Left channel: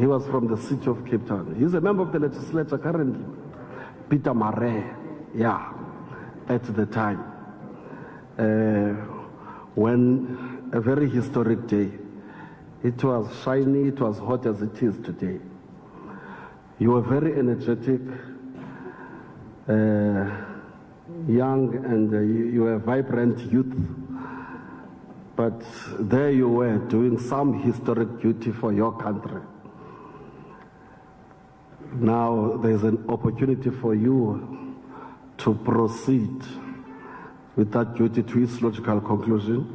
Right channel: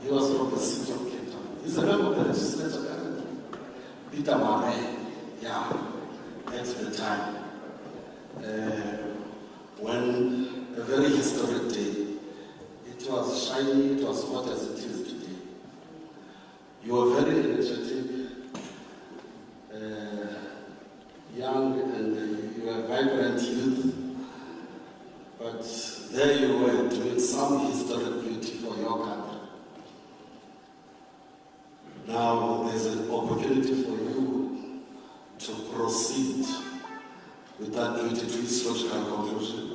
He was from the city of Cape Town. He's a member of the legislature currently. Peter Mare, yeah, at the time. When a very historic day. It was shiny, it was hot as it is today. You were very energetic, young, and you were a vibrant youth. But there you were doing some historic duty for your country. Now there's an opportunity for you to proceed with that duty to its logical conclusion.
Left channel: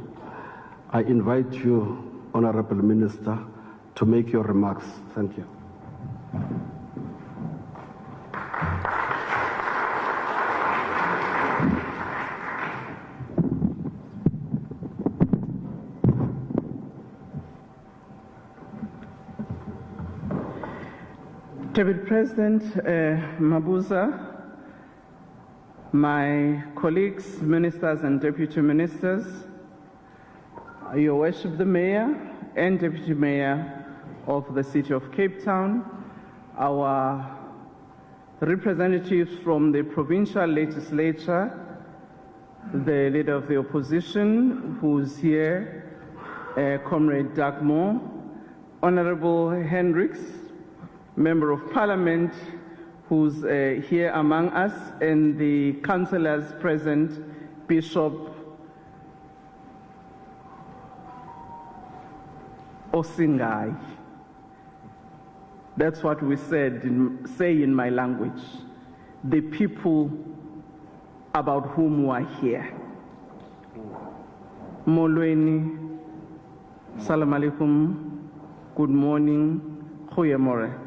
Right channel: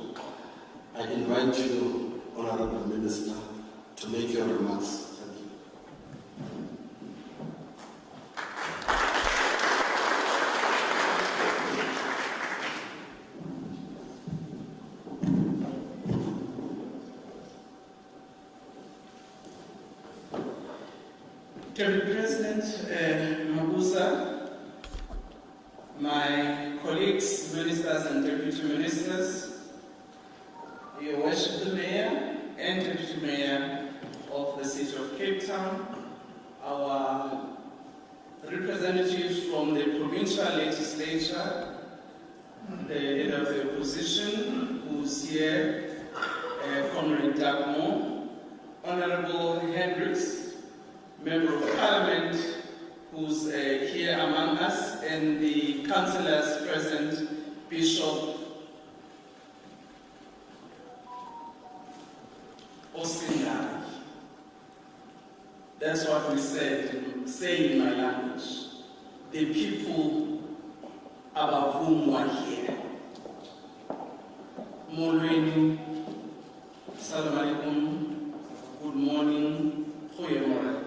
I invite you, Honorable Minister, to make your remarks. Thank you. Deputy President Mabuza, my colleagues, ministers and deputy ministers, Your Worship the Mayor and Deputy Mayor of the City of Cape Town, our representatives from the provincial legislature, the leader of the opposition who's here, Comrade Dagmore, Honorable Hendricks, Member of Parliament who's here among us, and the councillors present, Bishop Osindai. That's what we say in my language. The people about whom we are here. Molweni, salam alaikum, good morning, goeiemorgen.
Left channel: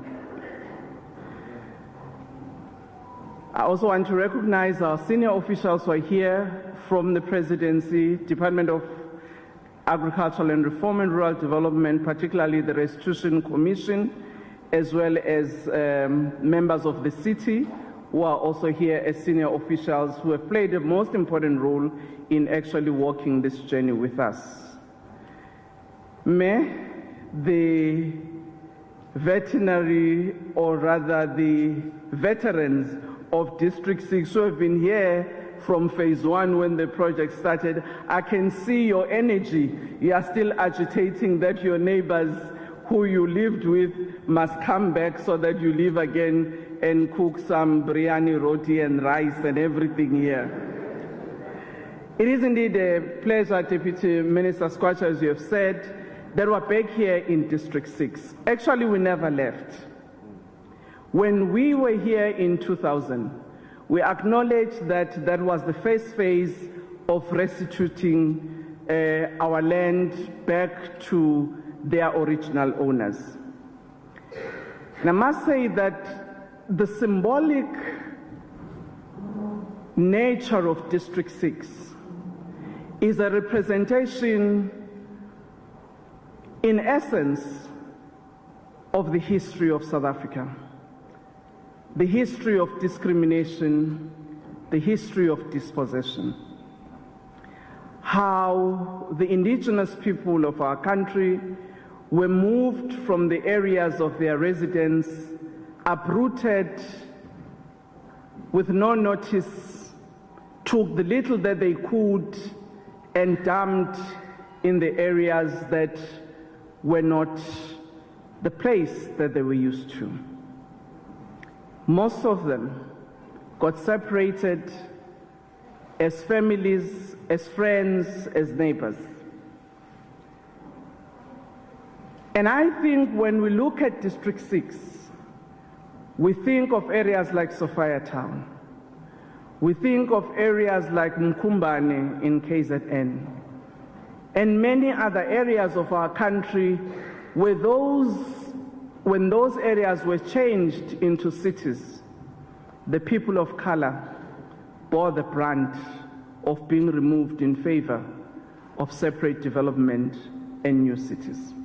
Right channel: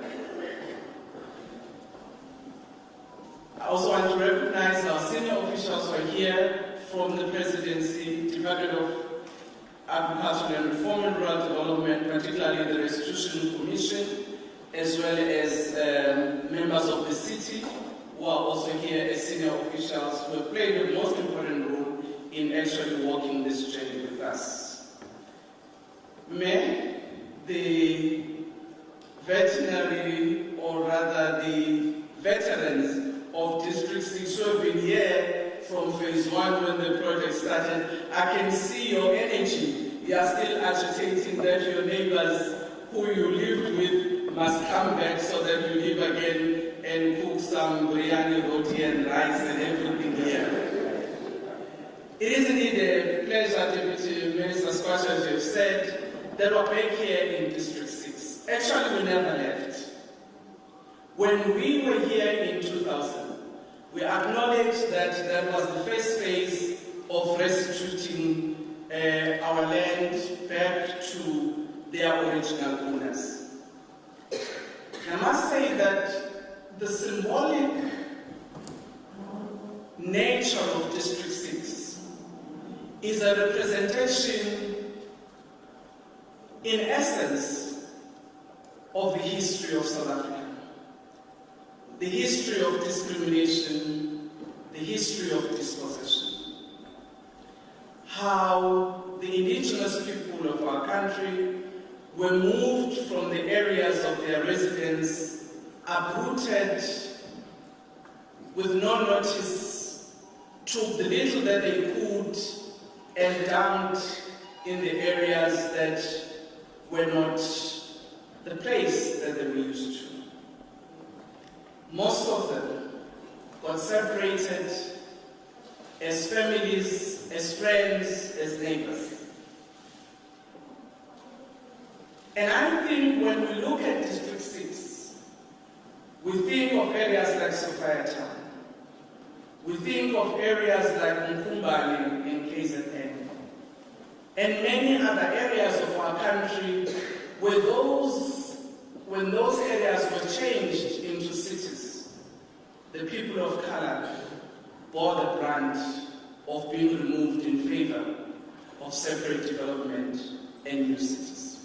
I also want to recognize our senior officials who are here from the Presidency, Department of Agricultural and Reform and Rural Development, particularly the Restitution Commission, as well as members of the city who are also here as senior officials who have played the most important role in actually walking this journey with us. May the veterinary, or rather the veterans of District 6 who have been here from phase 1 when the project started, I can see your energy. You are still agitating that your neighbors who you lived with must come back so that you live again and cook some biryani, roti and rice and everything here. It is indeed a pleasure, Deputy Minister Squatter, as you have said, that we're back here in District 6. Actually, we never left. When we were here in 2000, we acknowledged that that was the first phase of restituting our land back to their original owners. And I must say that the symbolic nature of District 6 is a representation, in essence, of the history of South Africa. The history of discrimination, the history of dispossession. How the indigenous people of our country were moved from the areas of their residence, uprooted with no notice, took the little that they could and dumped in the areas that were not the place that they were used to. Most of them got separated as families, as friends, as neighbors. And I think when we look at District 6, we think of areas like Sophia Town. We think of areas like Mkumbane in KZN, and many other areas of our country where when those areas were changed into cities, the people of color bore the brunt of being removed in favor of separate development and new cities.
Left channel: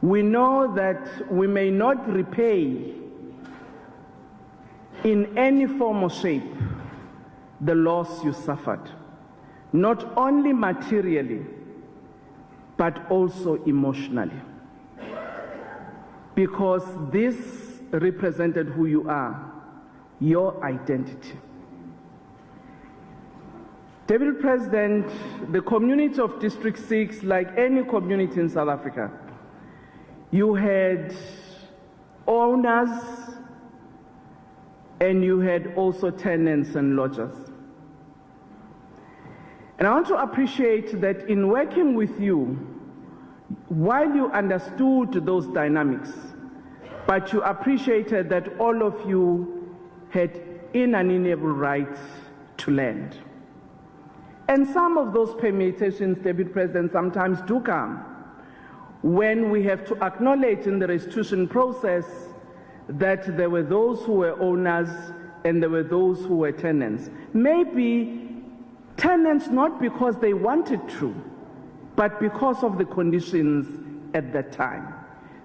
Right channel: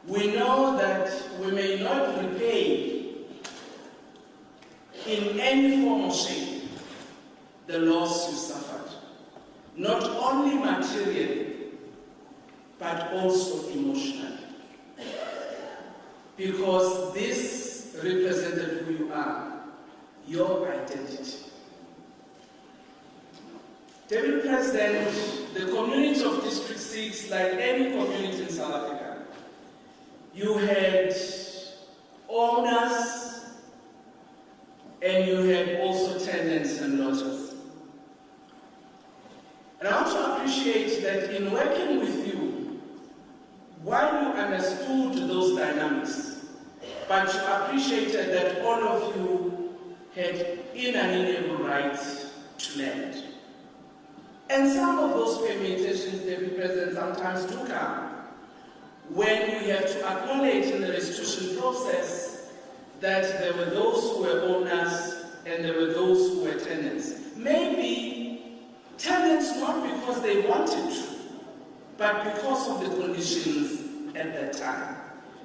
We know that we may not repay in any form or shape the loss you suffered, not only materially, but also emotionally. because this represented who you are, your identity. Deputy President, the community of District 6, like any community in South Africa, you had owners and you had also tenants and lodgers. And I want to appreciate that in working with you, while you understood those dynamics, but you appreciated that all of you had inalienable rights to land. And some of those permutations, Deputy President, sometimes do come when we have to acknowledge in the restitution process that there were those who were owners and there were those who were tenants. Maybe tenants not because they wanted to, but because of the conditions at that time.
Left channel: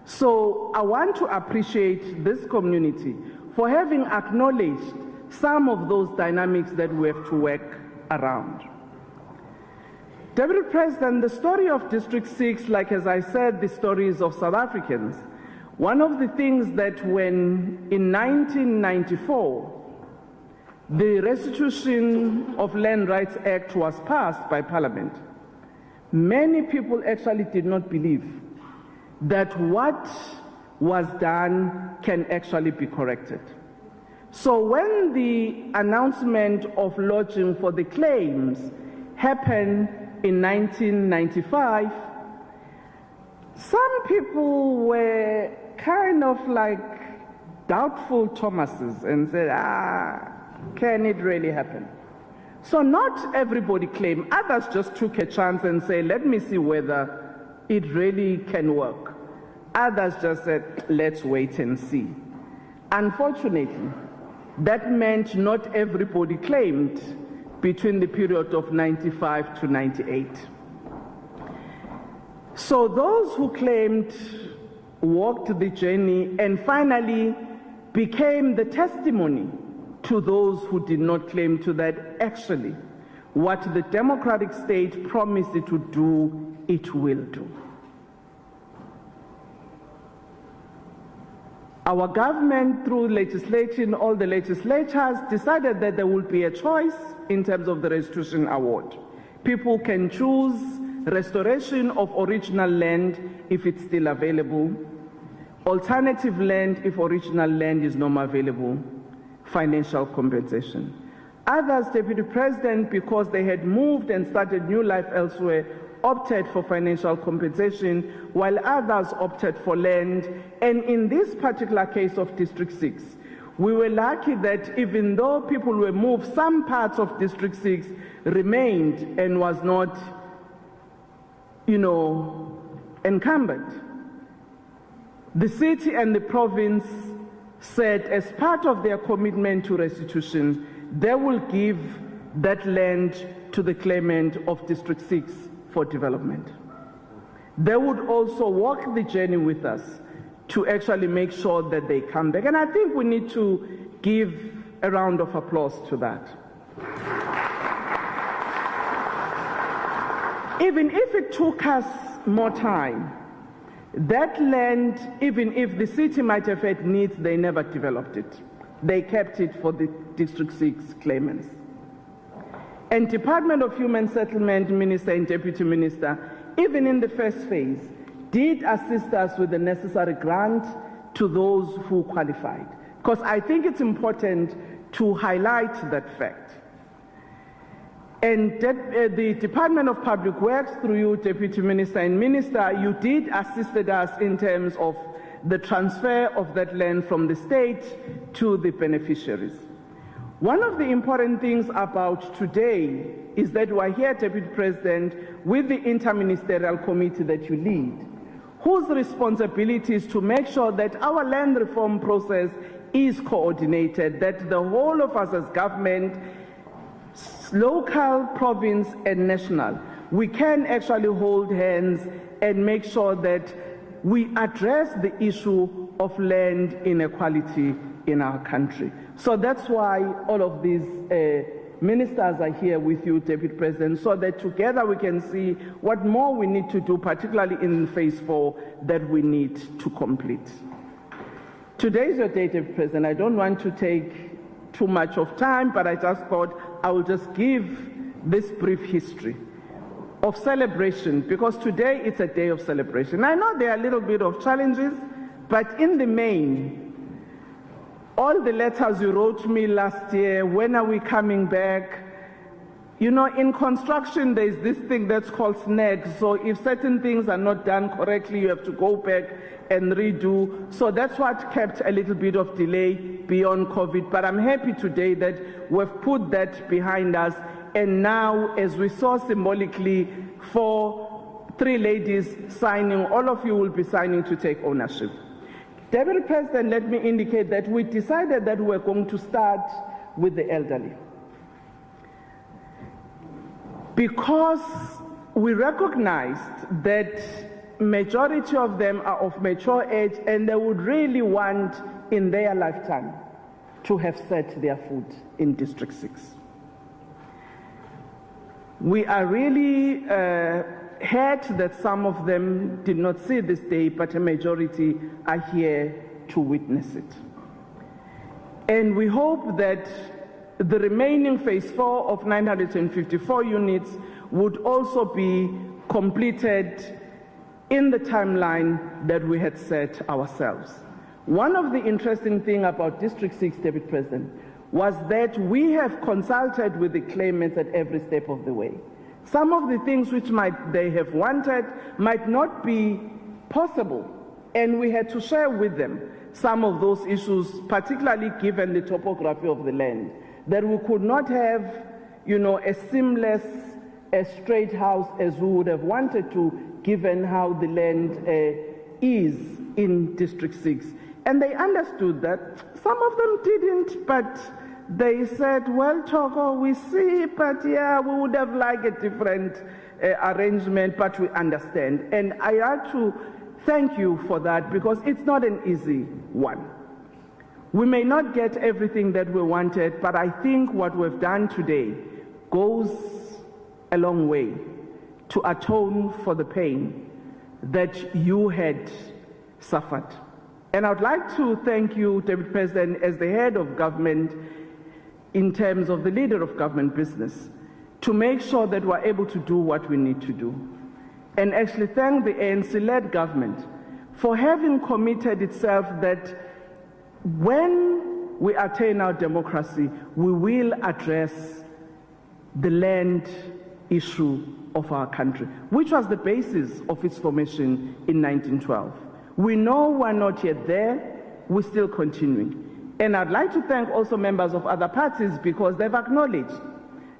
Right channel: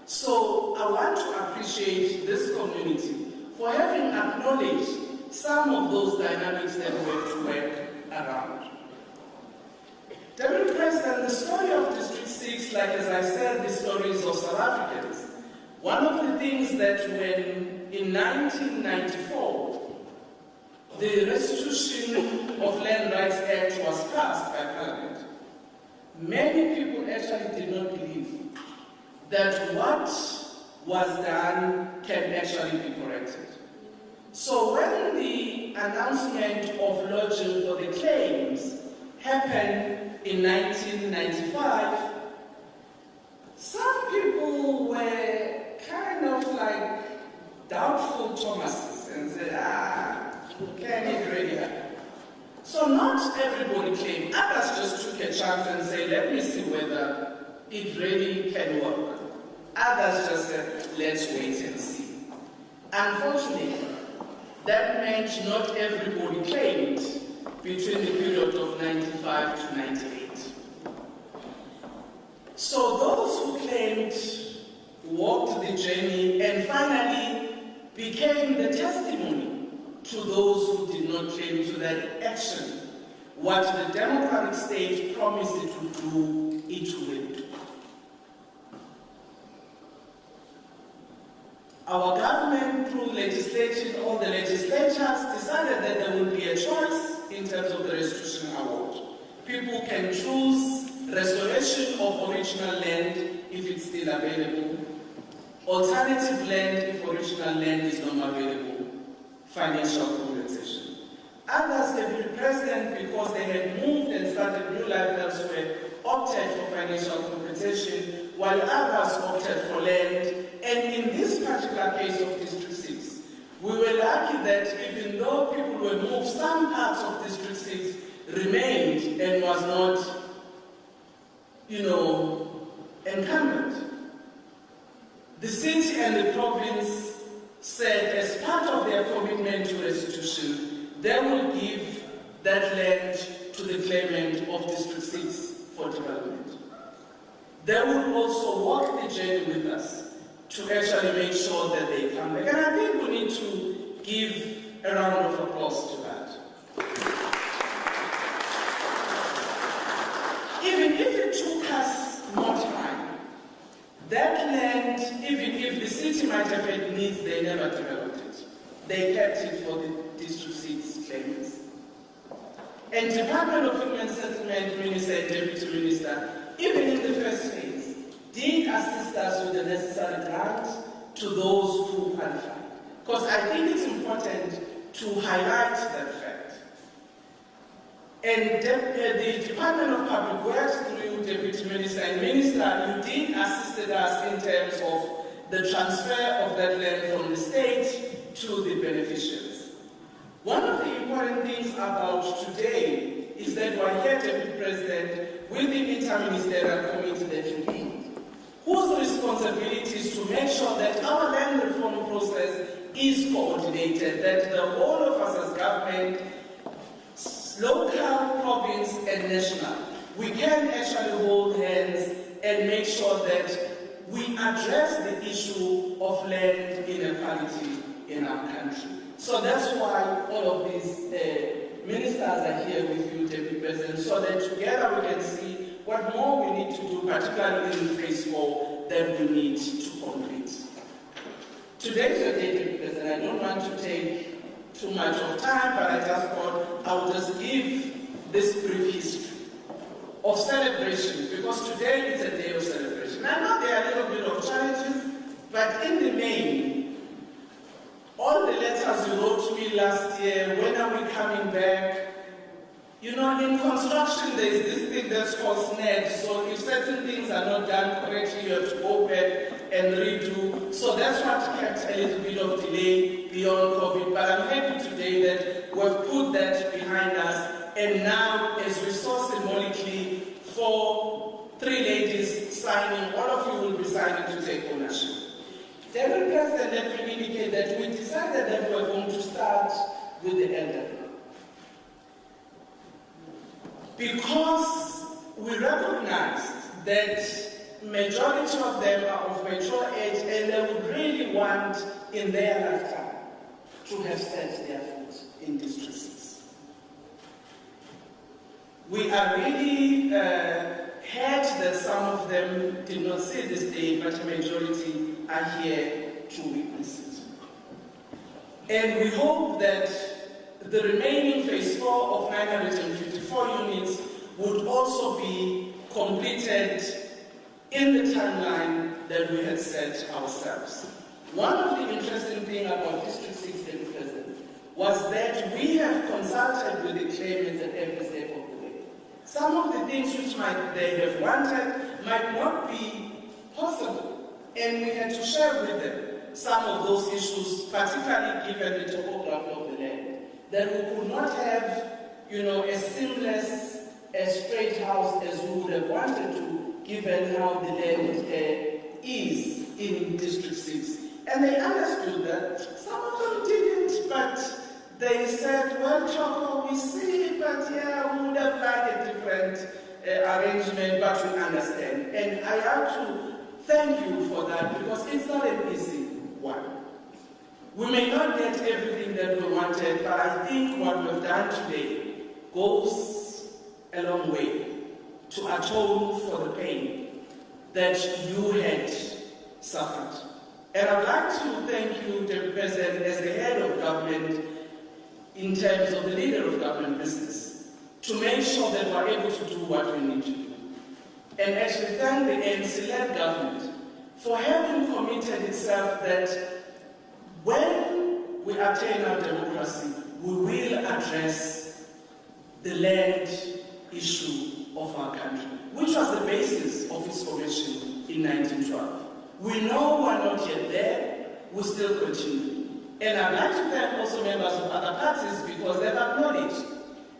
So I want to appreciate this community for having acknowledged some of those dynamics that we have to work around. Deputy President, the story of District 6, like as I said, the stories of South Africans, one of the things that when in 1994, the Restitution of Land Rights Act was passed by Parliament, many people actually did not believe that what was done can actually be corrected. So when the announcement of lodging for the claims happened in 1995, some people were kind of like doubtful Thomases and said, can it really happen? So not everybody claimed. Others just took a chance and said, let me see whether it really can work. Others just said, let's wait and see. Unfortunately, that meant not everybody claimed between the period of 95 to 98. So those who claimed walked the journey and finally became the testimony to those who did not claim to that actually what the democratic state promised it would do, it will do. Our government, through legislation, all the legislators decided that there would be a choice in terms of the restitution award. People can choose restoration of original land if it's still available, alternative land if original land is no more available, financial compensation. Others, Deputy President, because they had moved and started new life elsewhere, opted for financial compensation, while others opted for land. And in this particular case of District 6, we were lucky that even though people were moved, some parts of District 6 remained and was not, encumbered. The city and the province said as part of their commitment to restitution, they will give that land to the claimant of District 6 for development. They would also walk the journey with us to actually make sure that they come back. And I think we need to give a round of applause to that. Even if it took us more time, that land, even if the city might have had needs, they never developed it. They kept it for the District 6 claimants. And Department of Human Settlement Minister and Deputy Minister, even in the first phase, did assist us with the necessary grant to those who qualified. Because I think it's important to highlight that fact. And the Department of Public Works, through you, Deputy Minister and Minister, you did assist us in terms of the transfer of that land from the state to the beneficiaries. One of the important things about today is that we're here, Deputy President, with the interministerial committee that you lead, whose responsibility is to make sure that our land reform process is coordinated, that the whole of us as government, local, province, and national, we can actually hold hands and make sure that we address the issue of land inequality in our country. So that's why all of these ministers are here with you, Deputy President, so that together we can see what more we need to do, particularly in phase 4, that we need to complete. Today's your day, Deputy President. I don't want to take too much of time, but I just thought I will just give this brief history of celebration, because today it's a day of celebration. I know there are a little bit of challenges, but in the main, all the letters you wrote to me last year, when are we coming back? You know, in construction, there's this thing that's called snag. So if certain things are not done correctly, you have to go back and redo. So that's what kept a little bit of delay beyond COVID. But I'm happy today that we've put that behind us. And now, as we saw symbolically for 3 ladies signing, all of you will be signing to take ownership. Deputy President, let me indicate that we decided that we're going to start with the elderly, because we recognized that majority of them are of mature age and they would really want in their lifetime to have set their foot in District 6. We are really hurt that some of them did not see this day, but a majority are here to witness it. And we hope that the remaining phase 4 of 954 units would also be completed in the timeline that we had set ourselves. One of the interesting things about District 6, Deputy President, was that we have consulted with the claimants at every step of the way. Some of the things which they have wanted might not be possible, and we had to share with them some of those issues, particularly given the topography of the land, that we could not have, you know, a seamless, a straight house as we would have wanted to, given how the land is in District 6. And they understood that. Some of them didn't, but they said, well, Toko, we see, but yeah, we would have liked a different arrangement, but we understand. And I have to thank you for that, because it's not an easy one. We may not get everything that we wanted, but I think what we've done today goes a long way to atone for the pain that you had suffered. And I'd like to thank you, Deputy President, as the head of government, in terms of the leader of government business, to make sure that we're able to do what we need to do. And actually thank the ANC-led government for having committed itself that when we attain our democracy, we will address the land issue of our country, which was the basis of its formation in 1912. We know we're not yet there, we're still continuing. And I'd like to thank also members of other parties, because they've acknowledged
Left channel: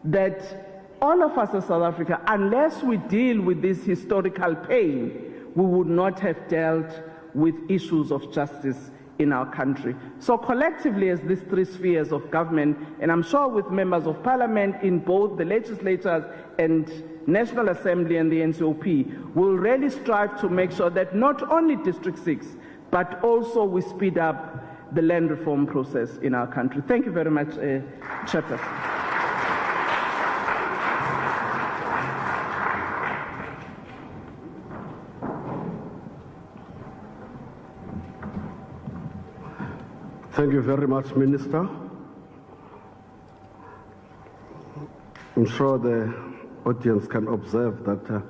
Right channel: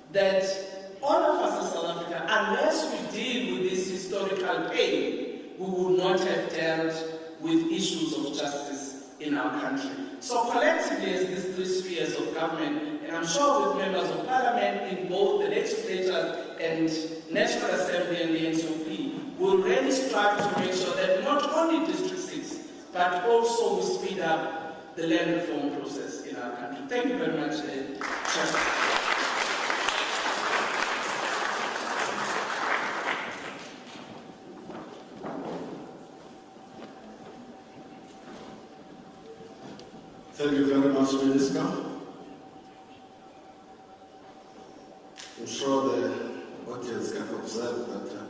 that all of us in South Africa, unless we deal with this historical pain, we would not have dealt with issues of justice in our country. So collectively, as these 3 spheres of government, and I'm sure with members of parliament in both the legislatures and National Assembly and the NCOP, we'll really strive to make sure that not only District 6, but also we speed up the land reform process in our country. Thank you very much, Chairperson. Thank you very much, Minister. I'm sure the audience can observe that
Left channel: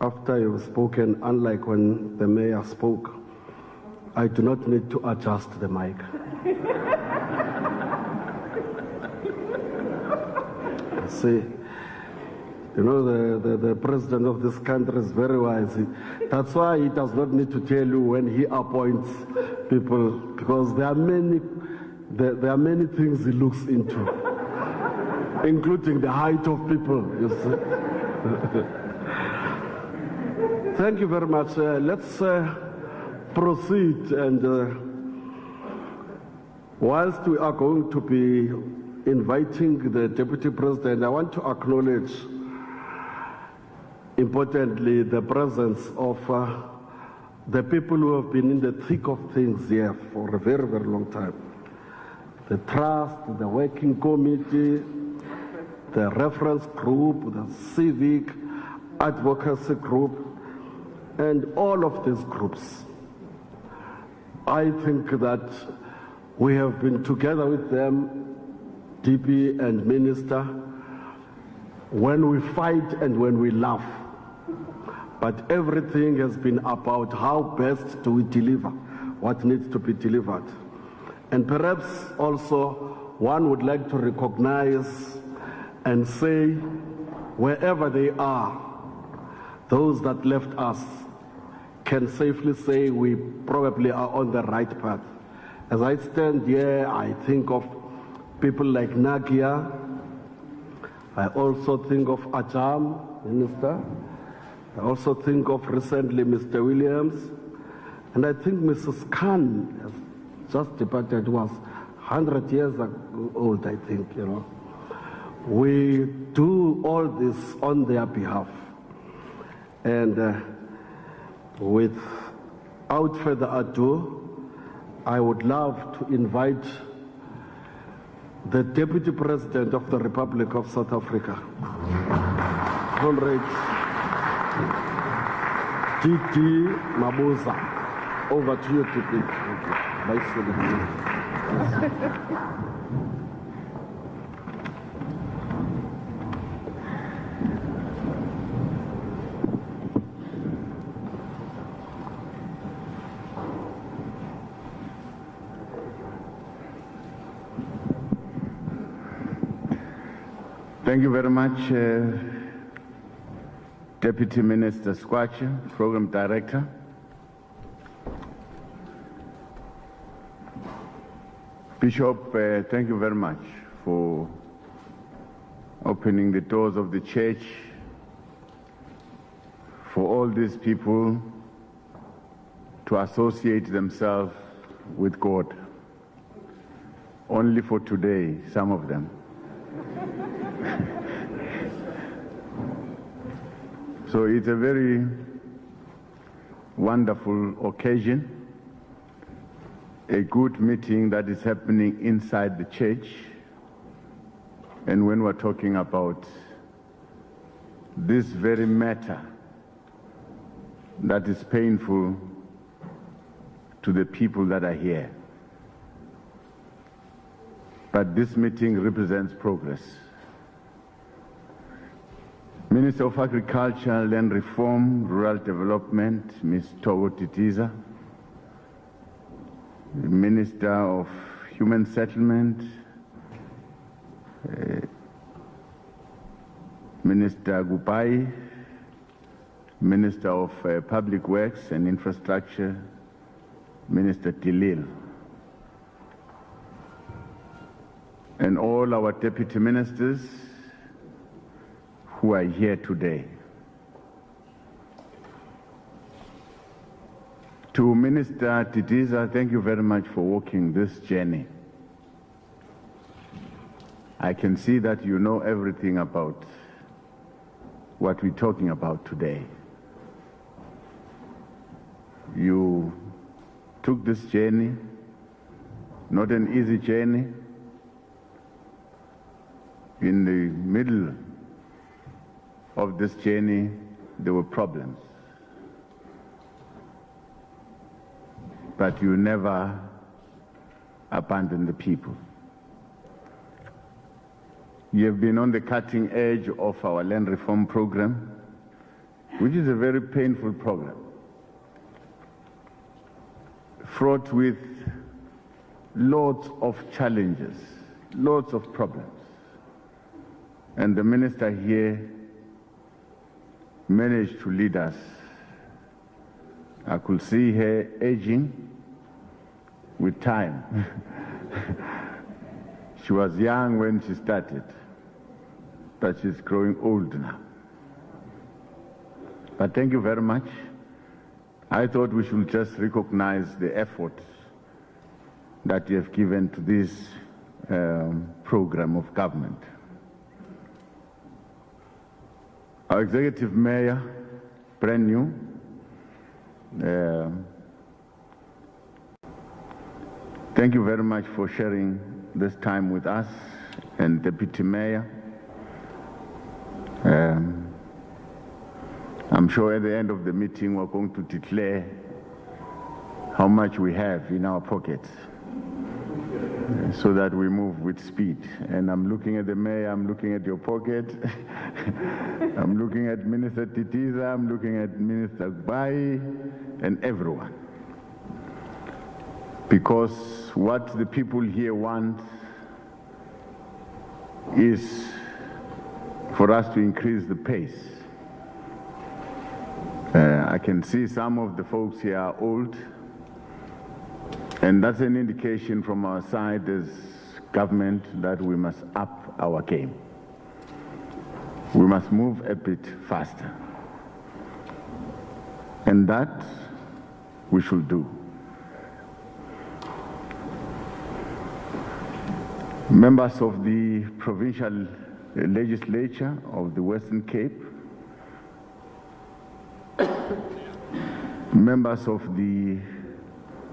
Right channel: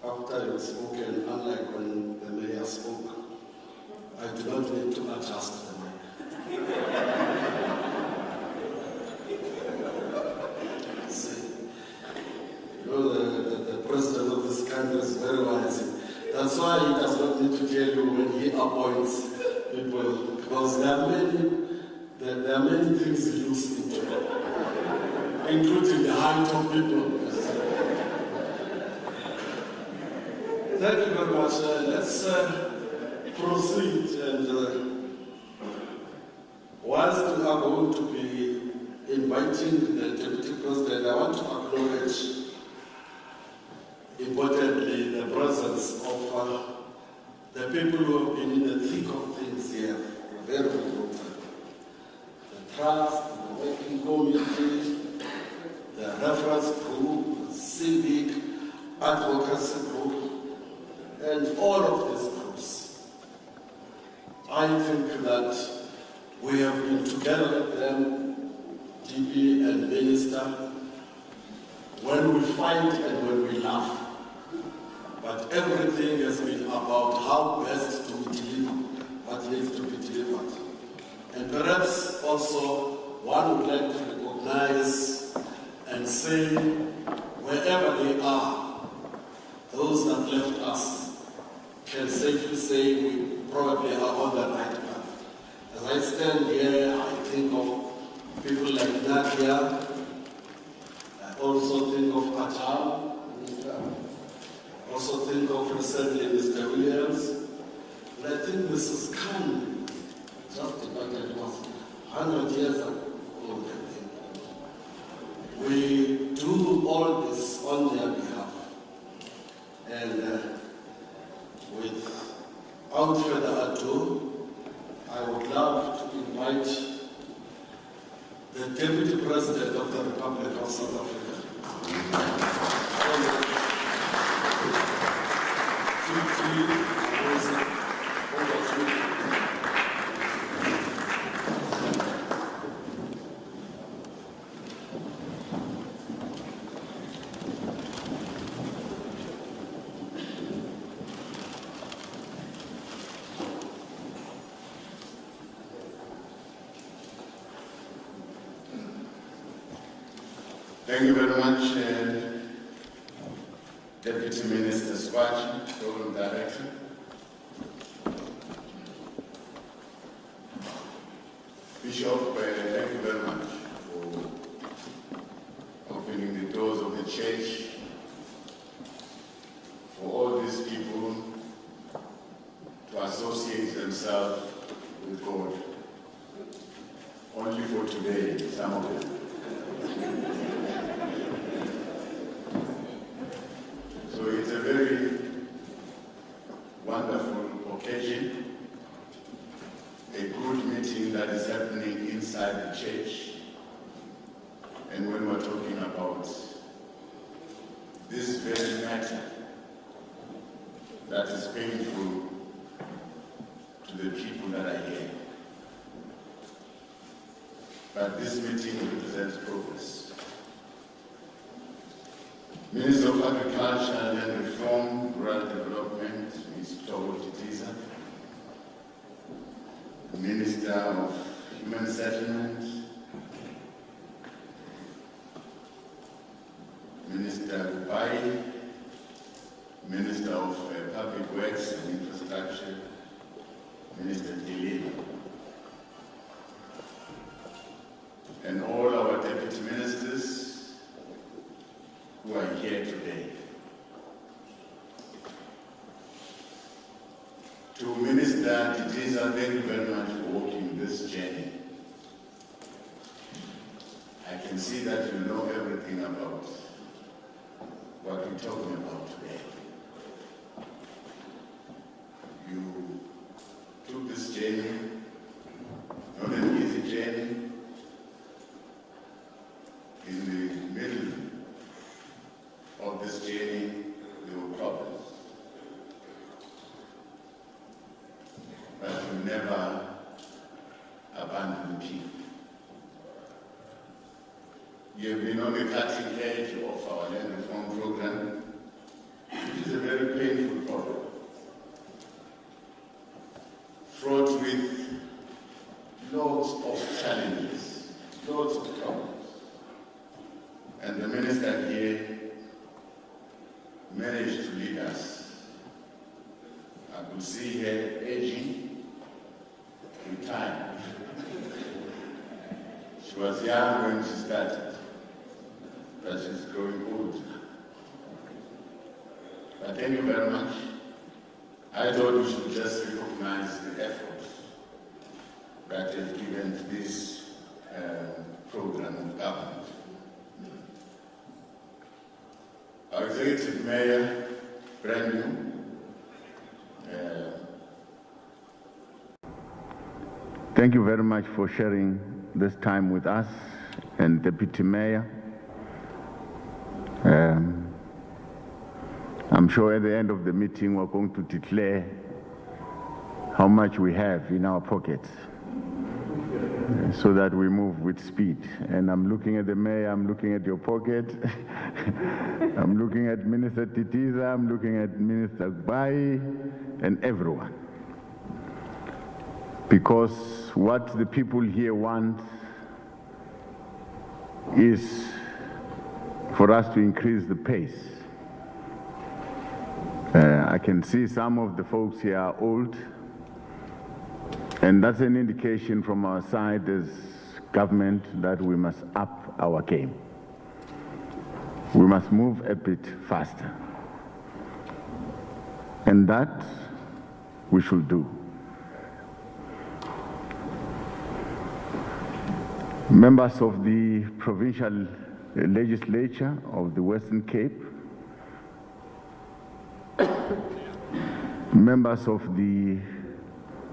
after you've spoken, unlike when the mayor spoke, I do not need to adjust the mic. See, you know, the president of this country is very wise. That's why he does not need to tell you when he appoints people, because there are many things he looks into, including the height of people. You see. Thank you very much. Let's proceed, and whilst we are going to be inviting the Deputy President, I want to acknowledge importantly the presence of the people who have been in the thick of things here for a very, very long time. The trust, the working committee, the reference group, the civic advocacy group, and all of these groups. I think that we have been together with them, DP and Minister, when we fight and when we laugh. But everything has been about how best do we deliver what needs to be delivered. And perhaps also one would like to recognize and say, wherever they are, those that left us can safely say we probably are on the right path. As I stand here, I think of people like Nadia. I also think of Ajam, Minister. I also think of recently Mr. Williams. And I think Mrs. Khan, just departed, was 100 years old, I think, you know. We do all this on their behalf. And without further ado, I would love to invite the Deputy President of the Republic of South Africa, Comrade D.D. Mabuza. Over to you, people. Thank you very much, Deputy Minister Squatch, Program Director. Bishop, thank you very much for opening the doors of the church for all these people to associate themselves with God. Only for today, some of them. So it's a very wonderful occasion. A good meeting that is happening inside the church. And when we're talking about this very matter that is painful to the people that are here. But this meeting represents progress. Minister of Agriculture, Land Reform, Rural Development, Ms. Togo Titiza. Minister of Human Settlement, Minister Gupai, Minister of Public Works and Infrastructure, Minister Tilil, and all our deputy ministers who are here today. To Minister Titiza, thank you very much for walking this journey. I can see that you know everything about what we're talking about today. You took this journey, not an easy journey. In the middle of this journey, there were problems. But you never abandon the people. You have been on the cutting edge of our land reform program, which is a very painful program, fraught with lots of challenges, lots of problems. And the minister here managed to lead us. I could see her aging with time. She was young when she started, but she's growing old now. But thank you very much. I thought we should just recognize the effort that you have given to this program of government. Our executive mayor, brand new, thank you very much for sharing this time with us, and Deputy Mayor. I'm sure at the end of the meeting we're going to declare how much we have in our pockets so that we move with speed. And I'm looking at the mayor, I'm looking at your pocket, I'm looking at Minister Titiza, I'm looking at Minister Bai, and everyone. Because what the people here want is for us to increase the pace. I can see some of the folks here are old, and that's an indication from our side as government that we must up our game. We must move a bit faster. And that we should do. Members of the provincial legislature of the Western Cape, members of the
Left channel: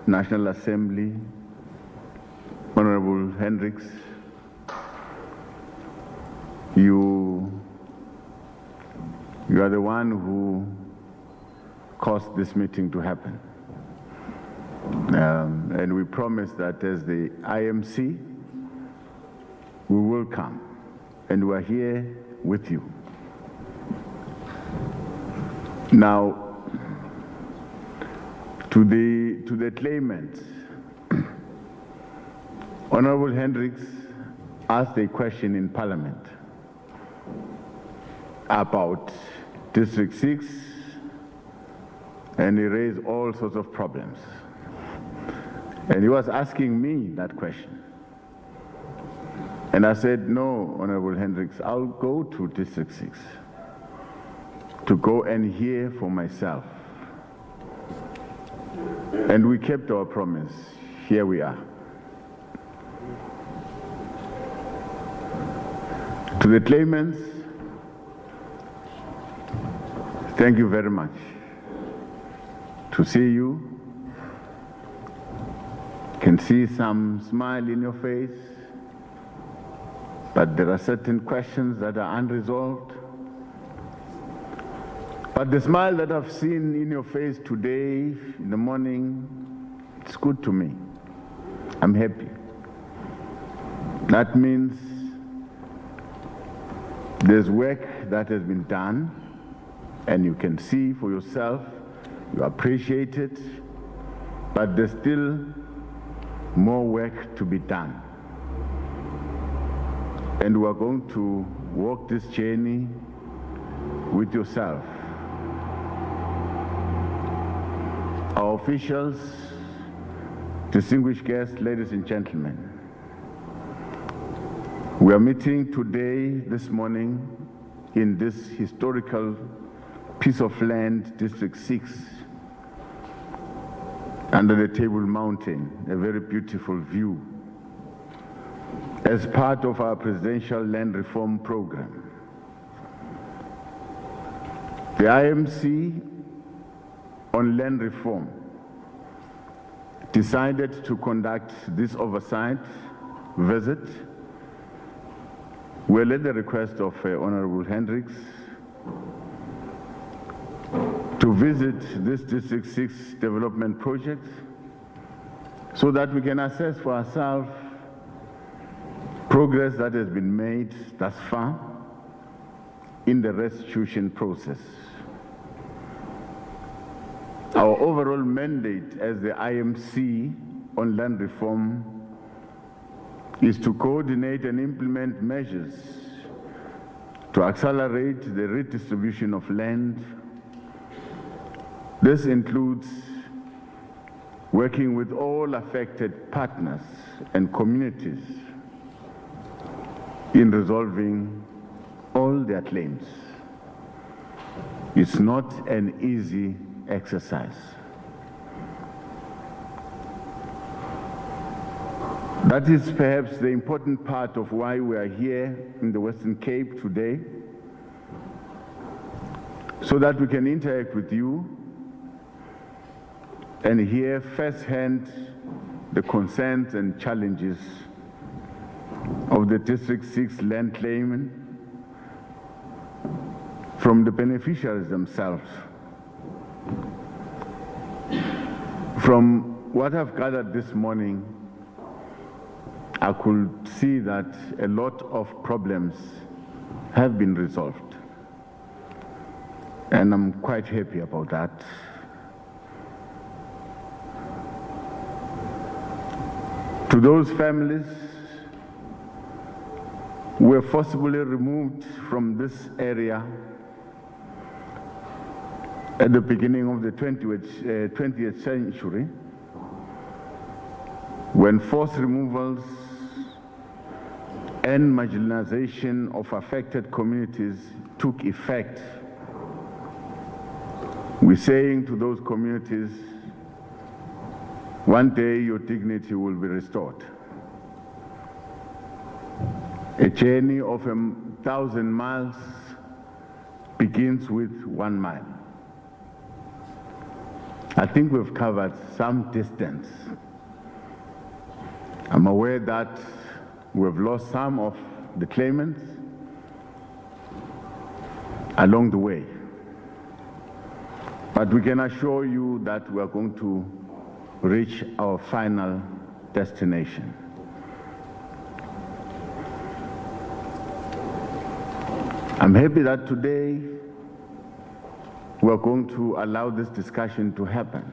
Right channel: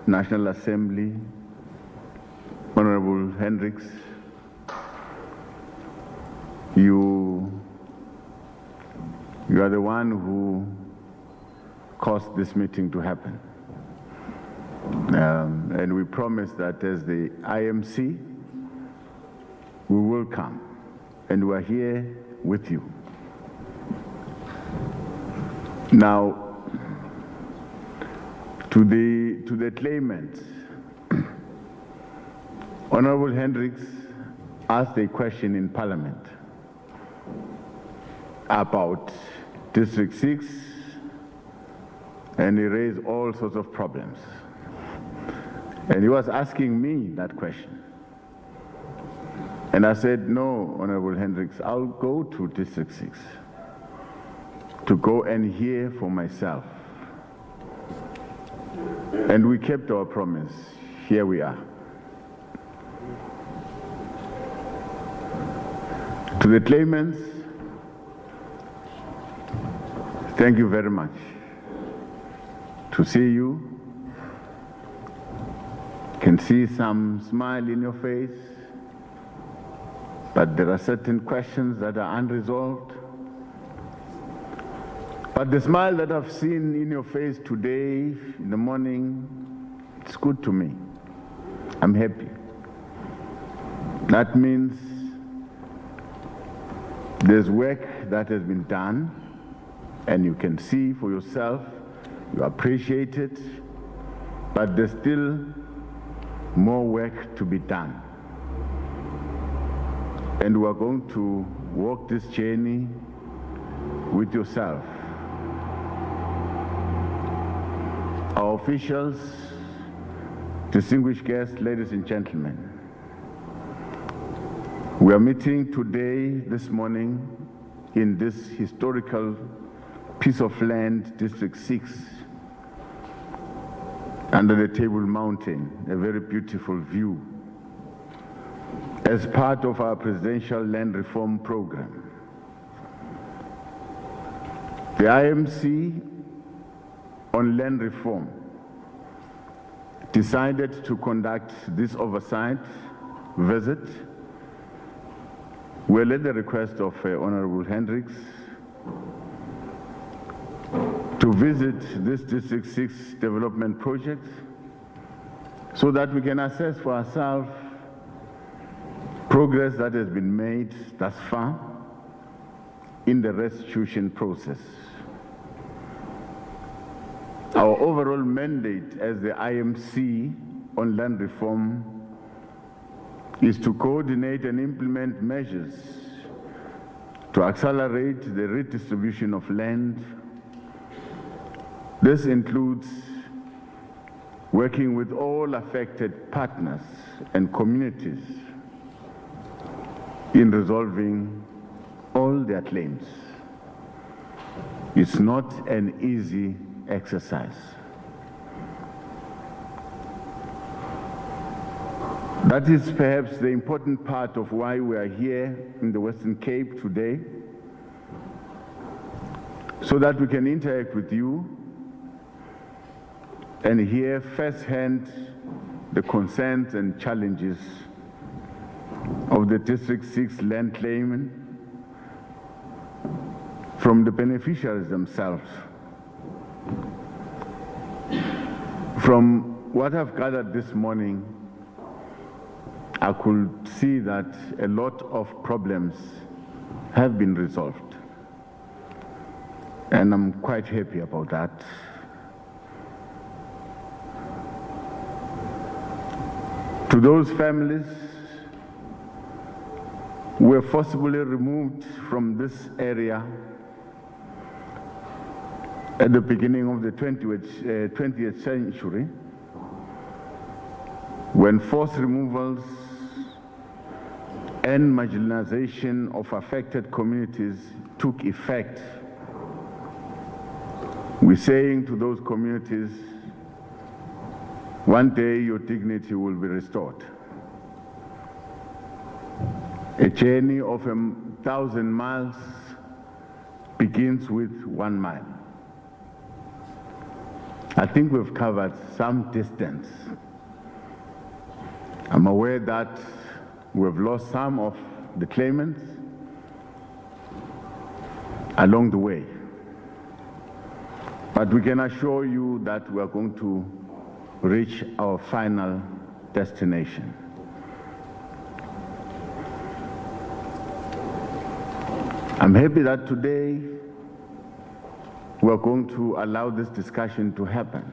National Assembly, Honorable Hendricks, you are the one who caused this meeting to happen. And we promise that as the IMC, we will come, and we are here with you. Now, to the claimants, Honorable Hendricks asked a question in Parliament about District 6, and he raised all sorts of problems. And he was asking me that question. And I said, no, Honorable Hendricks, I'll go to District 6 to go and hear for myself. And we kept our promise. Here we are. To the claimants, thank you very much. To see you, can see some smile in your face, but there are certain questions that are unresolved. But the smile that I've seen in your face today, in the morning, it's good to me. I'm happy. That means there's work that has been done, and you can see for yourself, you appreciate it, but there's still more work to be done. And we are going to walk this journey with yourself. Our officials, distinguished guests, ladies and gentlemen, we are meeting today, this morning, in this historical piece of land, District 6, under the Table Mountain, a very beautiful view, as part of our presidential land reform program. The IMC on land reform decided to conduct this oversight visit. Well, at the request of Honorable Hendricks, to visit this District 6 development project so that we can assess for ourselves progress that has been made thus far in the restitution process. Our overall mandate as the IMC on land reform is to coordinate and implement measures to accelerate the redistribution of land. This includes working with all affected partners and communities in resolving all their claims. It's not an easy exercise. That is perhaps the important part of why we are here in the Western Cape today, so that we can interact with you and hear firsthand the concerns and challenges of the District 6 land claimant from the beneficiaries themselves, from what I've gathered this morning, I could see that a lot of problems have been resolved. And I'm quite happy about that. To those families who were forcibly removed from this area at the beginning of the 20th century, when forced removals and marginalization of affected communities took effect, we're saying to those communities, one day your dignity will be restored. A journey of 1,000 miles begins with 1 mile. I think we've covered some distance. I'm aware that we've lost some of the claimants along the way. But we can assure you that we are going to reach our final destination. I'm happy that today we are going to allow this discussion to happen.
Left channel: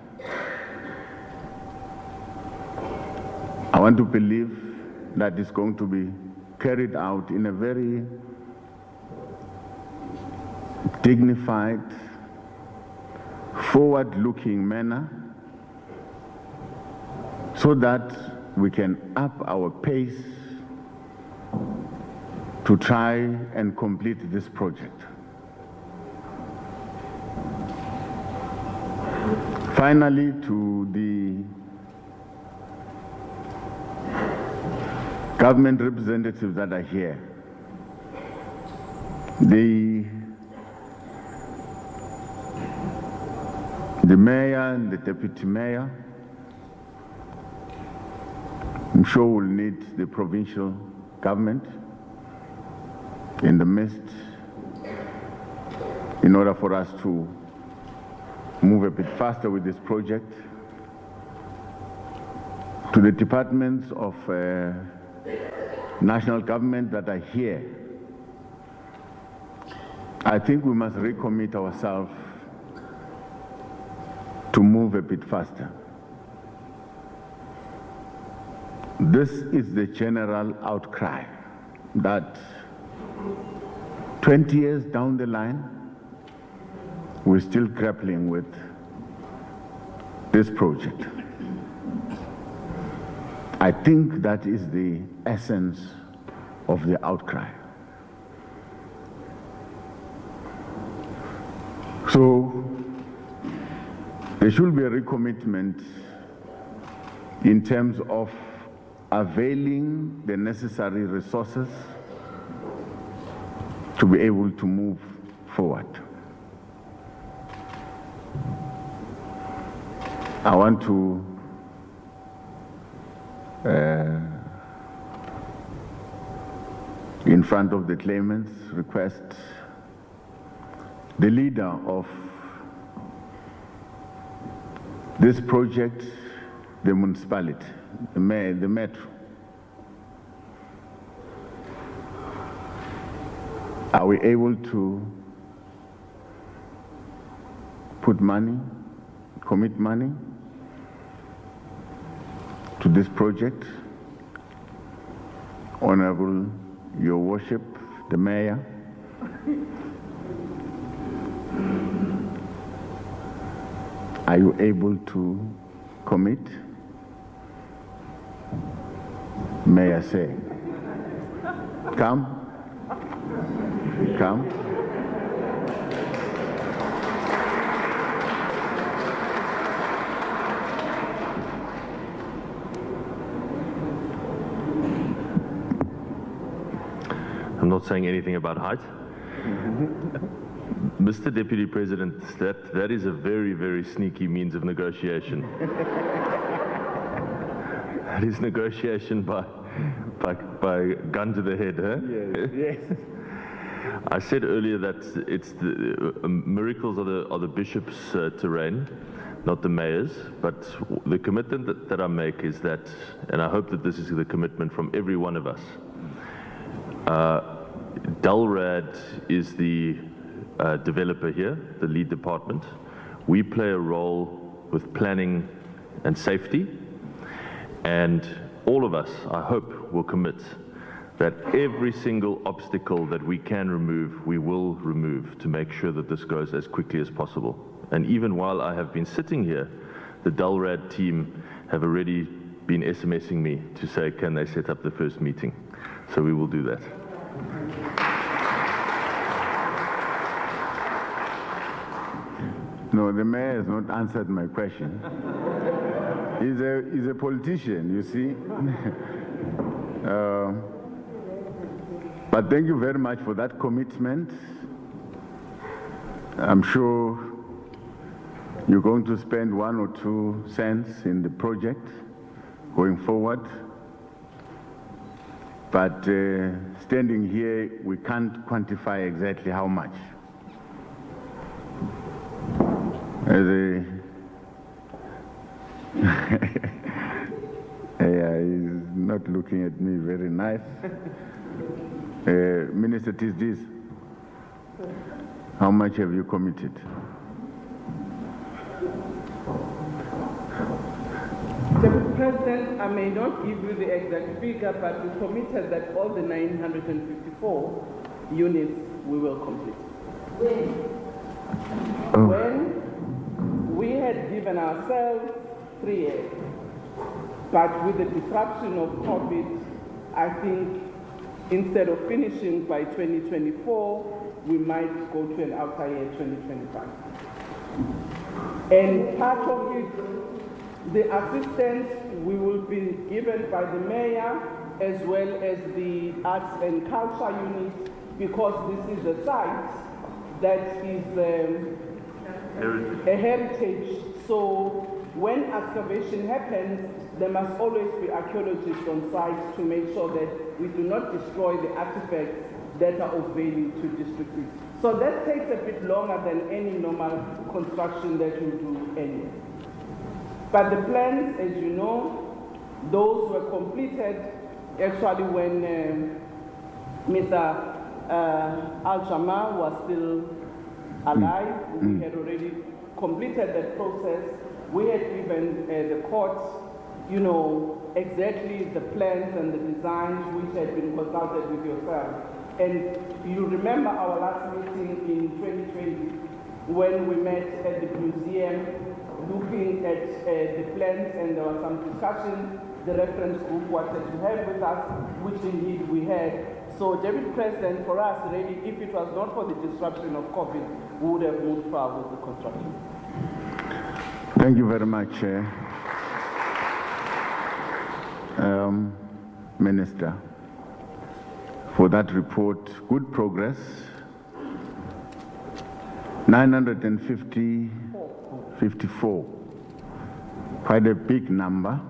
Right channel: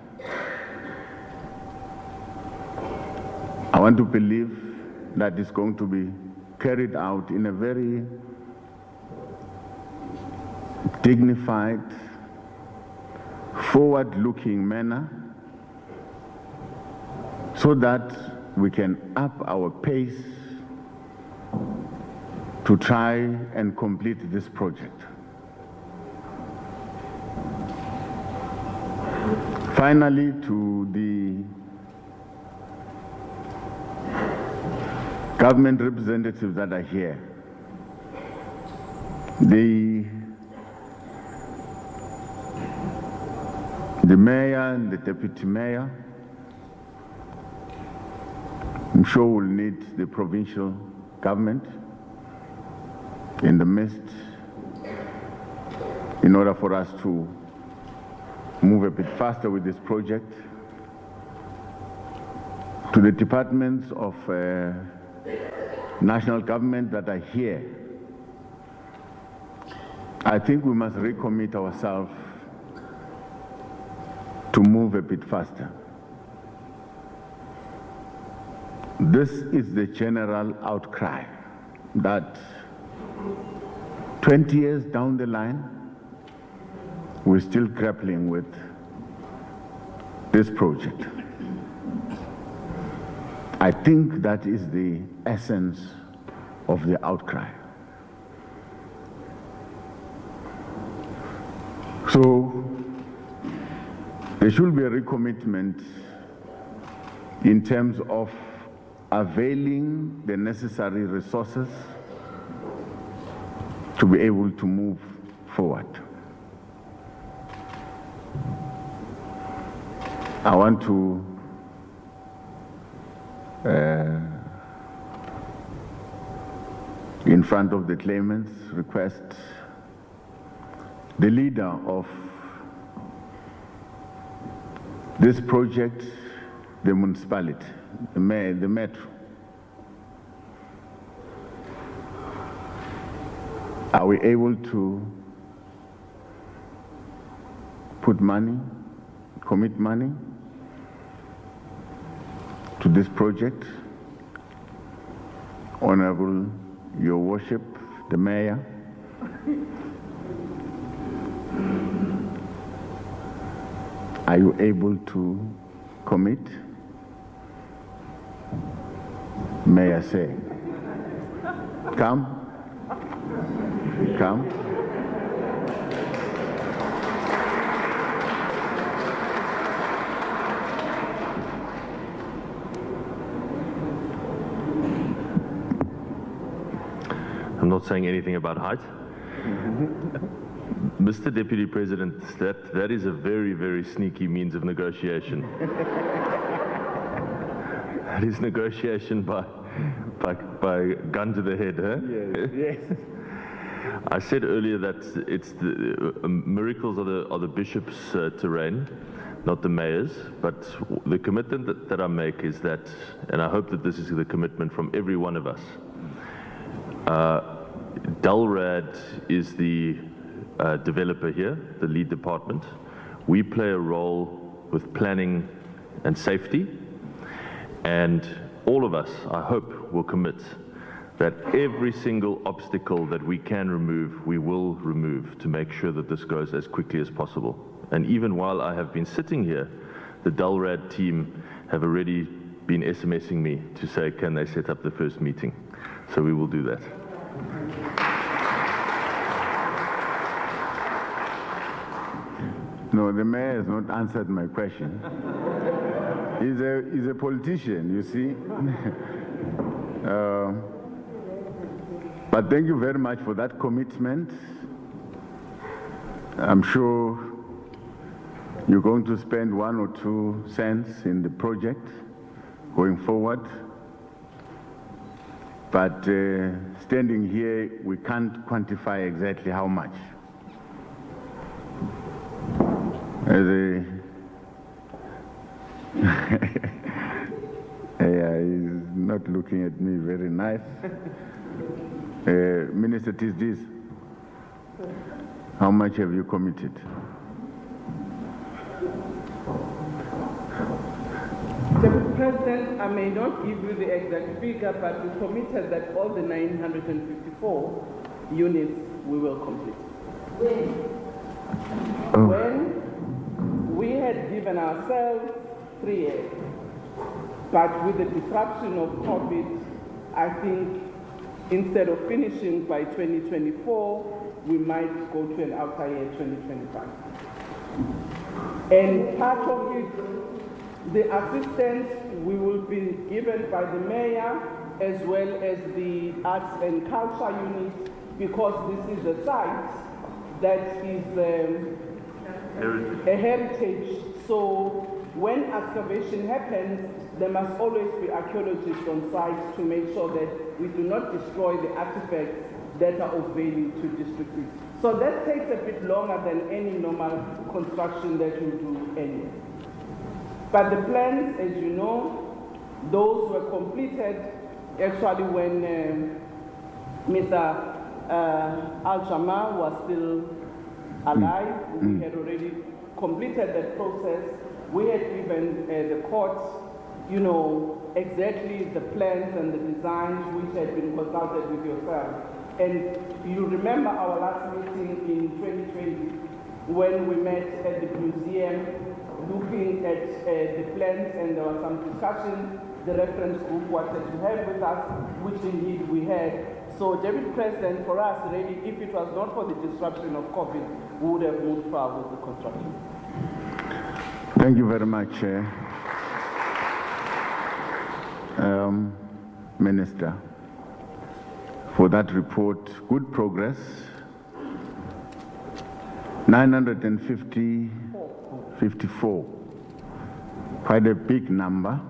I want to believe that it's going to be carried out in a very dignified, forward-looking manner, so that we can up our pace to try and complete this project. Finally, to the government representatives that are here, the mayor and the deputy mayor, I'm sure we'll need the provincial government in the midst in order for us to move a bit faster with this project. To the departments of national government that are here, I think we must recommit ourselves to move a bit faster. This is the general outcry that 20 years down the line, we're still grappling with this project. I think that is the essence of the outcry. So there should be a recommitment in terms of availing the necessary resources to be able to move forward. I want to in front of the claimants, request the leader of this project, the municipality, the metro. Are we able to put money, commit money to this project? Honorable, Your Worship, the Mayor, are you able to commit? May I say, come. Come. I'm not saying anything about height. Mr. Deputy President, that is a very, very sneaky means of negotiation. That is negotiation by gun to the head, huh? Yes, yes. I said earlier that it's the miracles are the bishop's terrain. not the mayors, but the commitment that I make is that, and I hope that this is the commitment from every one of us, Dalrad is the developer here, the lead department. We play a role with planning and safety, and all of us, I hope, will commit that every single obstacle that we can remove, we will remove to make sure that this goes as quickly as possible. And even while I have been sitting here, the Dalrad team have already been SMSing me to say, can they set up the first meeting? So we will do that. No, the mayor has not answered my question. He's a politician, you see. But thank you very much for that commitment. I'm sure you're going to spend 1 or 2 cents in the project going forward. But standing here, we can't quantify exactly how much. Yeah, he's not looking at me very nice. Minister Tisdis, how much have you committed? Mr. President, I may not give you the exact figure, but we committed that all the 954 units we will complete. When we had given ourselves 3 years, but with the disruption of COVID, I think instead of finishing by 2024, we might go to an outer year 2025. And part of it, the assistance we will be given by the mayor as well as the arts and culture unit, because this is a site that is a heritage. So when excavation happens, there must always be archaeologists on site to make sure that we do not destroy the artifacts that are of value to District 6. So that takes a bit longer than any normal construction that you do anyway. But the plans, as you know, those were completed actually when Mr. Jama-ah was still alive. We had already completed that process. We had given the court, you know, exactly the plans and the designs which had been consulted with yourself. And you remember our last meeting in 2020 when we met at the museum looking at the plans, and there was some discussion. The reference group wanted to have with us, which indeed we had. So, David President, for us, really, if it was not for the disruption of COVID, we would have moved far with the construction. Thank you very much, Minister, for that report. Good progress. 954, quite a big number.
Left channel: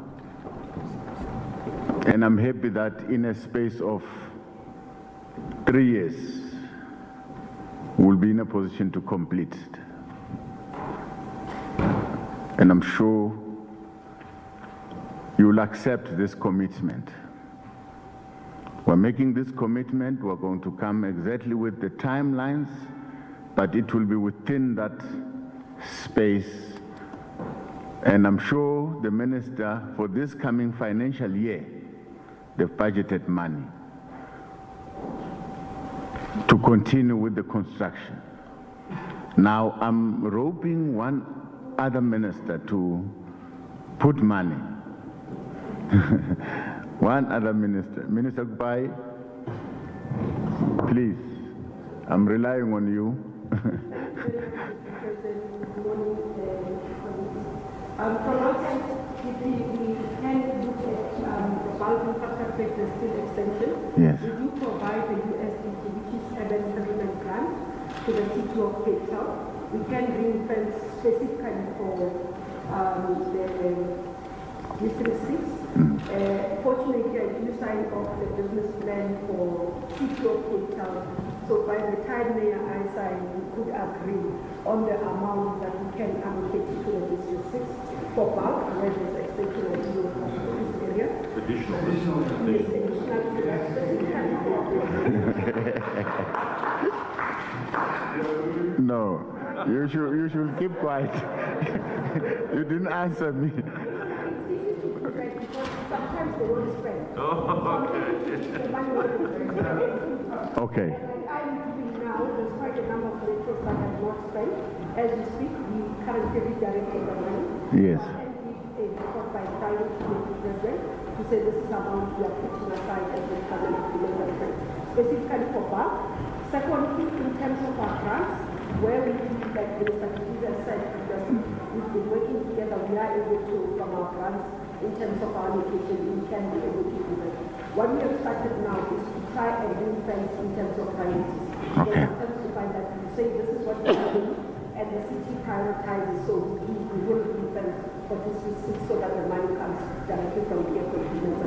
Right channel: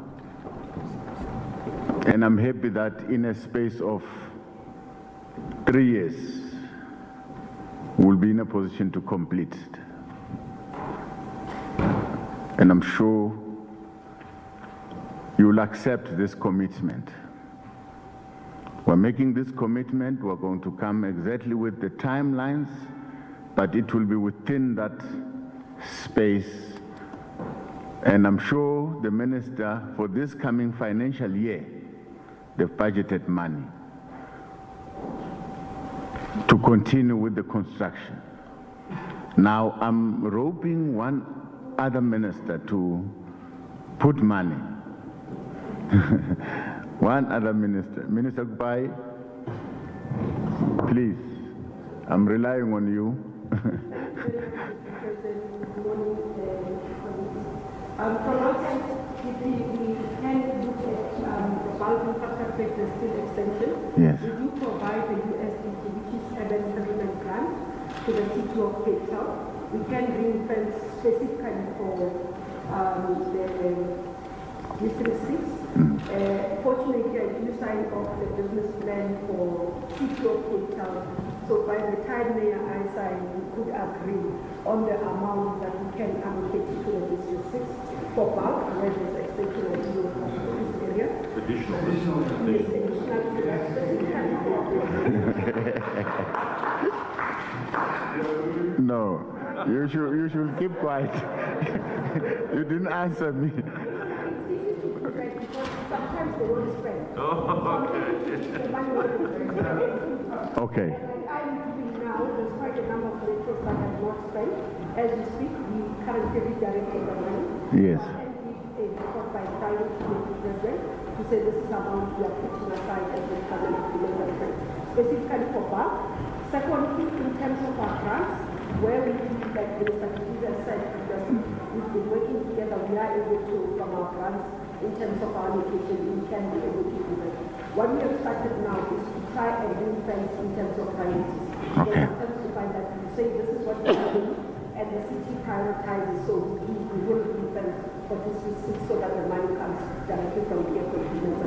And I'm happy that in a space of 3 years, we'll be in a position to complete it. And I'm sure you'll accept this commitment. We're making this commitment. We're going to come exactly with the timelines, but it will be within that space. And I'm sure the minister, for this coming financial year, they've budgeted money to continue with the construction. Now, I'm roping one other minister to put money. One other minister. Minister Kupai, please, I'm relying on you. From outside, if we can look at the bulk infrastructure still extension, Yes. we do provide the USDP, which is a development grant to the city of Cape Town. We can bring funds specifically for the District 6. Fortunately, I do sign off the business plan for city of Cape Town So by the time Mayor I sign, we could agree on the amount that we can allocate to the District 6 for bulk, where there's extension of the this area. Additional to that specifically. No, you should keep quiet. You didn't answer me. It's easy to protect because sometimes they won't spend. The money won't be spent. Okay. And I'm doing now, there's quite a number of letters that have not spent. As we speak, we currently redirected the money. Yes. And we report by Friday to the president to say this is amount we are putting aside as the cabinet development, specifically for bulk. Secondly, in terms of our grants, where we feel that the Minister said, because we've been working together, we are able to, from our grants, in terms of our location, we can be able to do that. What we have started now is to try and ring fence in terms of priorities. Okay. Sometimes we find that we say this is what we are doing, and the city prioritizes, so we will ring fence for this receipt so that the money comes directly from the agreement.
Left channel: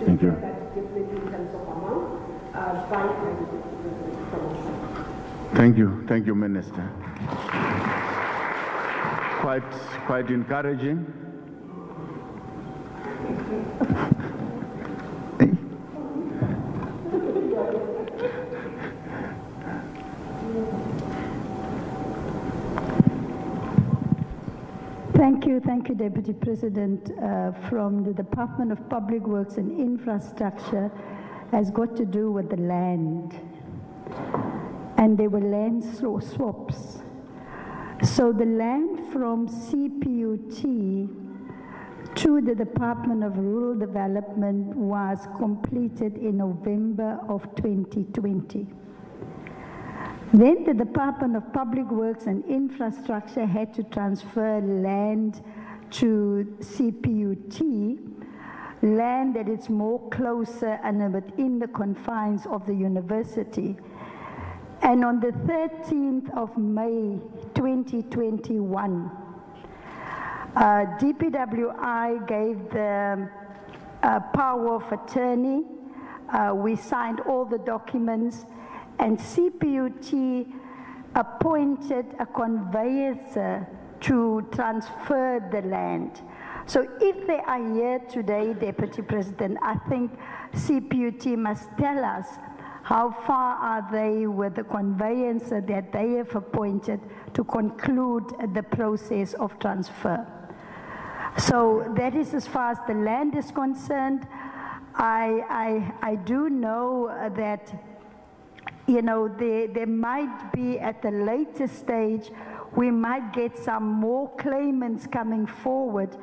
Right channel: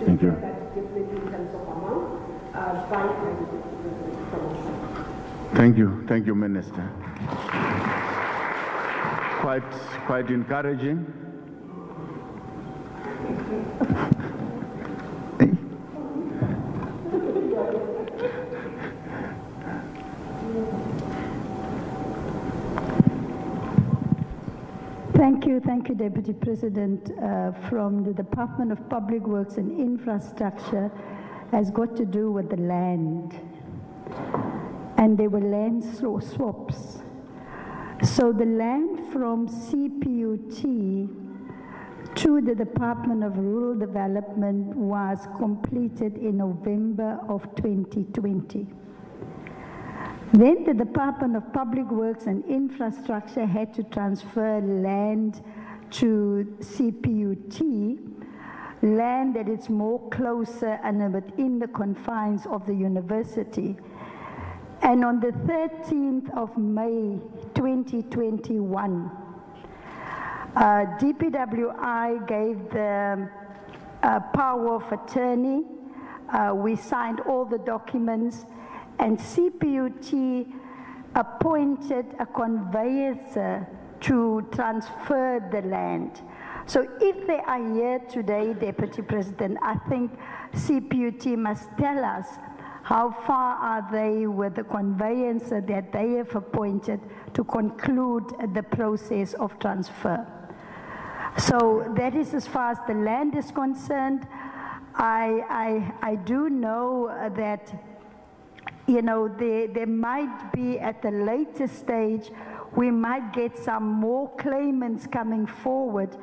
Thank you. That definitely in terms of amount, by from us. Thank you, Minister. Quite encouraging. Thank you, Deputy President. From the Department of Public Works and Infrastructure has got to do with the land. And there were land swaps. So the land from CPUT to the Department of Rural Development was completed in November of 2020. Then the Department of Public Works and Infrastructure had to transfer land to CPUT, land that is more closer and within the confines of the university. And on the 13th of May 2021, DPWI gave the power of attorney. We signed all the documents, and CPUT appointed a conveyancer to transfer the land. So if they are here today, Deputy President, I think CPUT must tell us how far are they with the conveyancer that they have appointed to conclude the process of transfer. So that is as far as the land is concerned. I do know that, you know, there might be at a later stage, we might get some more claimants coming forward,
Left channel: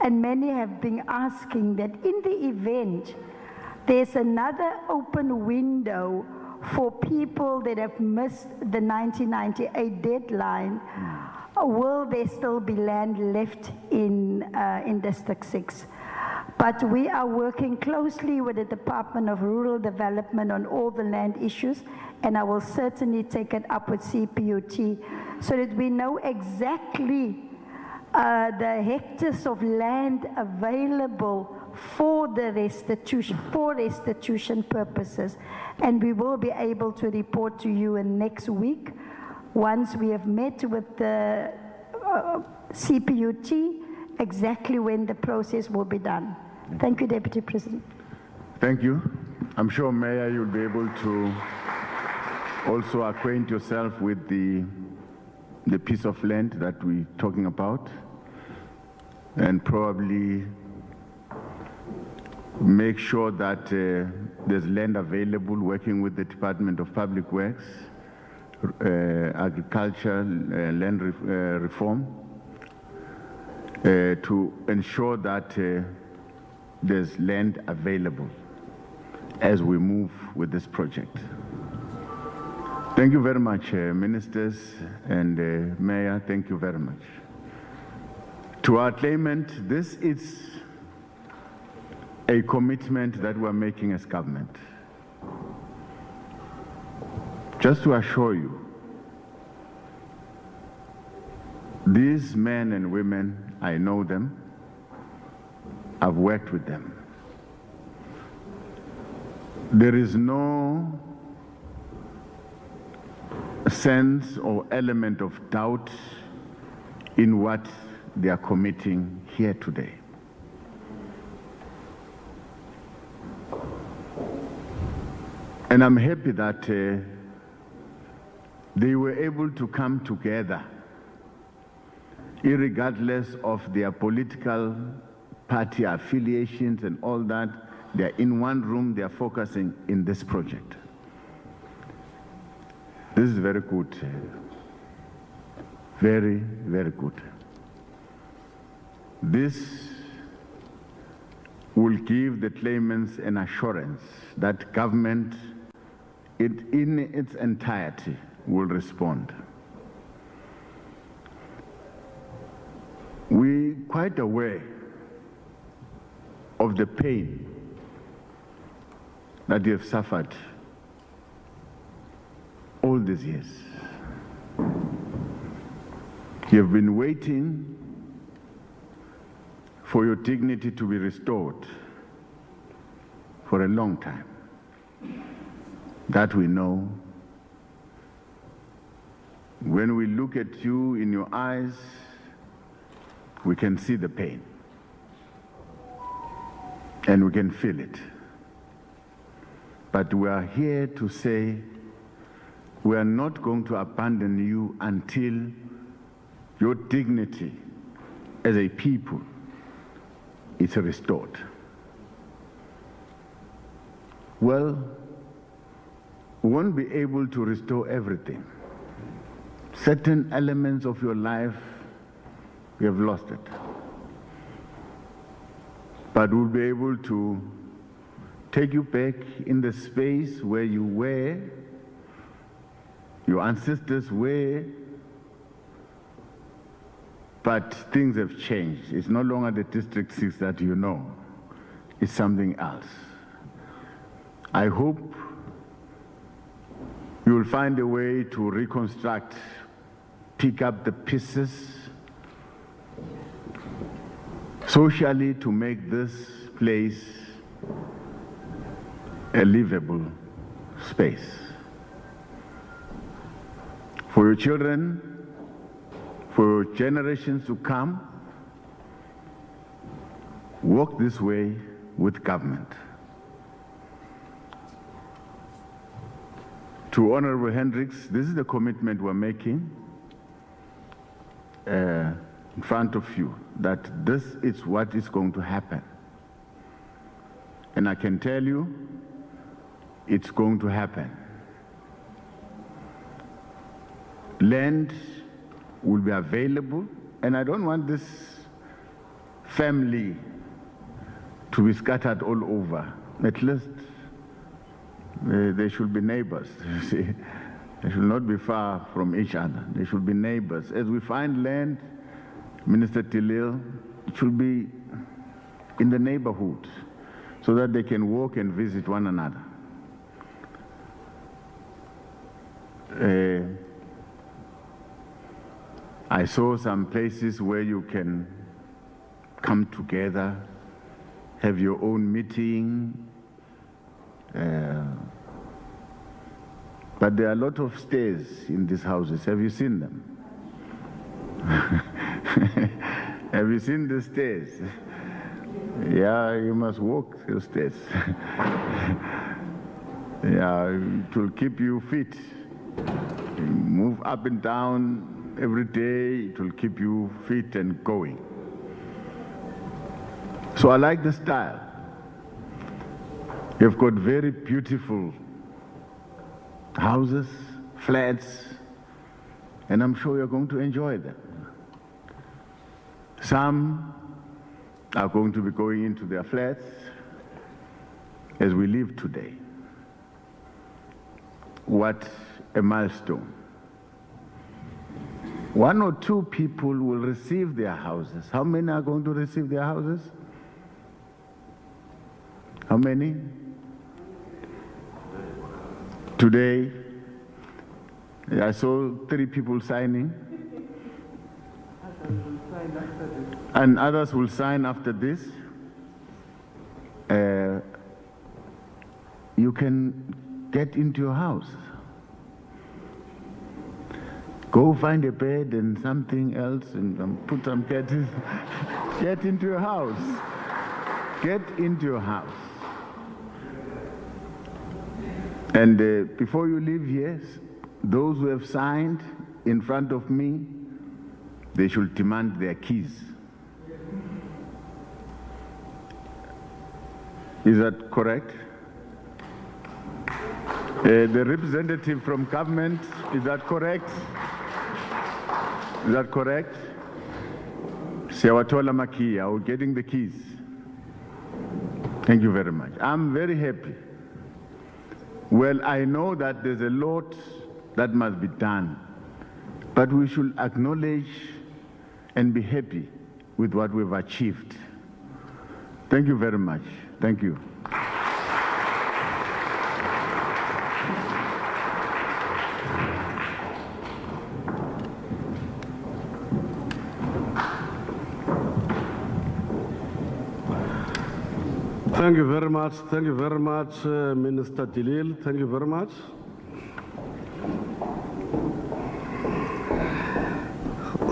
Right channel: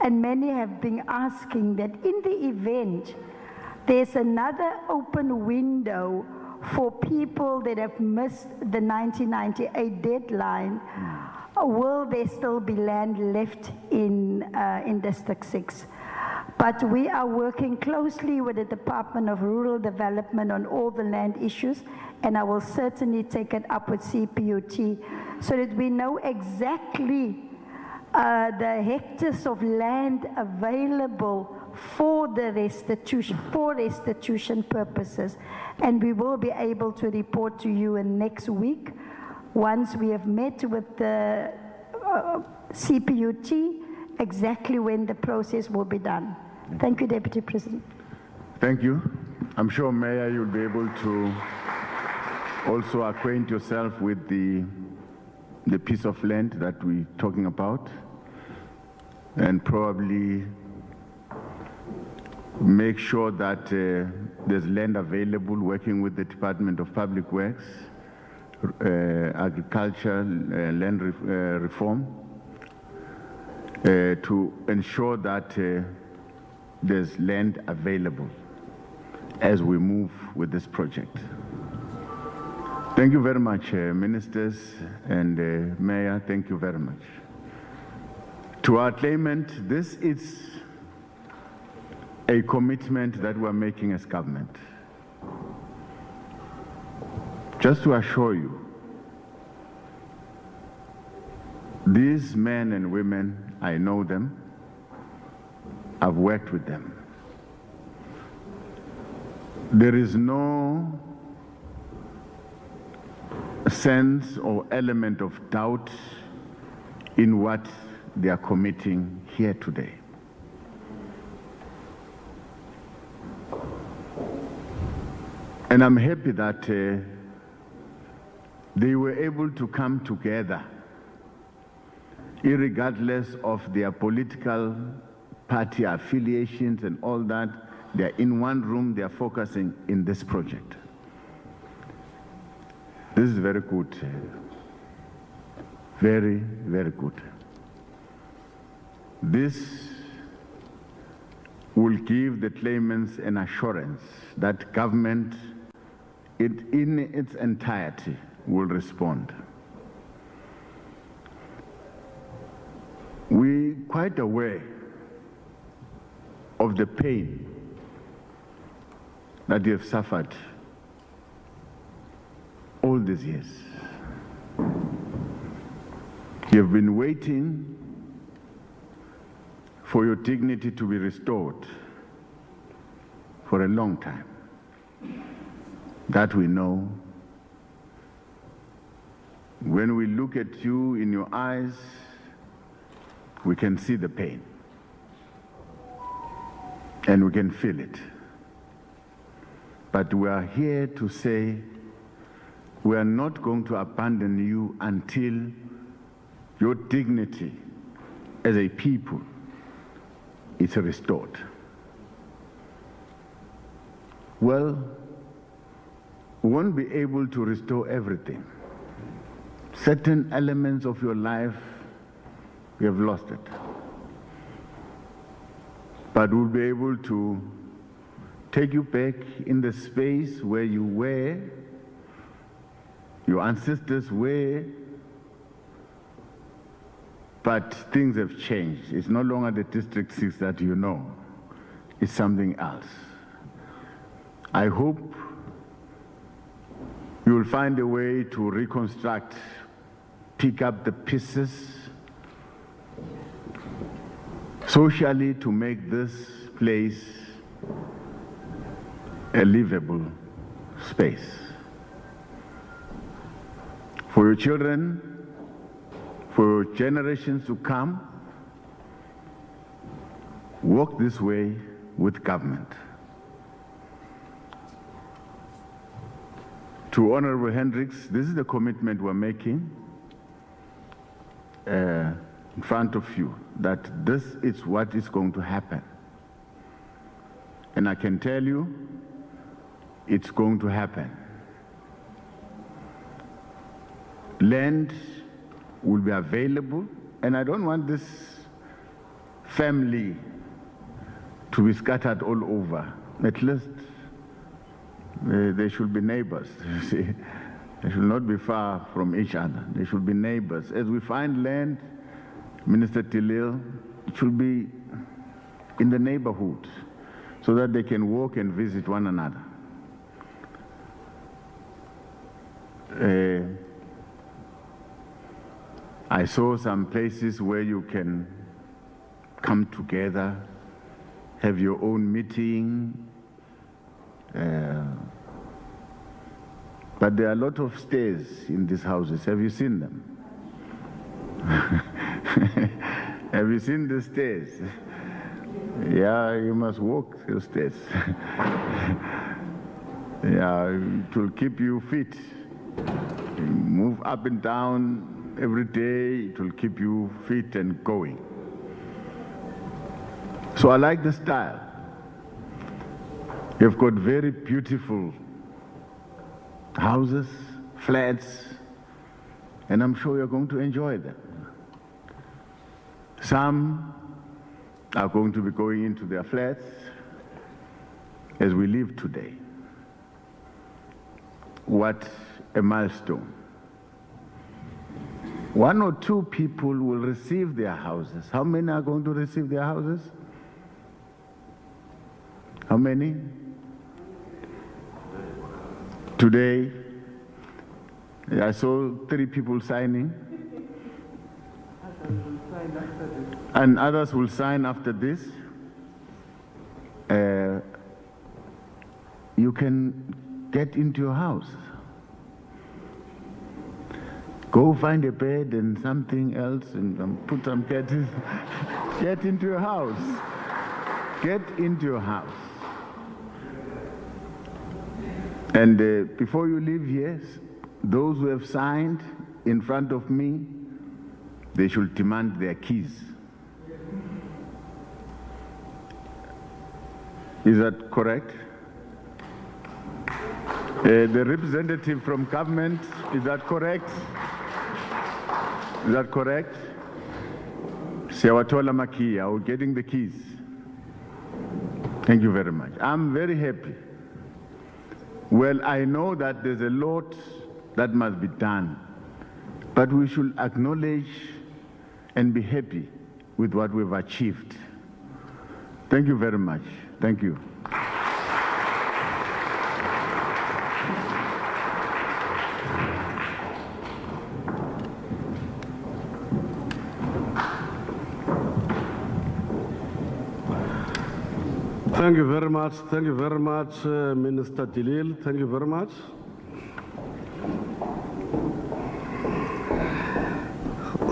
and many have been asking that in the event there's another open window for people that have missed the 1998 deadline, will there still be land left in District 6? But we are working closely with the Department of Rural Development on all the land issues, and I will certainly take it up with CPUT so that we know exactly the hectares of land available for the restitution purposes, and we will be able to report to you in next week once we have met with the CPUT exactly when the process will be done. Thank you, Deputy President. Thank you. I'm sure, Mayor, you'll be able to also acquaint yourself with the piece of land that we're talking about, and probably make sure that there's land available, working with the Department of Public Works, Agriculture, Land Reform, to ensure that there's land available as we move with this project. Thank you very much, Ministers and Mayor, thank you very much. To our claimant, this is a commitment that we're making as government. Just to assure you, these men and women, I know them, I've worked with them. There is no sense or element of doubt in what they are committing here today. And I'm happy that they were able to come together, irregardless of their political party affiliations and all that. They're in one room, they're focusing in this project. This is very good. Very, very good. This will give the claimants an assurance that government in its entirety will respond. We're quite aware of the pain that you have suffered all these years. You have been waiting for your dignity to be restored for a long time. That we know. When we look at you in your eyes, we can see the pain. And we can feel it. But we are here to say we are not going to abandon you until your dignity as a people is restored. Well, we won't be able to restore everything. Certain elements of your life, we have lost it. But we'll be able to take you back in the space where you were, your ancestors were, but things have changed. It's no longer the District 6 that you know. It's something else. I hope you will find a way to reconstruct, pick up the pieces socially to make this place a livable space. For your children, for generations to come, walk this way with government. To Honorable Hendricks, this is the commitment we're making in front of you, that this is what is going to happen. And I can tell you, it's going to happen. Land will be available, and I don't want this family to be scattered all over. At least they should be neighbors, you see. They should not be far from each other. They should be neighbors. As we find land, Minister Tilil, it should be in the neighborhood so that they can walk and visit one another. I saw some places where you can come together, have your own meeting, but there are a lot of stairs in these houses. Have you seen them? Have you seen the stairs? Yeah, you must walk those stairs. Yeah, it will keep you fit. You move up and down every day. It will keep you fit and going. So I like the style. You've got very beautiful houses, flats, and I'm sure you're going to enjoy them. Some are going to be going into their flats as we live today. What a milestone. 1 or 2 people will receive their houses. How many are going to receive their houses? How many? Today, I saw 3 people signing. And others will sign after this. You can get into your house. Go find a bed and something else and put some curtains. Get into your house. Get into your house. And before you leave here, those who have signed in front of me, they should demand their keys. Is that correct? The representative from government, is that correct? Is that correct? Siyawathola makia, or getting the keys. Thank you very much. I'm very happy. Well, I know that there's a lot that must be done, but we should acknowledge and be happy with what we've achieved. Thank you very much. Thank you. Thank you very much. Thank you very much, Minister Dilil. Thank you very much.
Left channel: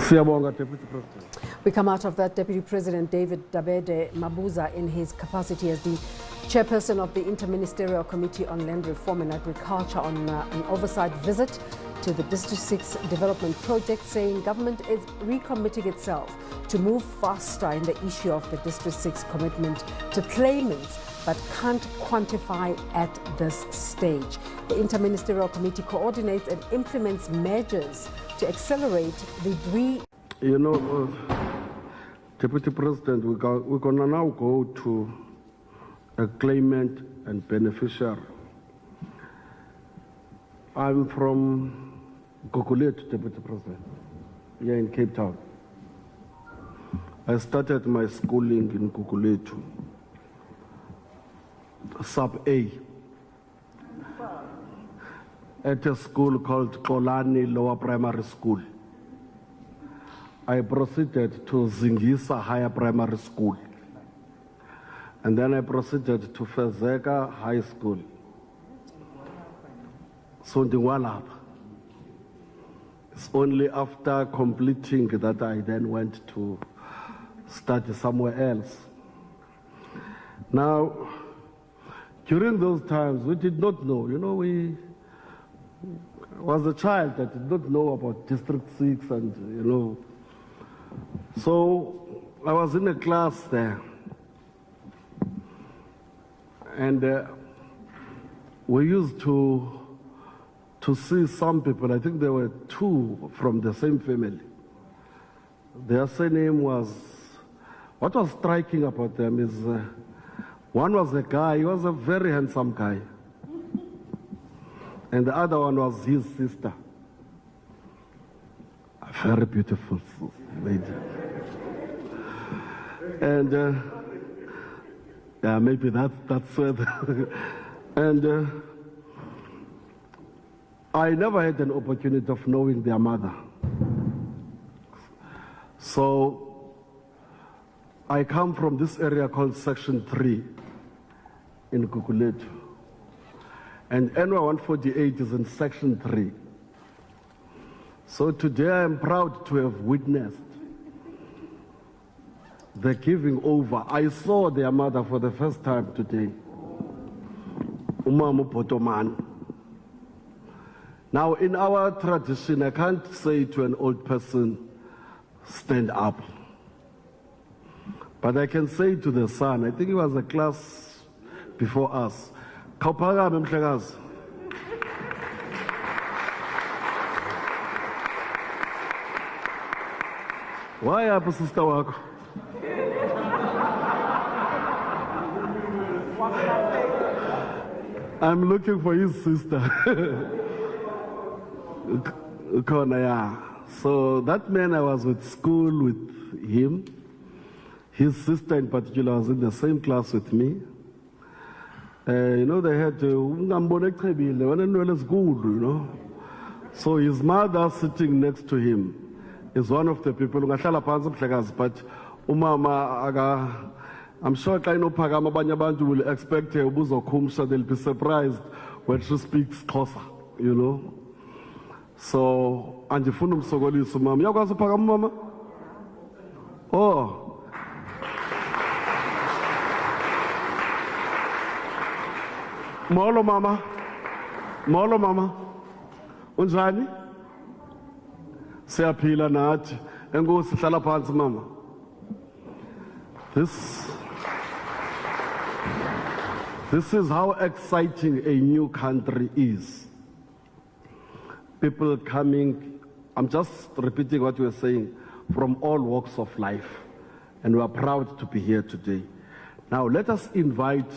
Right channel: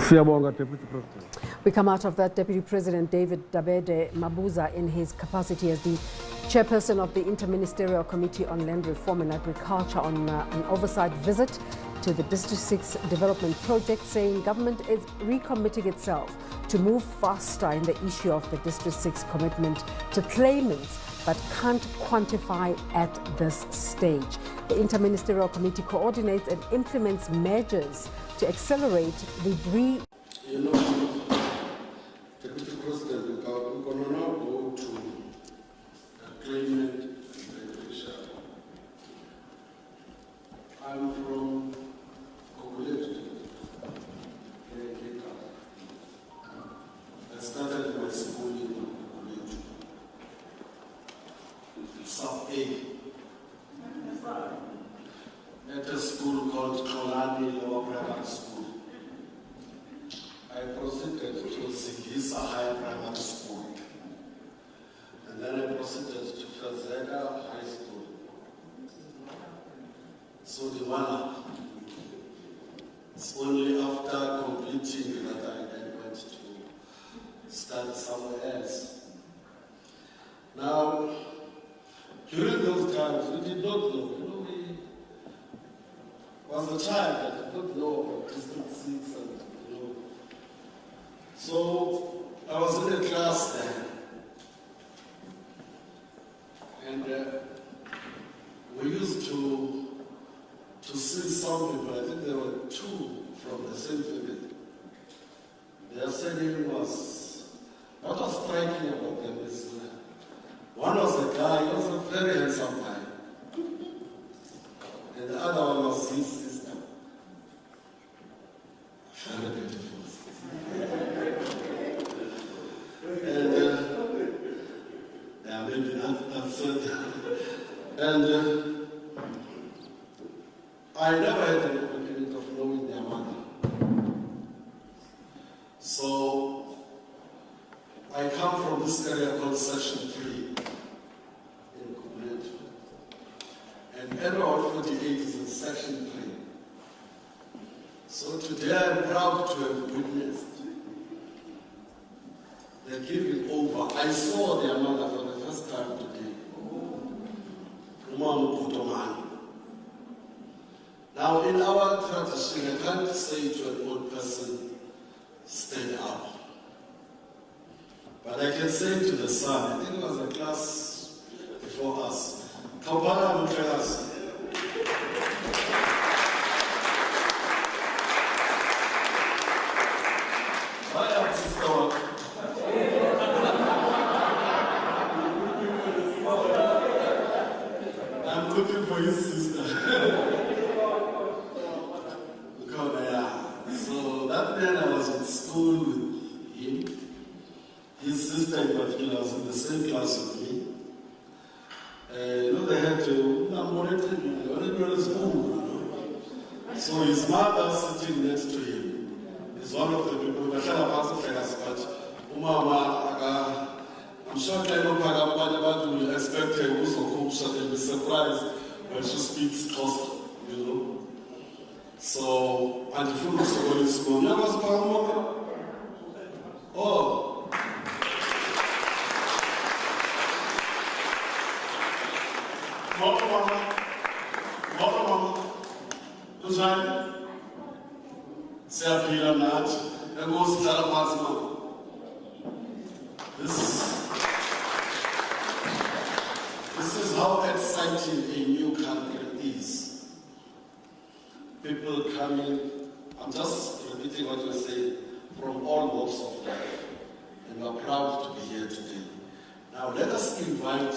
Siyabonga, Deputy President. We come out of that. Deputy President David Dabede Mabuza, in his capacity as the chairperson of the Interministerial Committee on Land Reform and Agriculture, on an oversight visit to the District 6 development project, saying government is recommitting itself to move faster in the issue of the District 6 commitment to claimants, but can't quantify at this stage. The Interministerial Committee coordinates and implements measures to accelerate the You know, Deputy President, we're going to now go to a claimant and beneficiary. I'm from Gugulethu, Deputy President, here in Cape Town. I started my schooling in Gugulethu, Sub A, at a school called Kolani Lower Primary School. I proceeded to Zingisa Higher Primary School. And then I proceeded to Fezeka High School. So the one up. It's only after completing that I then went to study somewhere else. Now, during those times, we did not know, we was a child that did not know about District 6 and, So I was in a class there, and we used to see some people. I think there were two from the same family. Their surname was, what was striking about them is, one was a guy, he was a very handsome guy, and the other one was his sister, a very beautiful lady. And yeah, maybe that's it. And I never had an opportunity of knowing their mother. So I come from this area called Section 3 in Gugulethu. And NY 148 is in Section 3. So today I'm proud to have witnessed the giving over. I saw their mother for the first time today, Umamu Potoman. Now, in our tradition, I can't say to an old person, stand up. But I can say to the son, I think it was a class before us, Kaupala Mutlegas. Why are you, sister? I'm looking for his sister. So that man, I was at school with him. His sister in particular was in the same class with me. They had school, So his mother sitting next to him is one of the people who but Umama, I'm sure Kaino will expect her, they'll be surprised when she speaks Xhosa, So, andifuna ukusokolisa umama. Uyakwazi uphakama umama? Oh. Molo mama. Molo mama. Unjani? Siyaphila nathi. Enkosi hlala phansi mama. This is how exciting a new country is. People coming, I'm just repeating what you were saying, from all walks of life. And we are proud to be here today. Now let us invite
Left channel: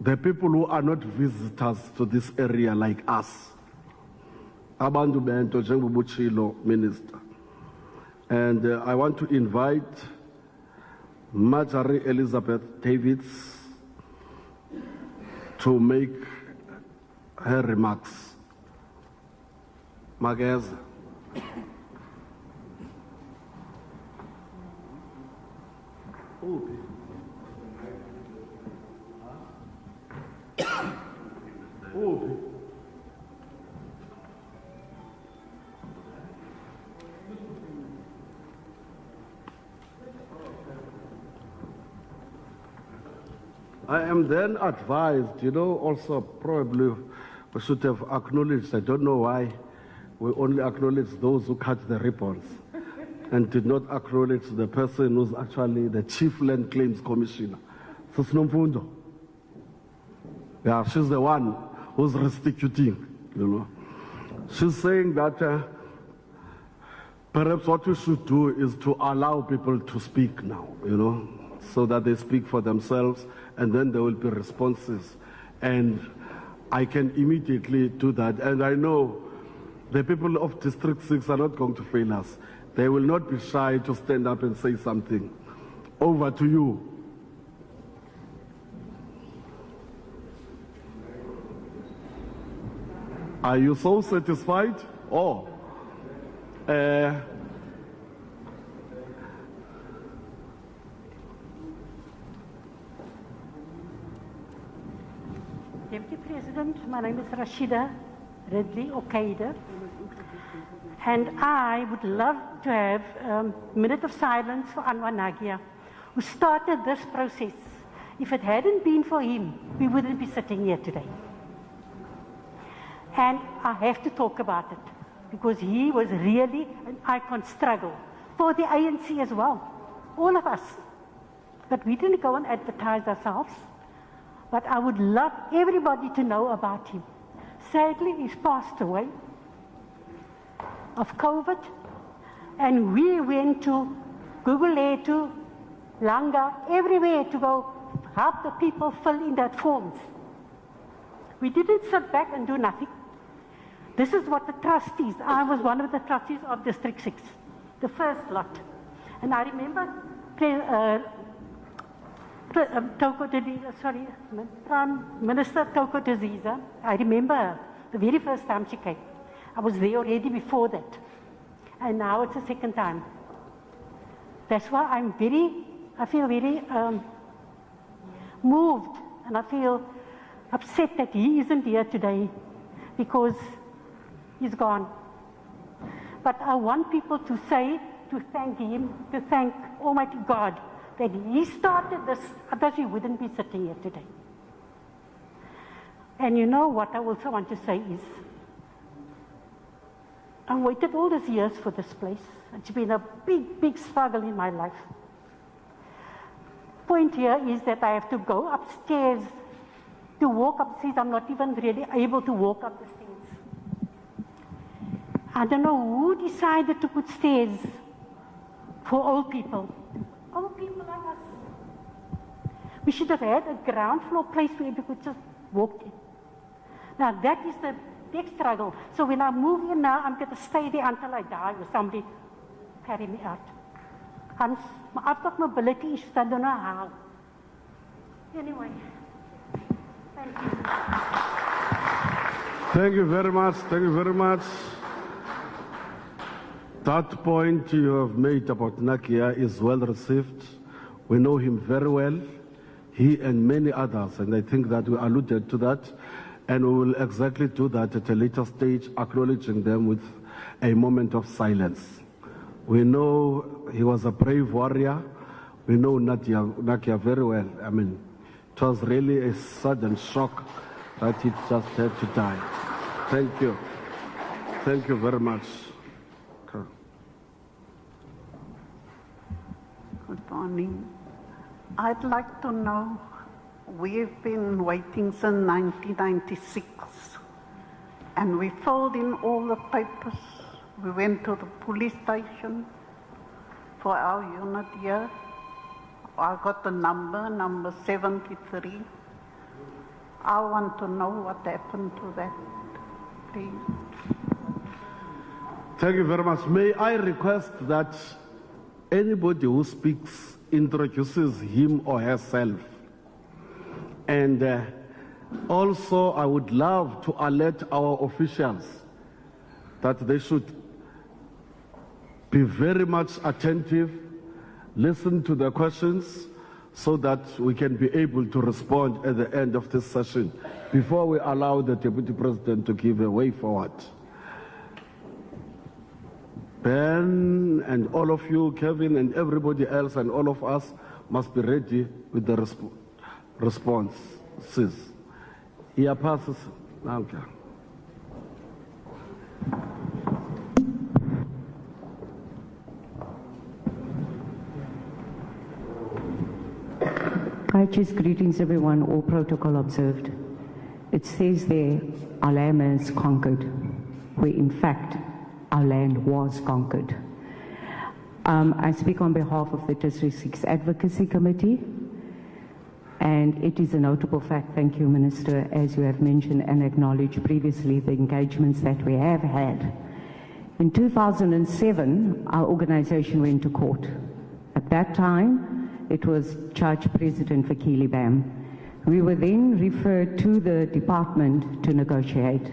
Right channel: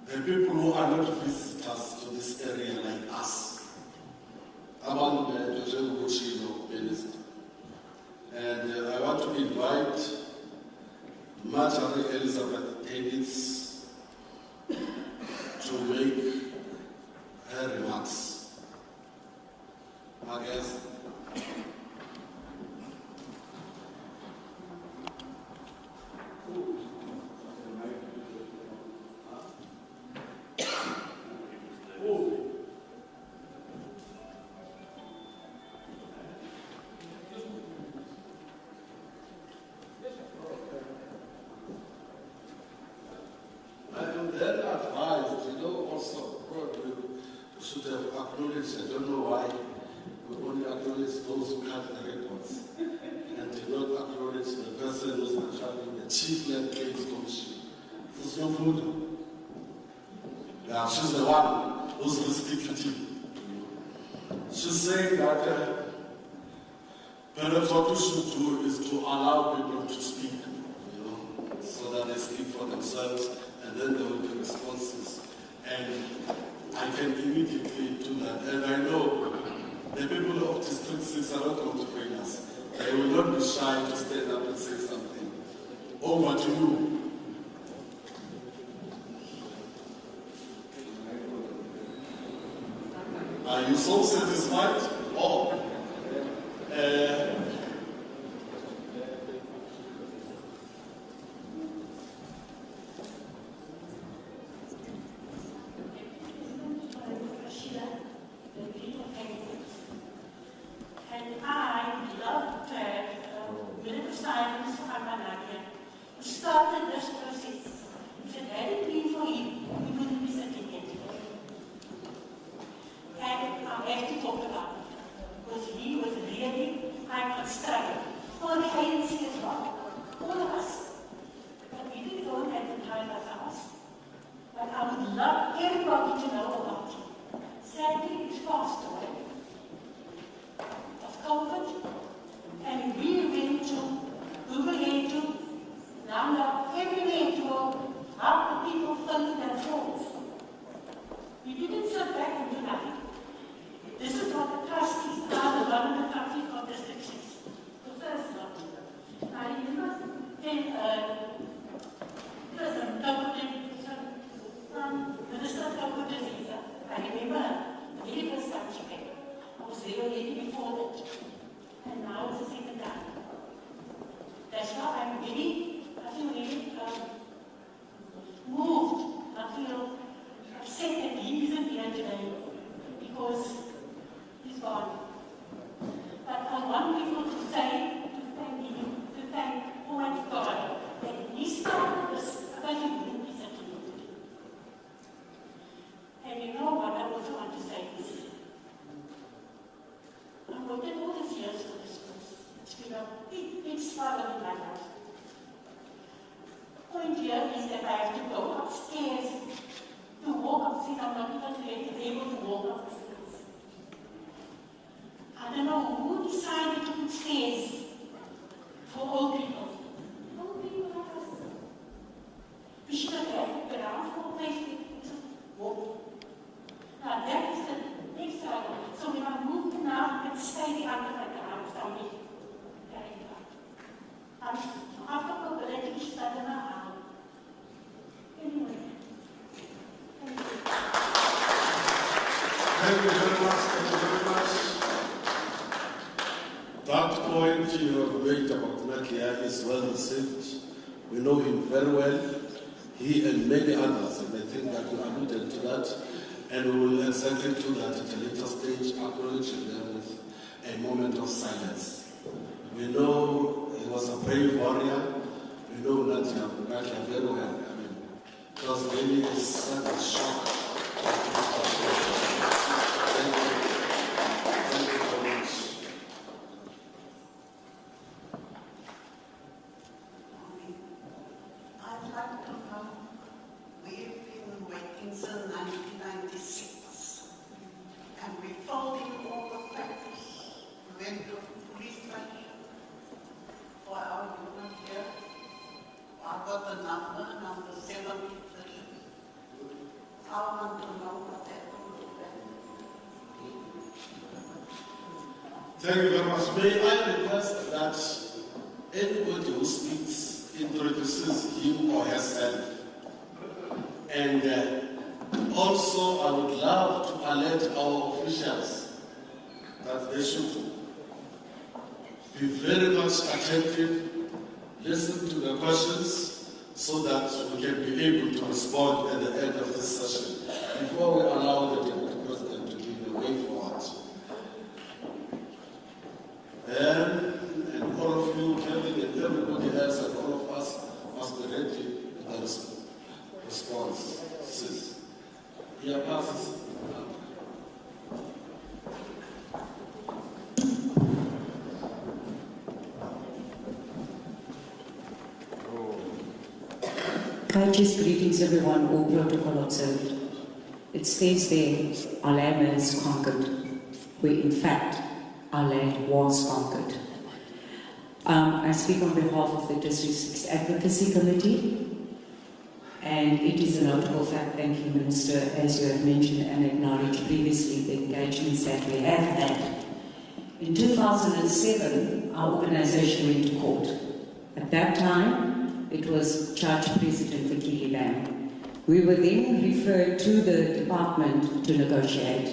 the people who are not visitors to this area like us. Abantu bento njengobuchilo minister. And I want to invite Marjorie Elizabeth Davids to make her remarks. Magaz. I am then advised, also probably we should have acknowledged, I don't know why, we only acknowledge those who cut the ribbons and did not acknowledge the person who's actually the Chief Land Claims Commissioner. Yeah, she's the one who's restituting, She's saying that perhaps what we should do is to allow people to speak now, so that they speak for themselves, and then there will be responses. And I can immediately do that. And I know the people of District 6 are not going to fail us. They will not be shy to stand up and say something. Over to you. Are you so satisfied? Oh. Deputy President, my name is Rashida Ridley Okaida, and I would love to have a minute of silence for Anwar Nagia, who started this process. If it hadn't been for him, we wouldn't be sitting here today. And I have to talk about it, because he was really an icon struggle for the ANC as well, all of us. But we didn't go and advertise ourselves. But I would love everybody to know about him. Sadly, he's passed away of COVID, and we went to Google to Langa, everywhere to go help the people fill in that forms. We didn't sit back and do nothing. This is what the trustees, I was one of the trustees of District 6, the first lot. And I remember Prime Minister Toko Diziza, I remember the very first time she came. I was there already before that. And now it's the second time. That's why I feel very moved, and I feel upset that he isn't here today, because he's gone. But I want people to thank him, to thank Almighty God, that he started this, otherwise he wouldn't be sitting here today. And you know what I also want to say is, I waited all these years for this place. It's been a big, big struggle in my life. Point here is that I have to go upstairs. To walk upstairs, I'm not even really able to walk upstairs. I don't know who decided to put stairs for old people. Old people like us. We should have had a ground floor place where you could just walk in. Now that is the big struggle. So when I move here now, I'm going to stay there until I die, or somebody carry me out. I've got mobility issues, I don't know how. Anyway, thank you. Thank you very much, thank you very much. That point you have made about Nakia is well received. We know him very well, he and many others, and I think that we alluded to that. And we will exactly do that at a later stage, acknowledging them with a moment of silence. We know he was a brave warrior. We know Nadia very well. I mean, it was really a sudden shock that he just had to die. Thank you. Thank you very much. Good morning. I'd like to know, we've been waiting since 1996, and we filled in all the papers. We went to the police station for our unit here. I got the number 73. I want to know what happened to that, please. Thank you very much. May I request that anybody who speaks introduces him or herself. And also I would love to alert our officials that they should be very much attentive, listen to the questions so that we can be able to respond at the end of this session before we allow the Deputy President to give a way forward. Ben and all of you, Kevin and everybody else and all of us must be ready with the responses. Here passes. Okay. Righteous greetings everyone, all protocol observed. It says there, our land is conquered, where in fact, our land was conquered. I speak on behalf of the District 6 Advocacy Committee, and it is a notable fact, thank you Minister, as you have mentioned and acknowledged previously the engagements that we have had. In 2007, our organization went to court. At that time, it was Judge President Fikile Bam. We were then referred to the department to negotiate.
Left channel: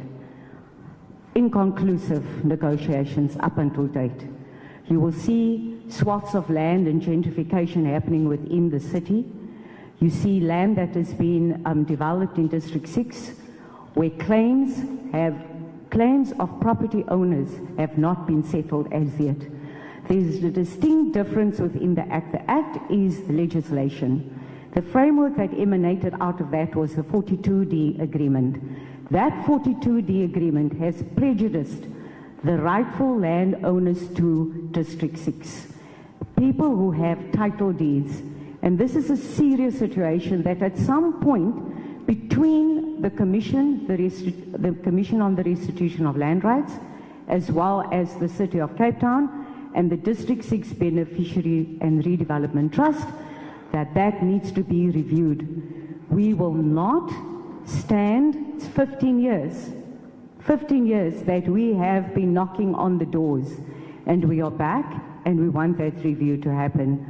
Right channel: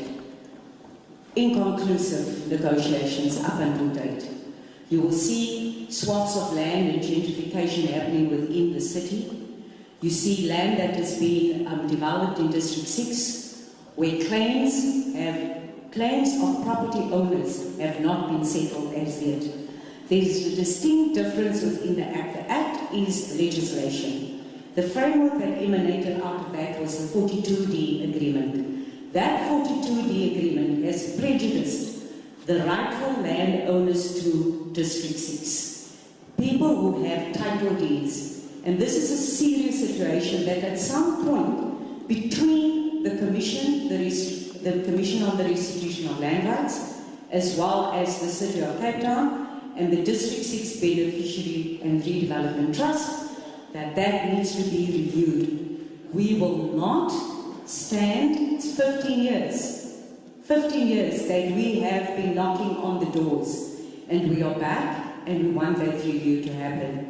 Inconclusive negotiations up until date. You will see swaths of land and gentrification happening within the city. You see land that has been developed in District 6, where claims of property owners have not been settled as yet. There is a distinct difference within the Act. The Act is legislation. The framework that emanated out of that was the 42D agreement. That 42D agreement has prejudiced the rightful landowners to District 6. People who have title deeds. And this is a serious situation that at some point between the Commission, the Commission on the Restitution of Land Rights, as well as the City of Cape Town and the District 6 Beneficiary and Redevelopment Trust, that needs to be reviewed. We will not stand, it's 15 years that we have been knocking on the doors, and we are back and we want that review to happen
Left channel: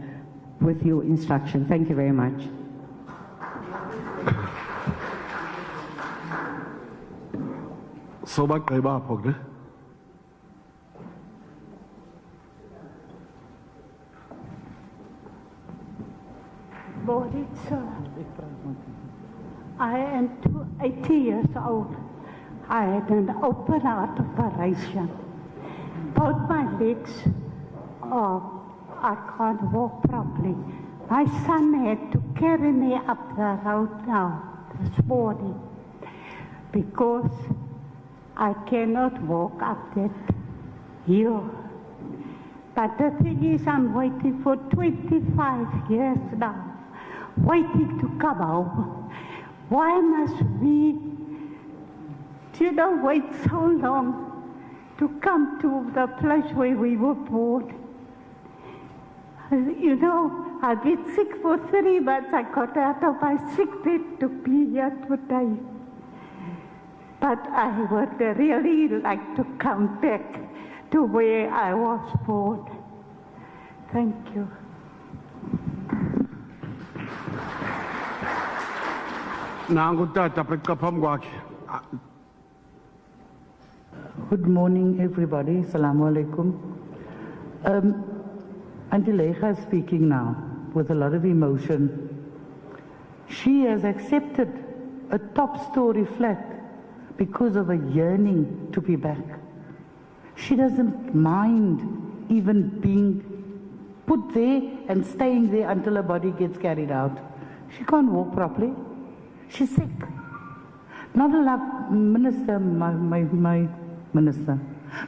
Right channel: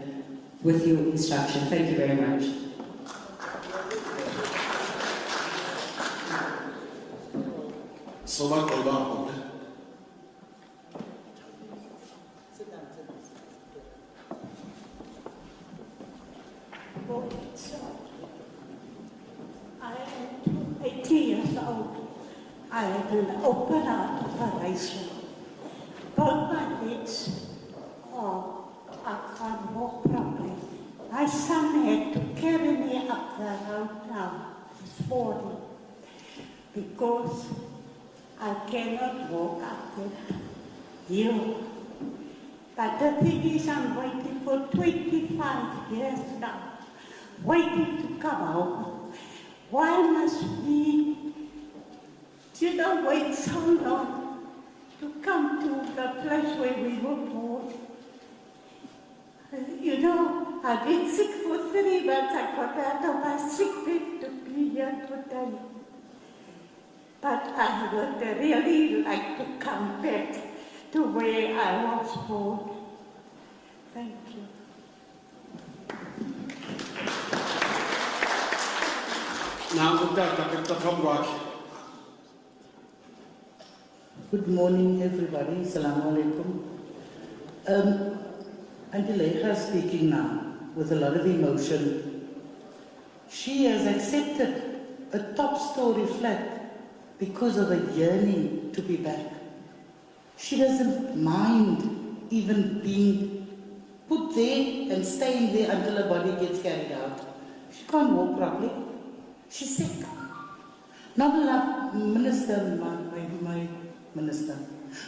with your instruction. Thank you very much. So much about I am 80 years old. I had an open heart operation. Both my legs, I can't walk properly. My son had to carry me up the road now this morning because I cannot walk up that hill. But the thing is, I'm waiting for 25 years now, waiting to come home. Why must we, wait so long to come to the place where we were born? I've been sick for 3 months. I got out of my sick bed to be here today. But I would really like to come back to where I was born. Thank you. Good morning, everybody. Assalamu alaikum. Auntie Lecha is speaking now with a lot of emotion. She has accepted a top-story flat because of a yearning to be back. She doesn't mind even being put there and staying there until her body gets carried out. She can't walk properly. She's sick. Not a lot, Minister, my Minister,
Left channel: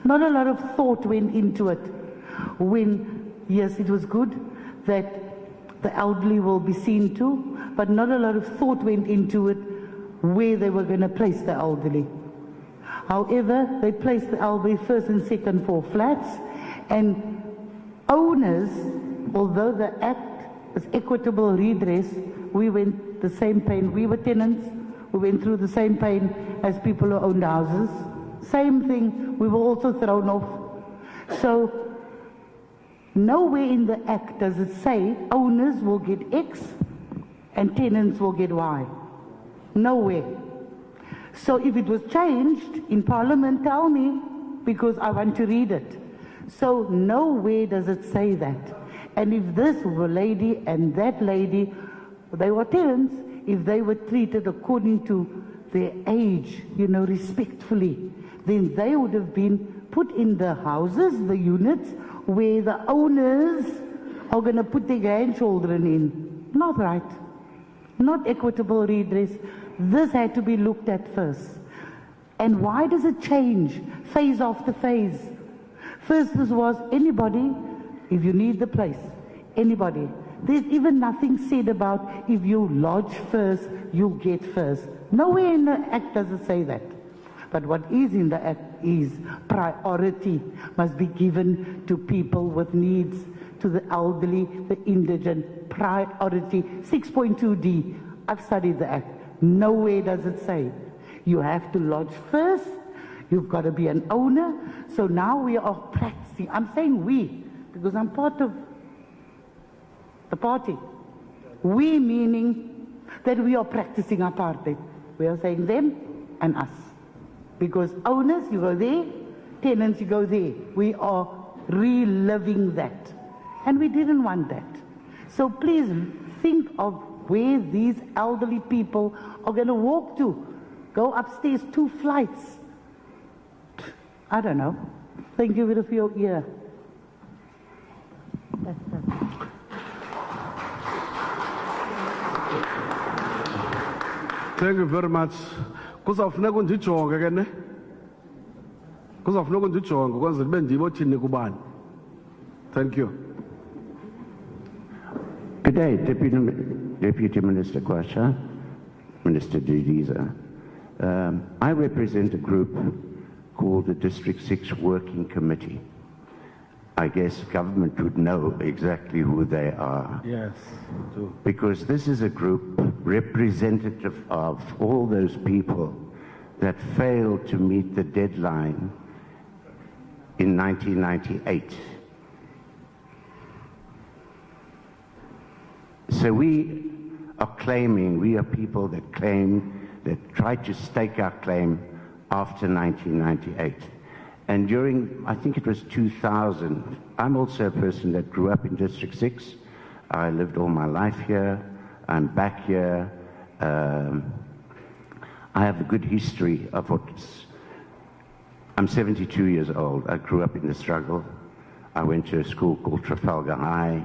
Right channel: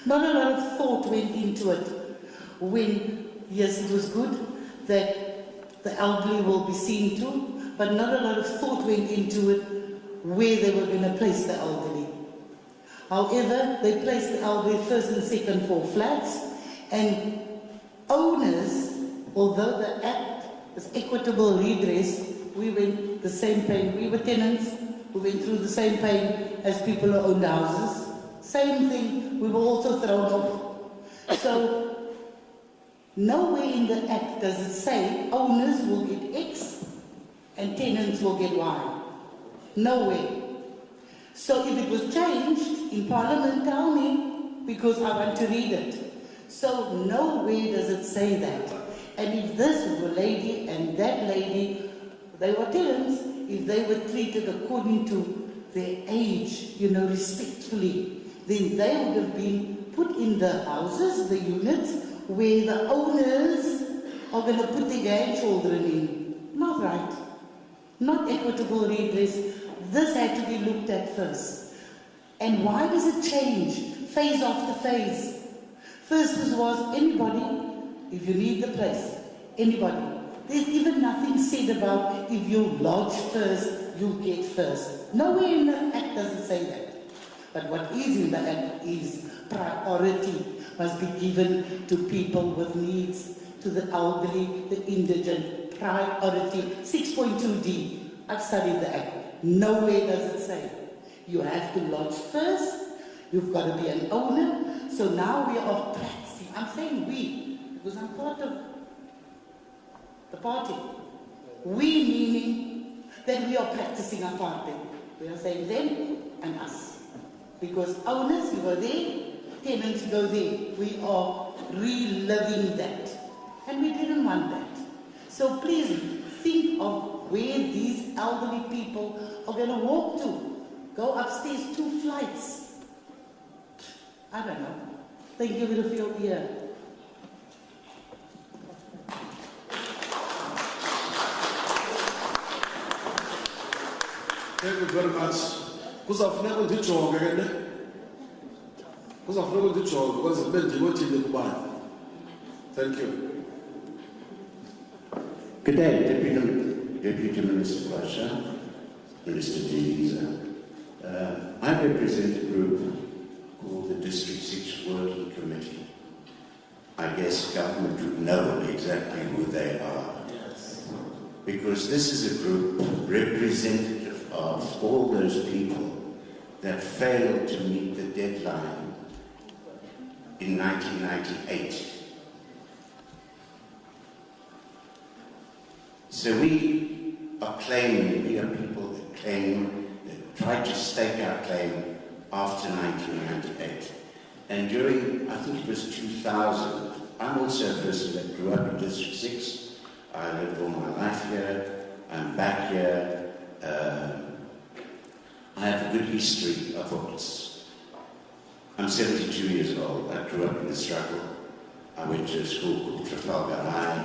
not a lot of thought went into it when, yes, it was good that the elderly will be seen to, but not a lot of thought went into it where they were going to place the elderly. However, they placed the elderly first and second floor flats, and owners, although the Act is equitable redress, we went the same pain. We were tenants, we went through the same pain as people who owned houses. Same thing, we were also thrown off. So, nowhere in the Act does it say owners will get X and tenants will get Y. Nowhere. So if it was changed in Parliament, tell me, because I want to read it. So nowhere does it say that. And if this lady and that lady, they were tenants, if they were treated according to their age, respectfully, then they would have been put in the houses, the units, where the owners are going to put their grandchildren in. Not right. Not equitable redress. This had to be looked at first. And why does it change phase after phase? First was anybody, if you need the place, anybody. There's even nothing said about if you lodge first, you get first. Nowhere in the Act does it say that. But what is in the Act is priority must be given to people with needs, to the elderly, the indigent, priority. 6.2D, I've studied the Act. Nowhere does it say you have to lodge first, you've got to be an owner. So now we are practicing. I'm saying we, because I'm part of the party. We meaning that we are practicing apartheid. We are saying them and us. Because owners, you go there, tenants, you go there. We are reliving that. And we didn't want that. So please think of where these elderly people are going to walk to. Go upstairs 2 flights. I don't know. Thank you for your ear. Thank you very much. Kuzafuneka undijonge ke ne? Kuzafuneka undijonge because ndibe ndikothini kubani. Thank you. Good day, Deputy Minister Kwasha, Minister Didiza. I represent a group called the District 6 Working Committee. I guess government would know exactly who they are. Yes. Because this is a group representative of all those people that failed to meet the deadline in 1998. So we are claiming, we are people that claim, that tried to stake our claim after 1998. And during, I think it was 2000, I'm also a person that grew up in District 6. I lived all my life here. I'm back here. I have a good history of what. I'm 72 years old. I grew up in the struggle. I went to a school called Trafalgar High.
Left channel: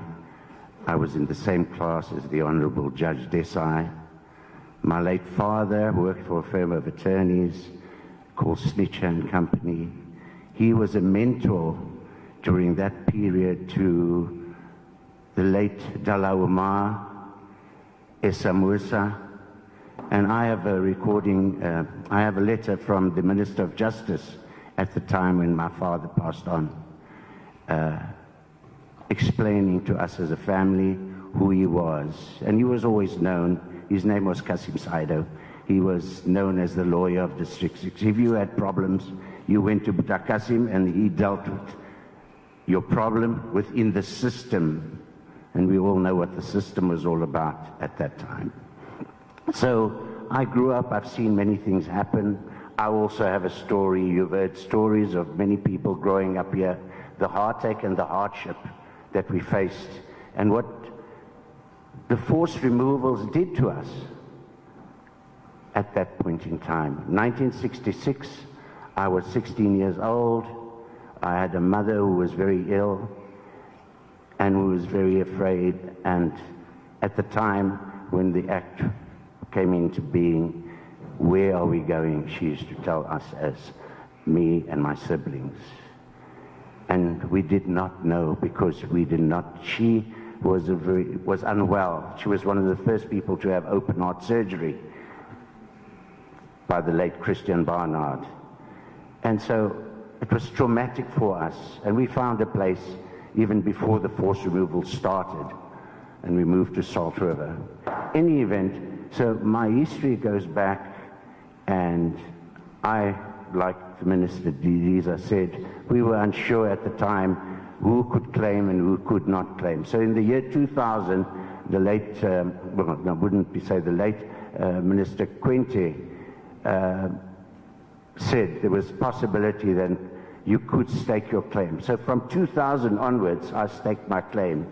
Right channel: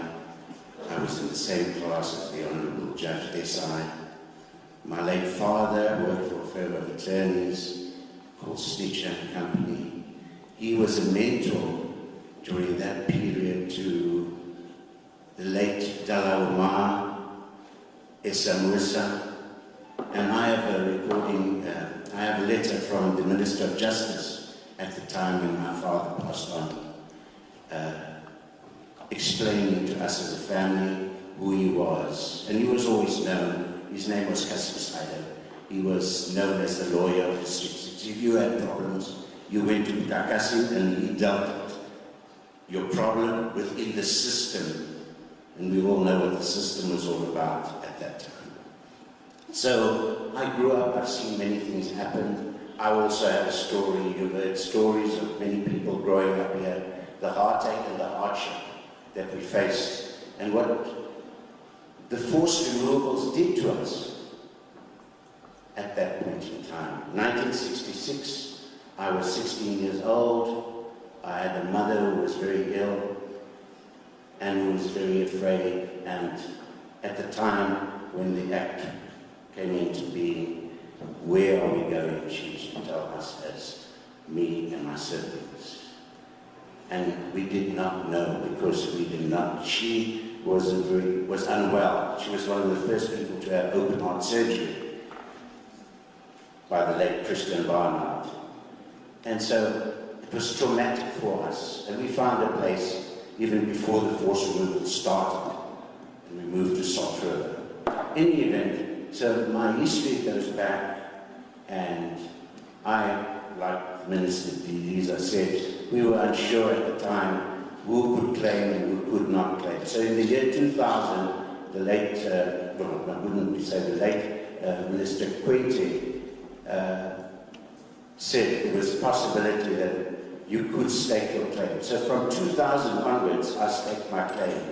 I was in the same class as the Honourable Judge Desai. My late father worked for a firm of attorneys called Snitcher and Company. He was a mentor during that period to the late Jama-ah, Mabuza, and I have a recording, I have a letter from the Minister of Justice at the time when my father passed on, explaining to us as a family who he was. And he was always known, his name was Kasim Saido. He was known as the lawyer of District 6. If you had problems, you went to Kasim and he dealt with your problem within the system. And we all know what the system was all about at that time. So I grew up, I've seen many things happen. I also have a story, you've heard stories of many people growing up here, the heartache and the hardship that we faced, and what the forced removals did to us. at that point in time. 1966, I was 16 years old. I had a mother who was very ill and who was very afraid. And at the time when the Act came into being, where are we going? She used to tell us, as me and my siblings. And we did not know, because we did not. She was unwell. She was one of the first people to have open heart surgery by the late Christian Barnard. And so it was traumatic for us. And we found a place even before the forced removal started. And we moved to Salt River. In any event, so my history goes back, and I, like the Minister Didiza said, we were unsure at the time who could claim and who could not claim. So in the year 2000, the late, well, I wouldn't say the late, Minister Quinte said there was a possibility that you could stake your claim. So from 2000 onwards, I staked my claim.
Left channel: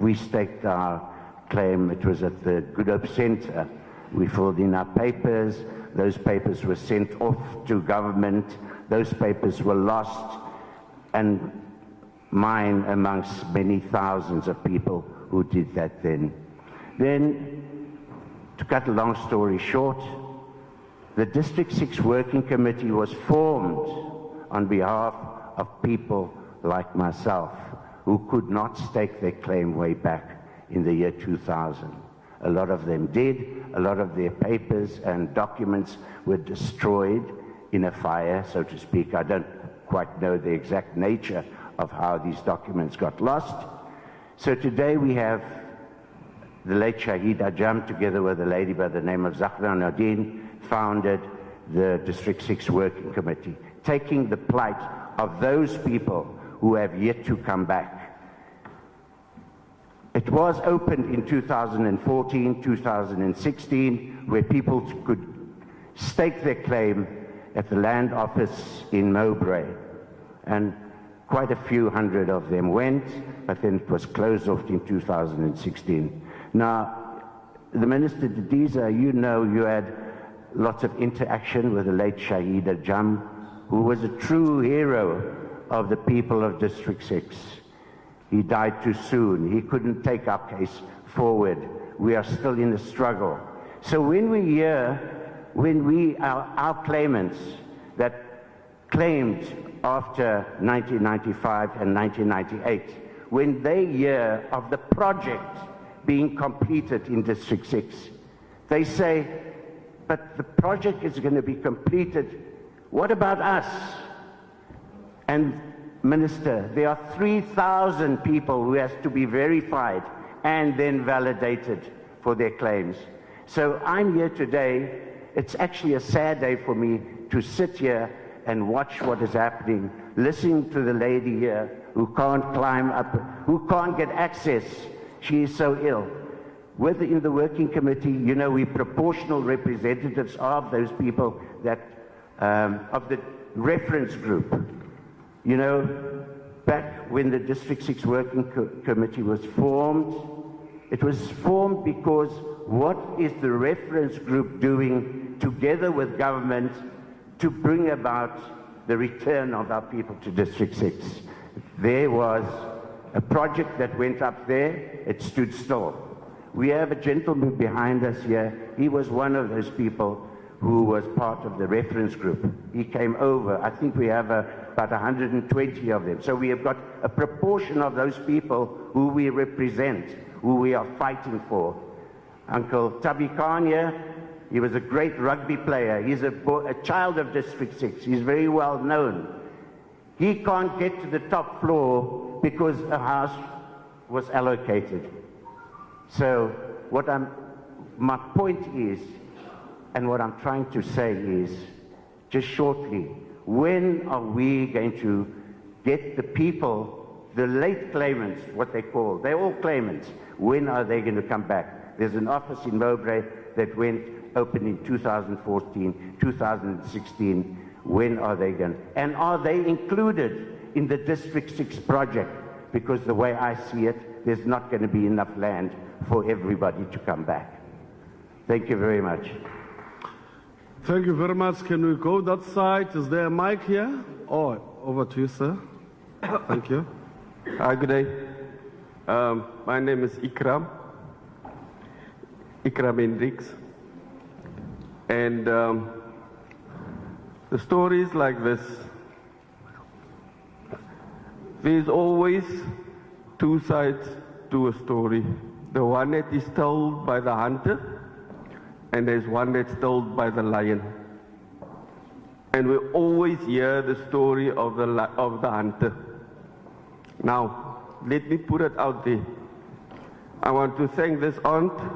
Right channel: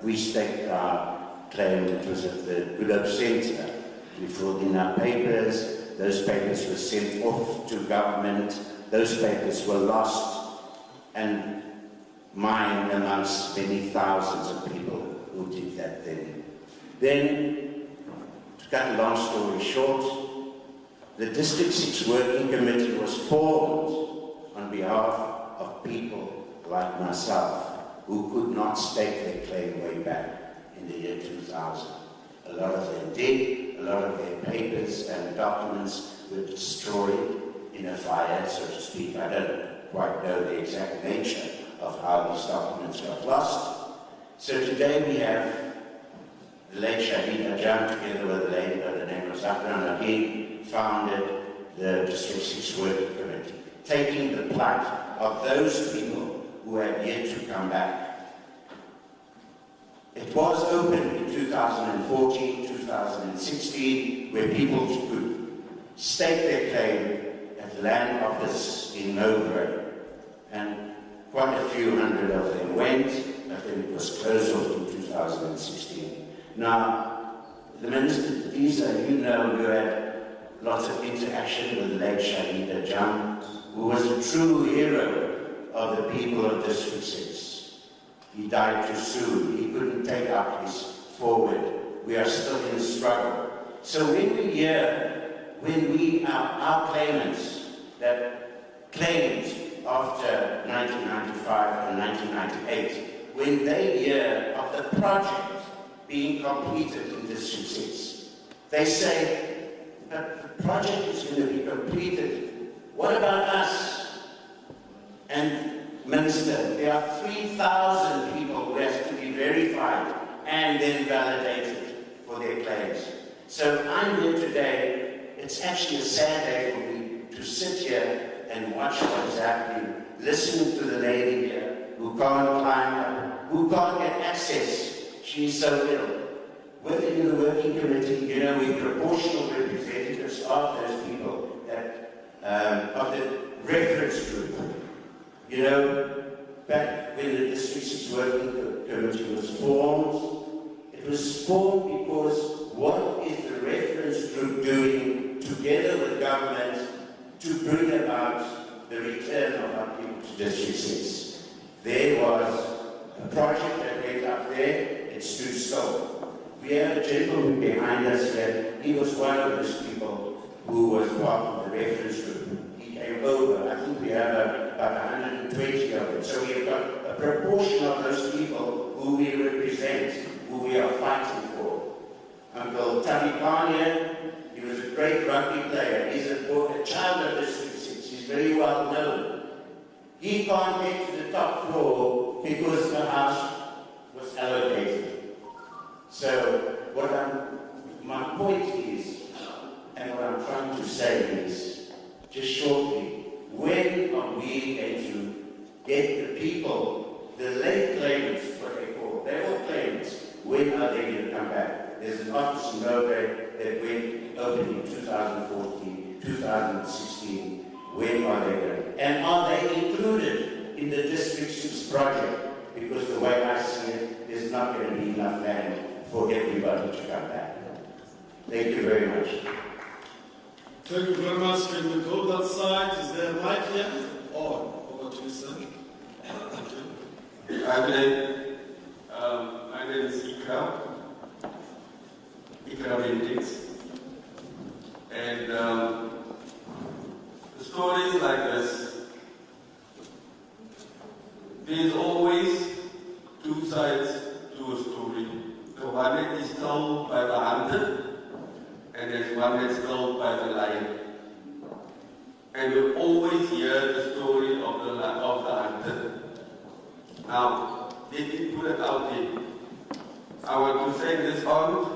We staked our claim. It was at the Good Hope Centre. We filled in our papers. Those papers were sent off to government. Those papers were lost. And mine amongst many thousands of people who did that then. Then, to cut a long story short, the District 6 Working Committee was formed on behalf of people like myself who could not stake their claim way back in the year 2000. A lot of them did. A lot of their papers and documents were destroyed in a fire, so to speak. I don't quite know the exact nature of how these documents got lost. So today we have the late Shahida Jam, together with a lady by the name of Zahra Nadine, founded the District 6 Working Committee, taking the plight of those people who have yet to come back. It was open in 2014, 2016, where people could stake their claim at the Land Office in Mowbray. And quite a few hundred of them went, but then it was closed off in 2016. Now, the Minister Didiza, you know, you had lots of interaction with the late Shahida Jam, who was a true hero of the people of District 6. He died too soon. He couldn't take our case forward. We are still in the struggle. So when we hear, our claimants that claimed after 1995 and 1998, when they hear of the project being completed in District 6, they say, but the project is going to be completed. What about us? And Minister, there are 3,000 people who has to be verified and then validated for their claims. So I'm here today. It's actually a sad day for me to sit here and watch what is happening, listening to the lady here who can't climb up, who can't get access. She is so ill. Within the working committee, you know, we're proportional representatives of those people that, of the reference group. You know, back when the District 6 Working Committee was formed, it was formed because what is the reference group doing together with government to bring about the return of our people to District 6? There was a project that went up there, it stood still. We have a gentleman behind us here. He was one of those people who was part of the reference group. He came over. I think we have about 120 of them. So we have got a proportion of those people who we represent, who we are fighting for. Uncle Tabi Khan here, he was a great rugby player. He's a child of District 6. He's very well known. He can't get to the top floor because the house was allocated. So my point is, and what I'm trying to say is, just shortly, when are we going to get the people, the late claimants, what they call, they're all claimants, when are they going to come back? There's an office in Mowbray that went open in 2014, 2016. When are they going to? And are they included in the District 6 project? Because the way I see it, there's not going to be enough land for everybody to come back. Thank you very much. Thank you very much. Can we go that side? Is there a mic here? Oh, over to you, sir. Thank you. Hi, good day. My name is Ikram Hendricks. And the stories like this, there's always two sides to a story. The one that is told by the hunted, and there's one that's told by the lion. And we always hear the story of the hunted. Now, let me put it out there. I want to say this aunt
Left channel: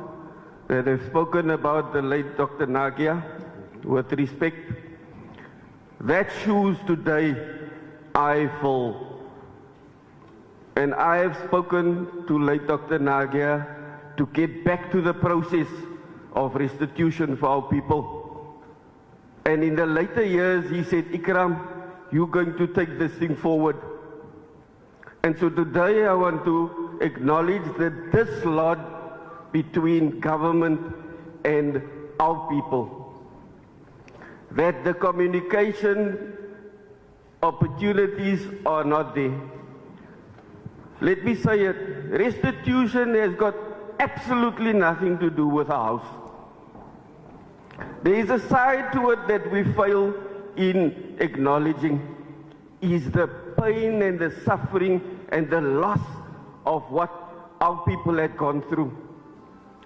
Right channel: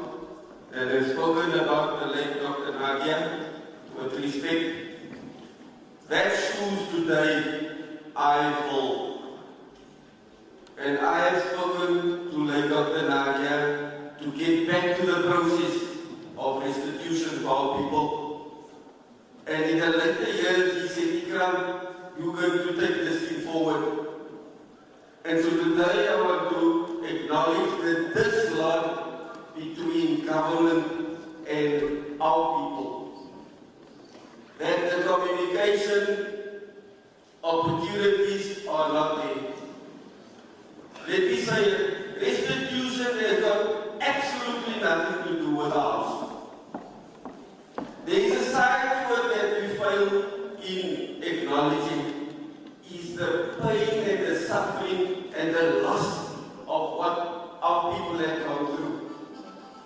that has spoken about the late Dr. Nagia with respect. That shoes today I fill. And I have spoken to late Dr. Nagia to get back to the process of restitution for our people. And in the later years, he said, Ikram, you're going to take this thing forward. And so today I want to acknowledge the dislodge between government and our people. That the communication opportunities are not there. Let me say it, restitution has got absolutely nothing to do with the house. There is a side to it that we fail in acknowledging, is the pain and the suffering and the loss of what our people had gone through.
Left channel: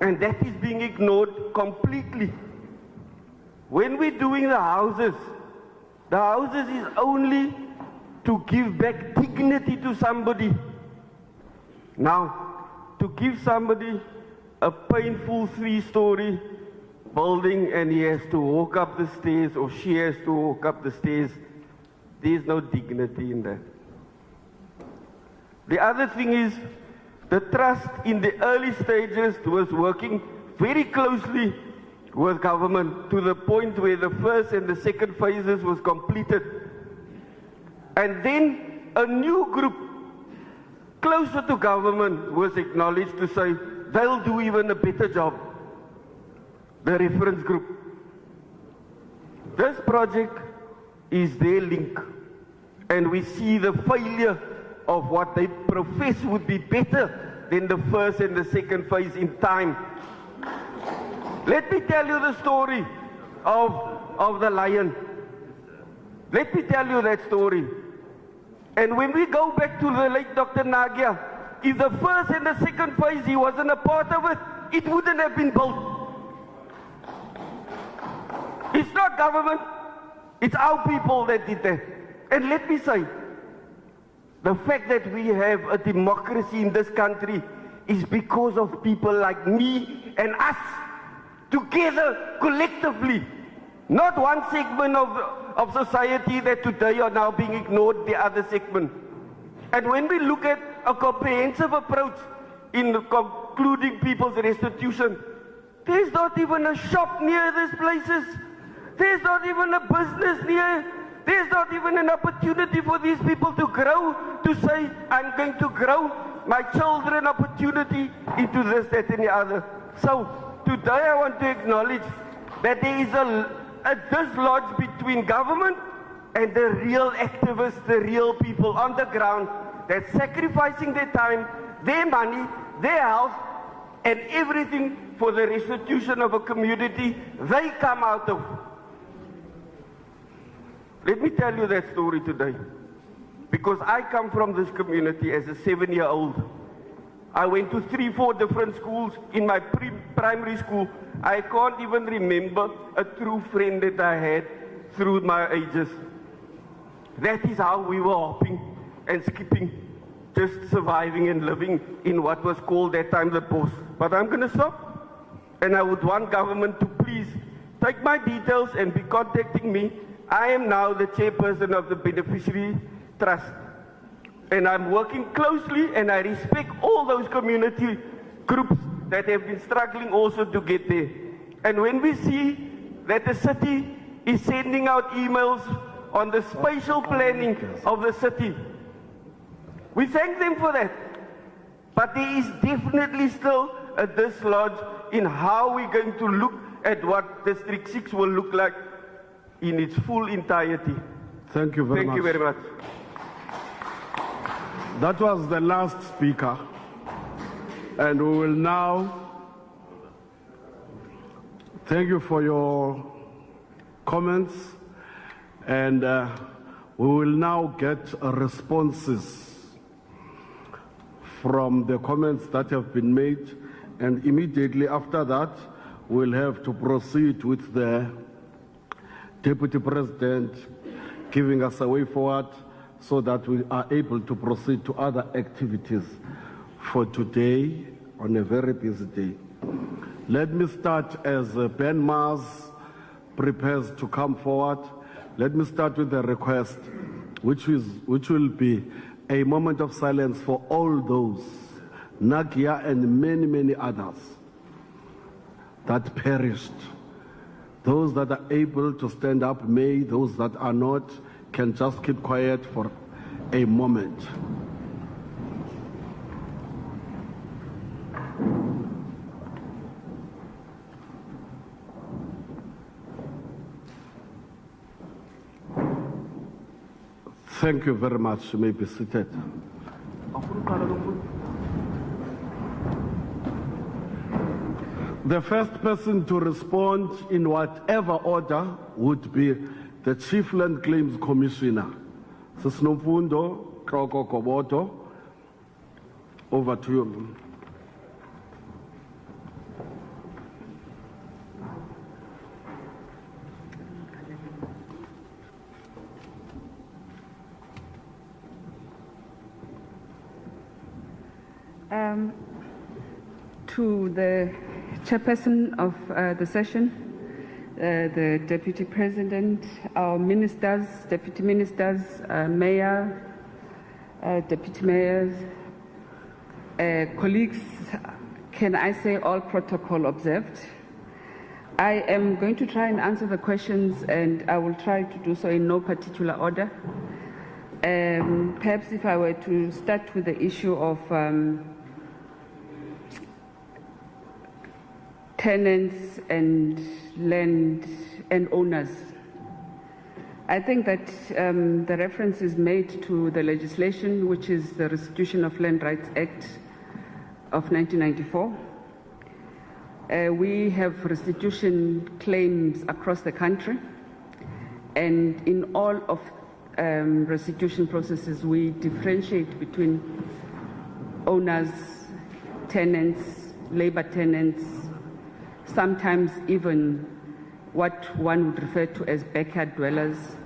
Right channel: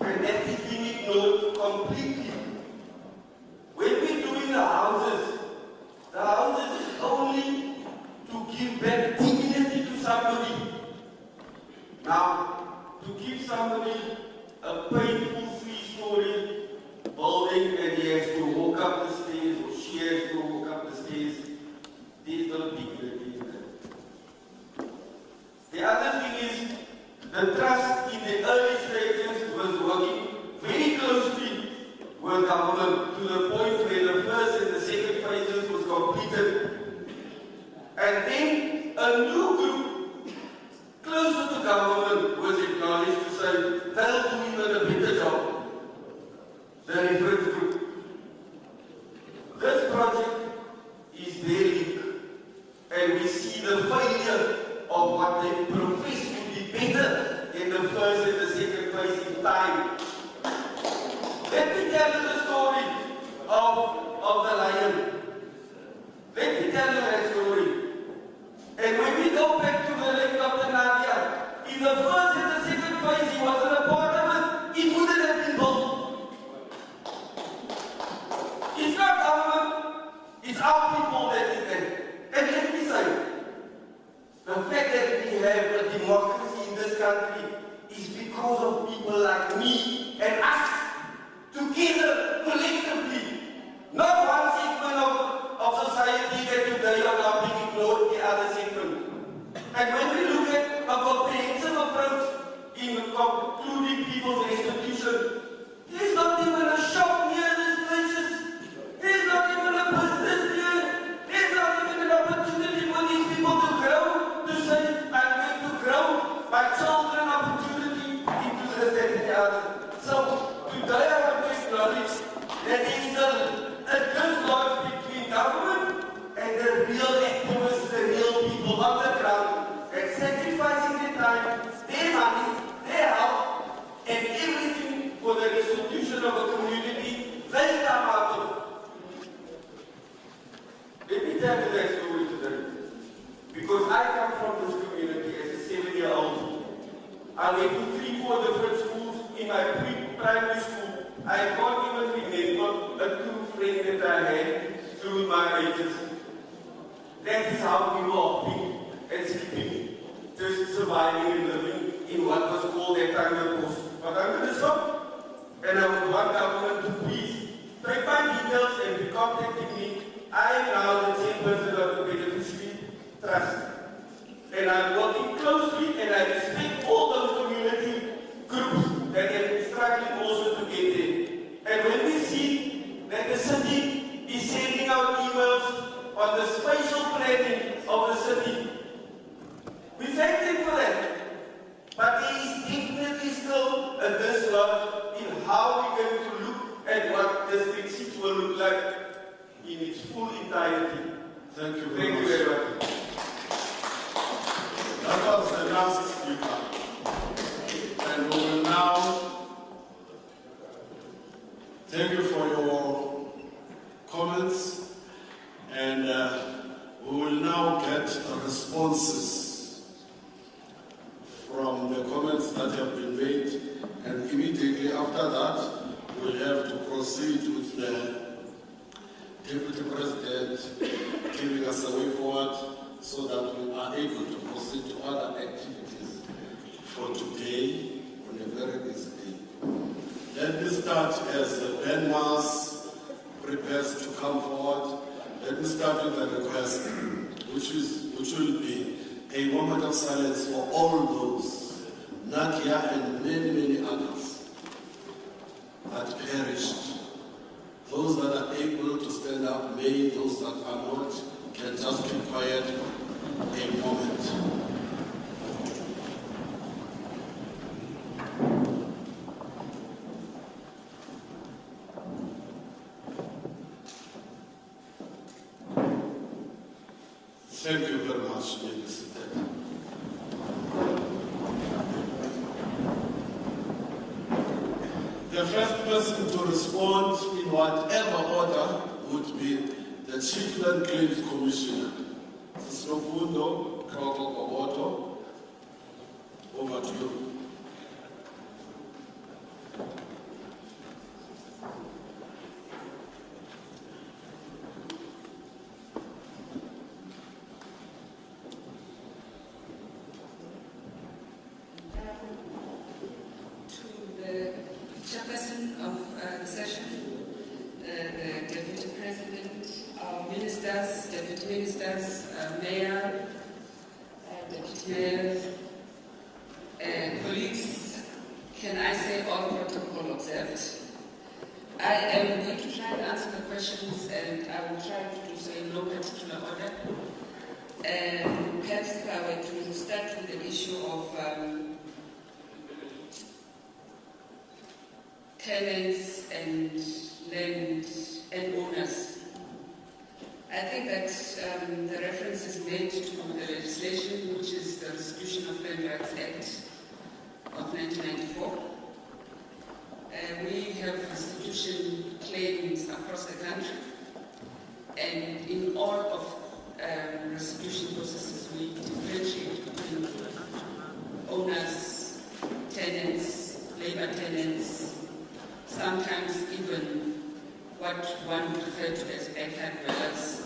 And that is being ignored completely. When we're doing the houses is only to give back dignity to somebody. Now, to give somebody a painful 3-story building and he has to walk up the stairs or she has to walk up the stairs, there's no dignity in that. The other thing is, the trust in the early stages was working very closely with government to the point where the first and the second phases was completed. And then a new group closer to government was acknowledged to say they'll do even a better job. The reference group. This project is their link, and we see the failure of what they profess would be better than the first and the second phase in time. Let me tell you the story of the lion. Let me tell you that story. And when we go back to the late Dr. Nagia, if the first and the second phase he wasn't a part of it, it wouldn't have been built. It's not government, it's our people that did that. And let me say, the fact that we have a democracy in this country is because of people like me and us, together, collectively. Not one segment of society that today are now being ignored, the other segment. And when we look at a comprehensive approach in concluding people's restitution, there's not even a shop near these places. There's not even a business here. There's not even an opportunity for these people to grow, to say, I'm going to grow my children opportunity into this, that, and the other. So today I want to acknowledge that there is a dislodge between government and the real activists, the real people on the ground, that's sacrificing their time, their money, their health, and everything for the restitution of a community they come out of. Let me tell you that story today. Because I come from this community as a 7-year-old. I went to 3-4 different schools in my primary school. I can't even remember a true friend that I had through my ages. That is how we were hopping and skipping, just surviving and living in what was called that time the post. But I'm going to stop, and I would want government to please take my details and be contacting me. I am now the chairperson of the Beneficiary Trust. And I'm working closely, and I respect all those community groups that have been struggling also to get there. And when we see that the city is sending out emails on the spatial planning of the city, we thank them for that. But there is definitely still this lot in how we're going to look at what District 6 will look like in its full entirety. Thank you very much. Thank you very much. That was the last speaker. And we will now thank you for your comments. And we will now get responses from the comments that have been made. And immediately after that, we'll have to proceed with the Deputy President giving us a way forward so that we are able to proceed to other activities for today on a very busy day. Let me start as Ben Mars prepares to come forward. Let me start with a request, which will be a moment of silence for all those, Nadia and many, many others that perished. Those that are able to stand up may, those that are not can just keep quiet for a moment. Thank you very much. You may be seated. The first person to respond in whatever order would be the Chief Land Claims Commissioner. Sisnofundo Koboto, over to you. To the chairperson of the session, the Deputy President, our ministers, Deputy Ministers, Mayor, Deputy Mayors, colleagues, can I say all protocol observed? I am going to try and answer the questions, and I will try to do so in no particular order. Perhaps if I were to start with the issue of tenants and land and owners. I think that the reference is made to the legislation, which is the Restitution of Land Rights Act of 1994. We have restitution claims across the country, and in all of restitution processes, we differentiate between owners, tenants, labor tenants, sometimes even what one would refer to as backyard dwellers,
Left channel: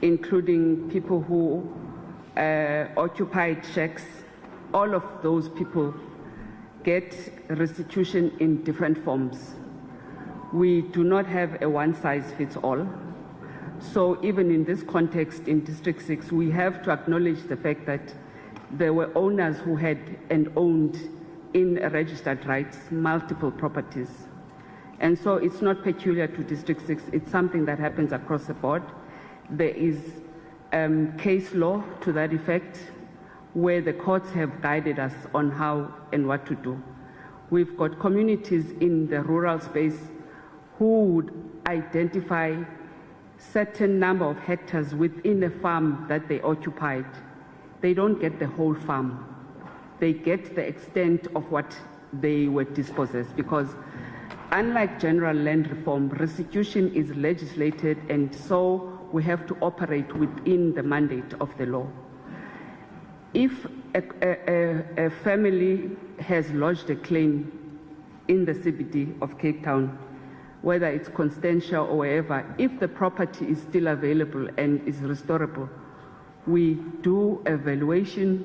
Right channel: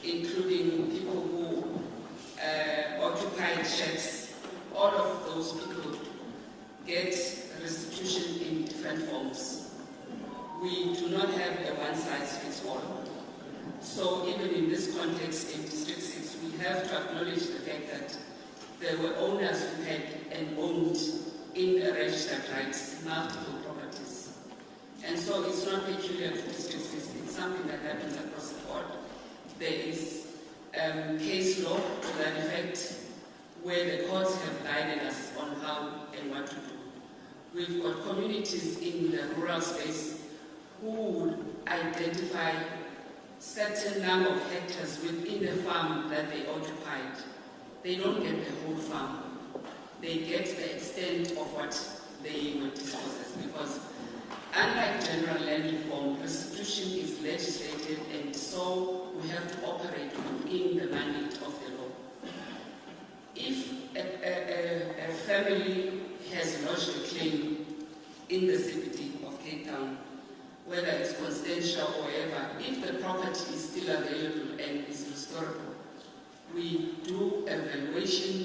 including people who occupied shacks. All of those people get restitution in different forms. We do not have a one-size-fits-all. So even in this context, in District 6, we have to acknowledge the fact that there were owners who had and owned in registered rights multiple properties. And so it's not peculiar to District 6, it's something that happens across the board. There is case law to that effect, where the courts have guided us on how and what to do. We've got communities in the rural space who would identify certain number of hectares within the farm that they occupied. They don't get the whole farm. They get the extent of what they were dispossessed, because unlike general land reform, restitution is legislated, and so we have to operate within the mandate of the law. If a family has lodged a claim in the CBD of Cape Town, whether it's Constantia or wherever, if the property is still available and is restorable, we do evaluation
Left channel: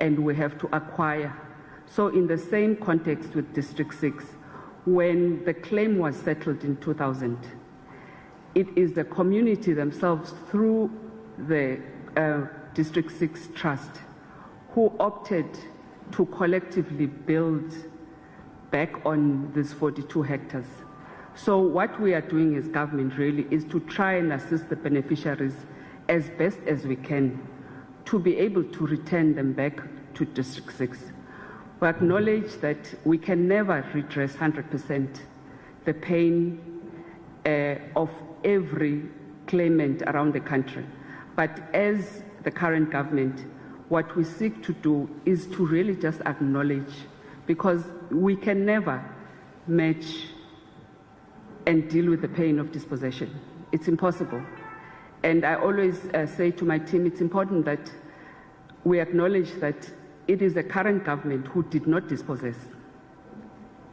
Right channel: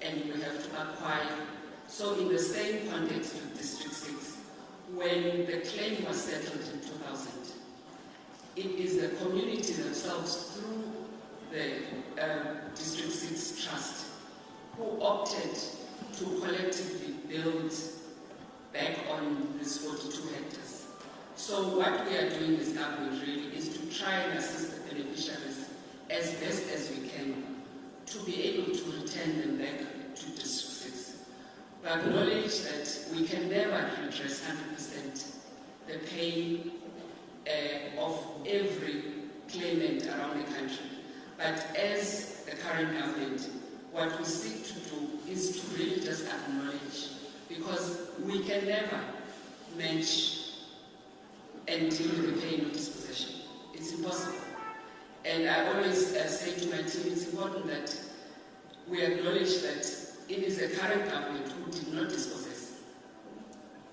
and we have to acquire. So in the same context with District 6, when the claim was settled in 2000, it is the community themselves through the District 6 Trust who opted to collectively build back on these 42 hectares. So what we are doing as government really is to try and assist the beneficiaries as best as we can to be able to return them back to District 6. We acknowledge that we can never redress 100% the pain of every claimant around the country. But as the current government, what we seek to do is to really just acknowledge, because we can never match and deal with the pain of dispossession. It's impossible. And I always say to my team, it's important that we acknowledge that it is a current government who did not dispossess.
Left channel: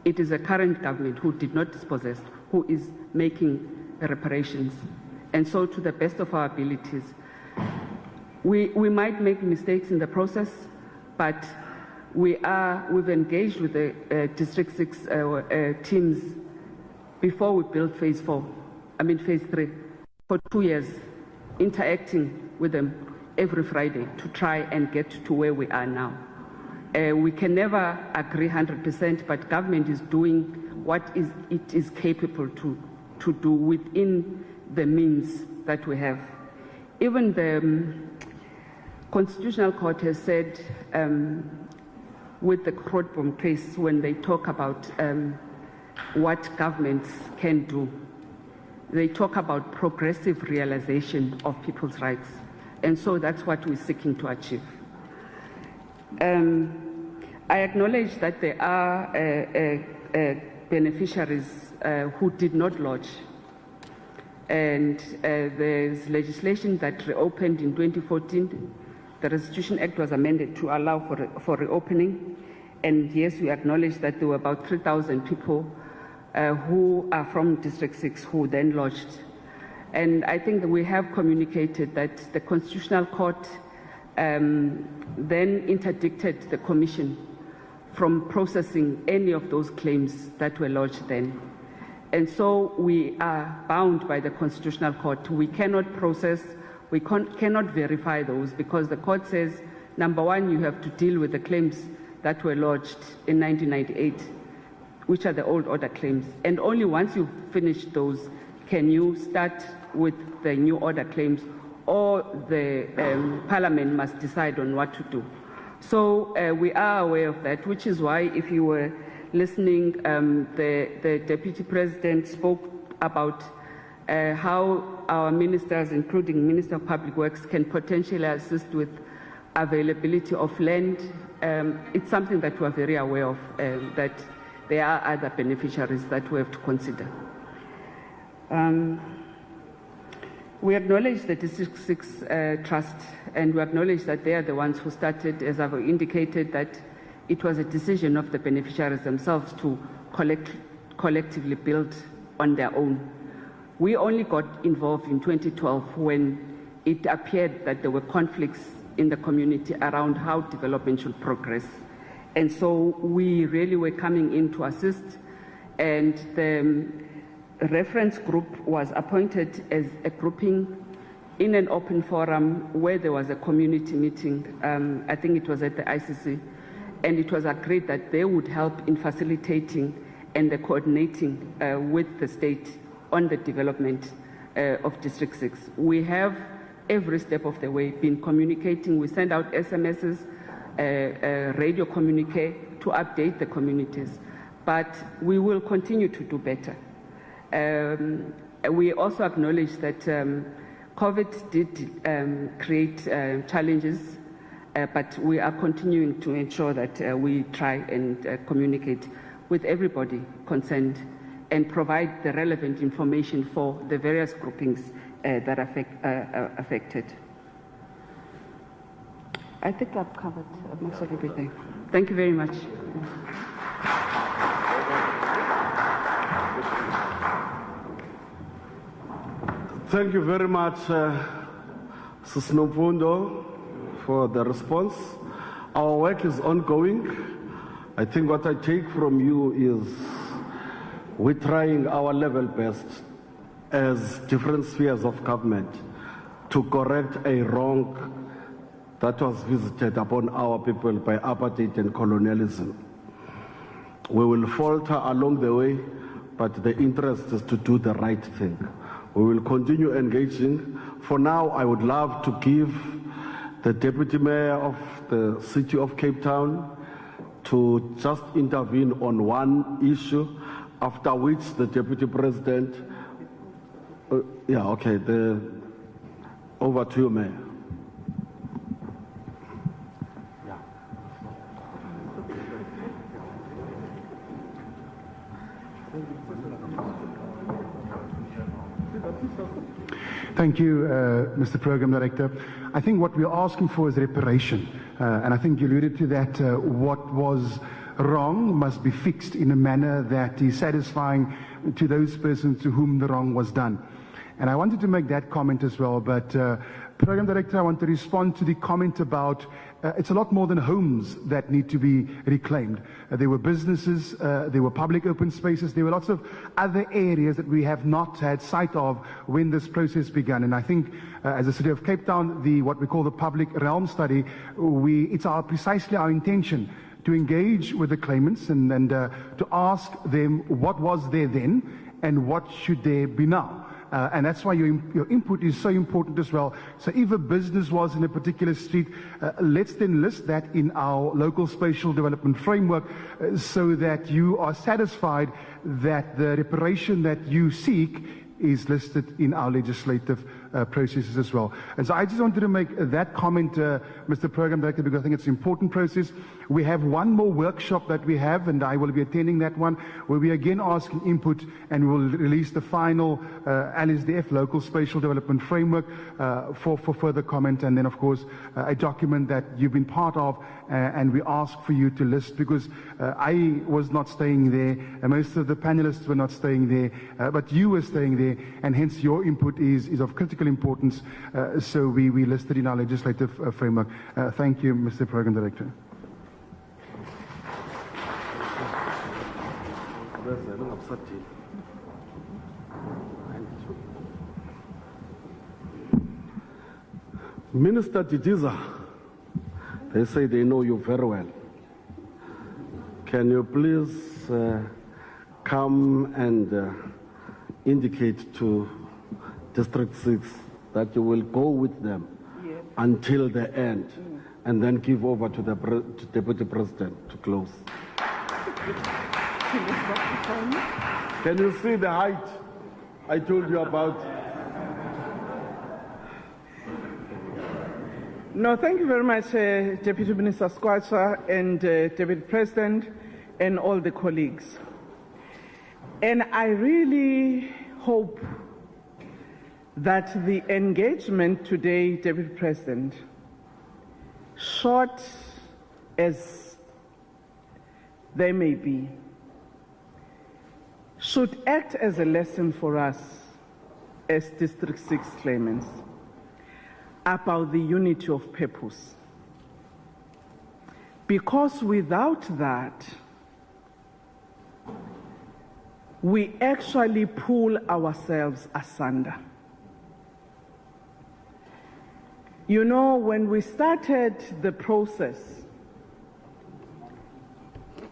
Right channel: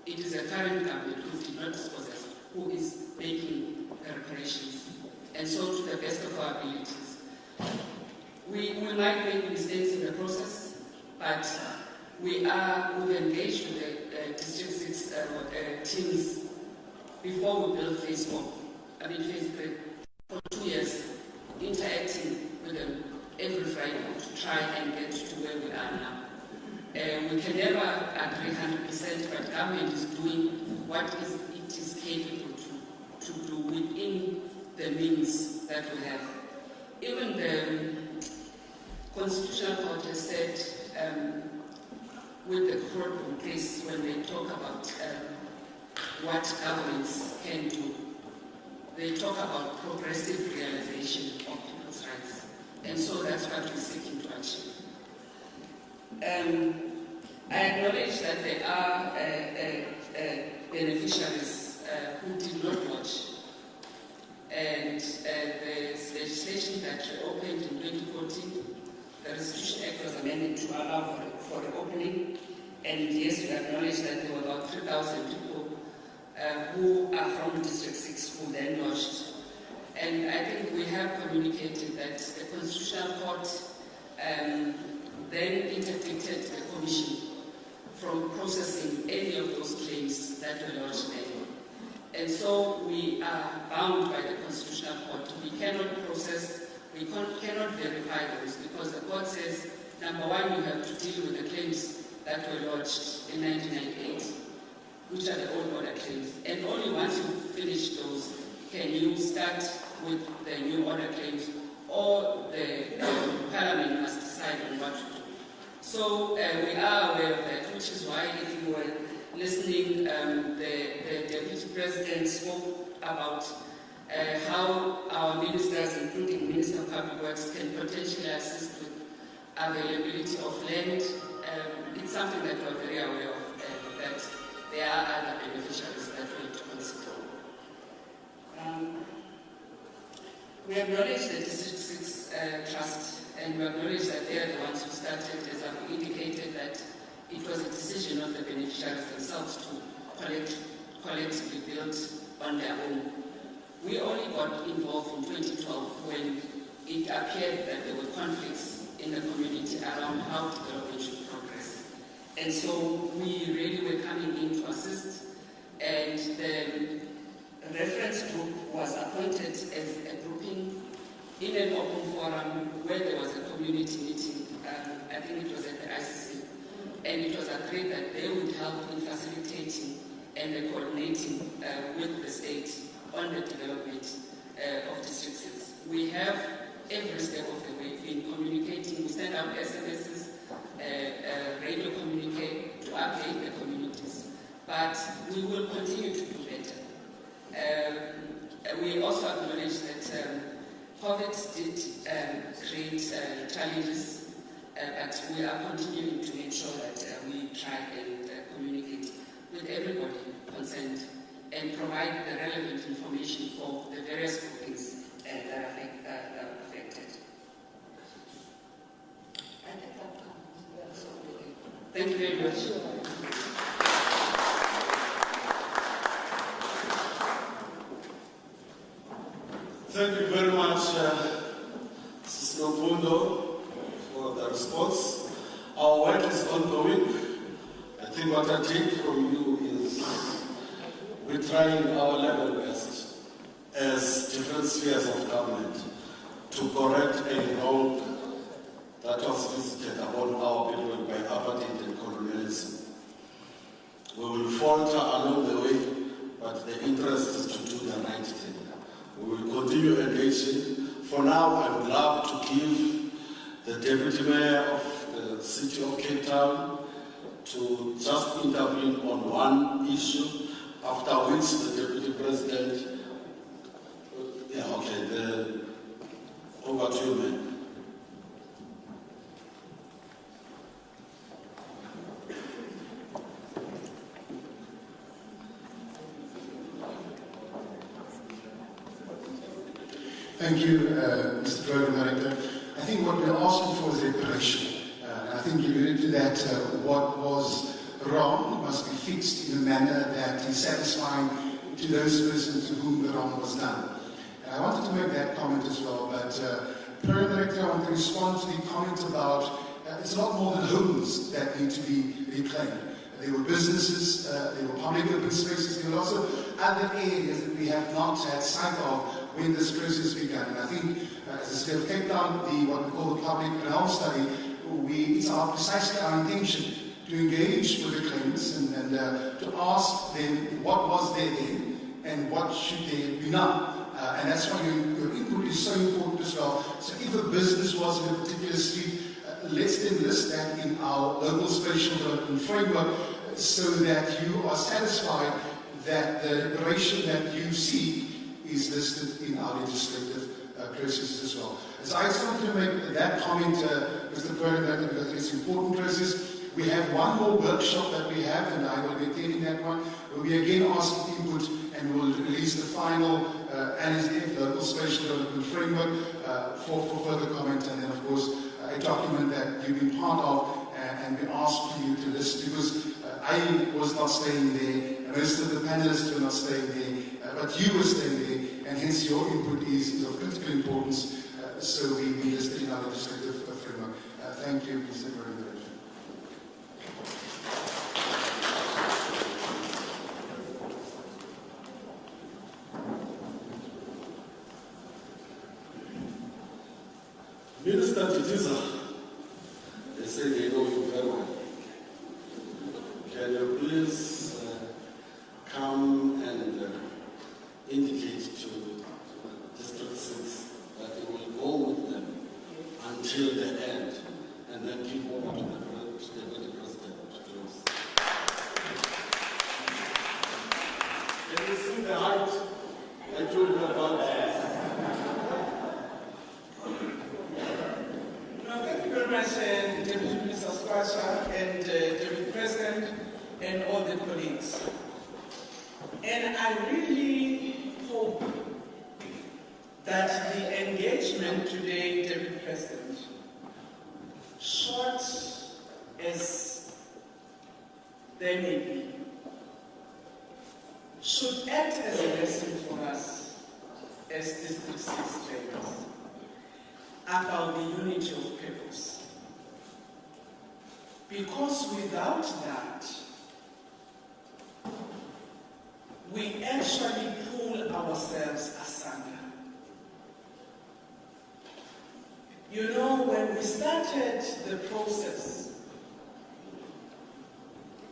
It is a current government who did not dispossess, who is making the reparations. And so to the best of our abilities, we might make mistakes in the process, but we've engaged with the District 6 teams before we built phase 3, for 2 years, interacting with them every Friday to try and get to where we are now. We can never agree 100%, but government is doing what it is capable to do within the means that we have. Even the Constitutional Court has said with the Grootboom case, when they talk about what governments can do, they talk about progressive realization of people's rights. And so that's what we're seeking to achieve. I acknowledge that there are beneficiaries who did not lodge. And there's legislation that reopened in 2014. The Restitution Act was amended to allow for reopening. And yes, we acknowledge that there were about 3,000 people who are from District 6 who then lodged. And I think we have communicated that the Constitutional Court then interdicted the Commission from processing any of those claims that were lodged then. And so we are bound by the Constitutional Court. We cannot process, we cannot verify those, because the court says, number one, you have to deal with the claims that were lodged in 1998, which are the old order claims. And only once you finish those can you start with the new order claims, or the Parliament must decide on what to do. So we are aware of that, which is why, if you were listening, the Deputy President spoke about how our ministers, including Minister of Public Works, can potentially assist with availability of land. It's something that we're very aware of, that there are other beneficiaries that we have to consider. We acknowledge the District 6 Trust, and we acknowledge that they are the ones who started, as I've indicated, that it was a decision of the beneficiaries themselves to collectively build on their own. We only got involved in 2012 when it appeared that there were conflicts in the community around how development should progress. And so we really were coming in to assist, and the reference group was appointed as a grouping in an open forum where there was a community meeting. I think it was at the ICC, and it was agreed that they would help in facilitating and the coordinating with the state on the development of District 6. We have every step of the way been communicating. We send out SMSs, radio communique to update the communities, but we will continue to do better. We also acknowledge that COVID did create challenges, but we are continuing to ensure that we try and communicate with everybody concerned and provide the relevant information for the various groupings that are affected. I think I've covered most of everything. Thank you very much. Thank you very much, Ms. Nomfundo, for the response. Our work is ongoing. I think what I take from you is we're trying our level best as different spheres of government to correct a wrong that was visited upon our people by apartheid and colonialism. We will falter along the way, but the interest is to do the right thing. We will continue engaging. For now, I would love to give the Deputy Mayor of the City of Cape Town to just intervene on one issue, after which the Deputy President, over to you, man. Thank you, Mr. Program Director. I think what we're asking for is reparation. And I think you alluded to that what was wrong must be fixed in a manner that is satisfying to those persons to whom the wrong was done. And I wanted to make that comment as well, but Program Director, I want to respond to the comment about it's a lot more than homes that need to be reclaimed. There were businesses, there were public open spaces, there were lots of other areas that we have not had sight of when this process began. And I think as a City of Cape Town, what we call the public realm study, it's precisely our intention to engage with the claimants and to ask them what was there then and what should there be now. And that's why your input is so important as well. So if a business was in a particular street, let's then list that in our local spatial development framework so that you are satisfied that the reparation that you seek is listed in our legislative processes as well. And so I just wanted to make that comment, Mr. Program Director, because I think it's an important process. We have one more workshop that we have, and I will be attending that one, where we again ask input and we'll release the final LSDF, Local Spatial Development Framework, for further comment, and then of course a document that you've been part of, and we ask for you to list, because I was not staying there, and most of the panelists were not staying there, but you were staying there, and hence your input is of critical importance, so we listed in our legislative framework. Thank you, Mr. Program Director. Minister Titiza, they say they know you very well. Can you please come and indicate to District 6 that you will go with them until the end and then give over to the Deputy President to close? Can you see the height I told you about? No, thank you very much, Deputy Minister Skwatsha and Deputy President and all the colleagues. And I really hope that the engagement today, Deputy President, short as they may be, should act as a lesson for us as District 6 claimants about the unity of purpose. Because without that, we actually pull ourselves asunder. You know, when we started the process,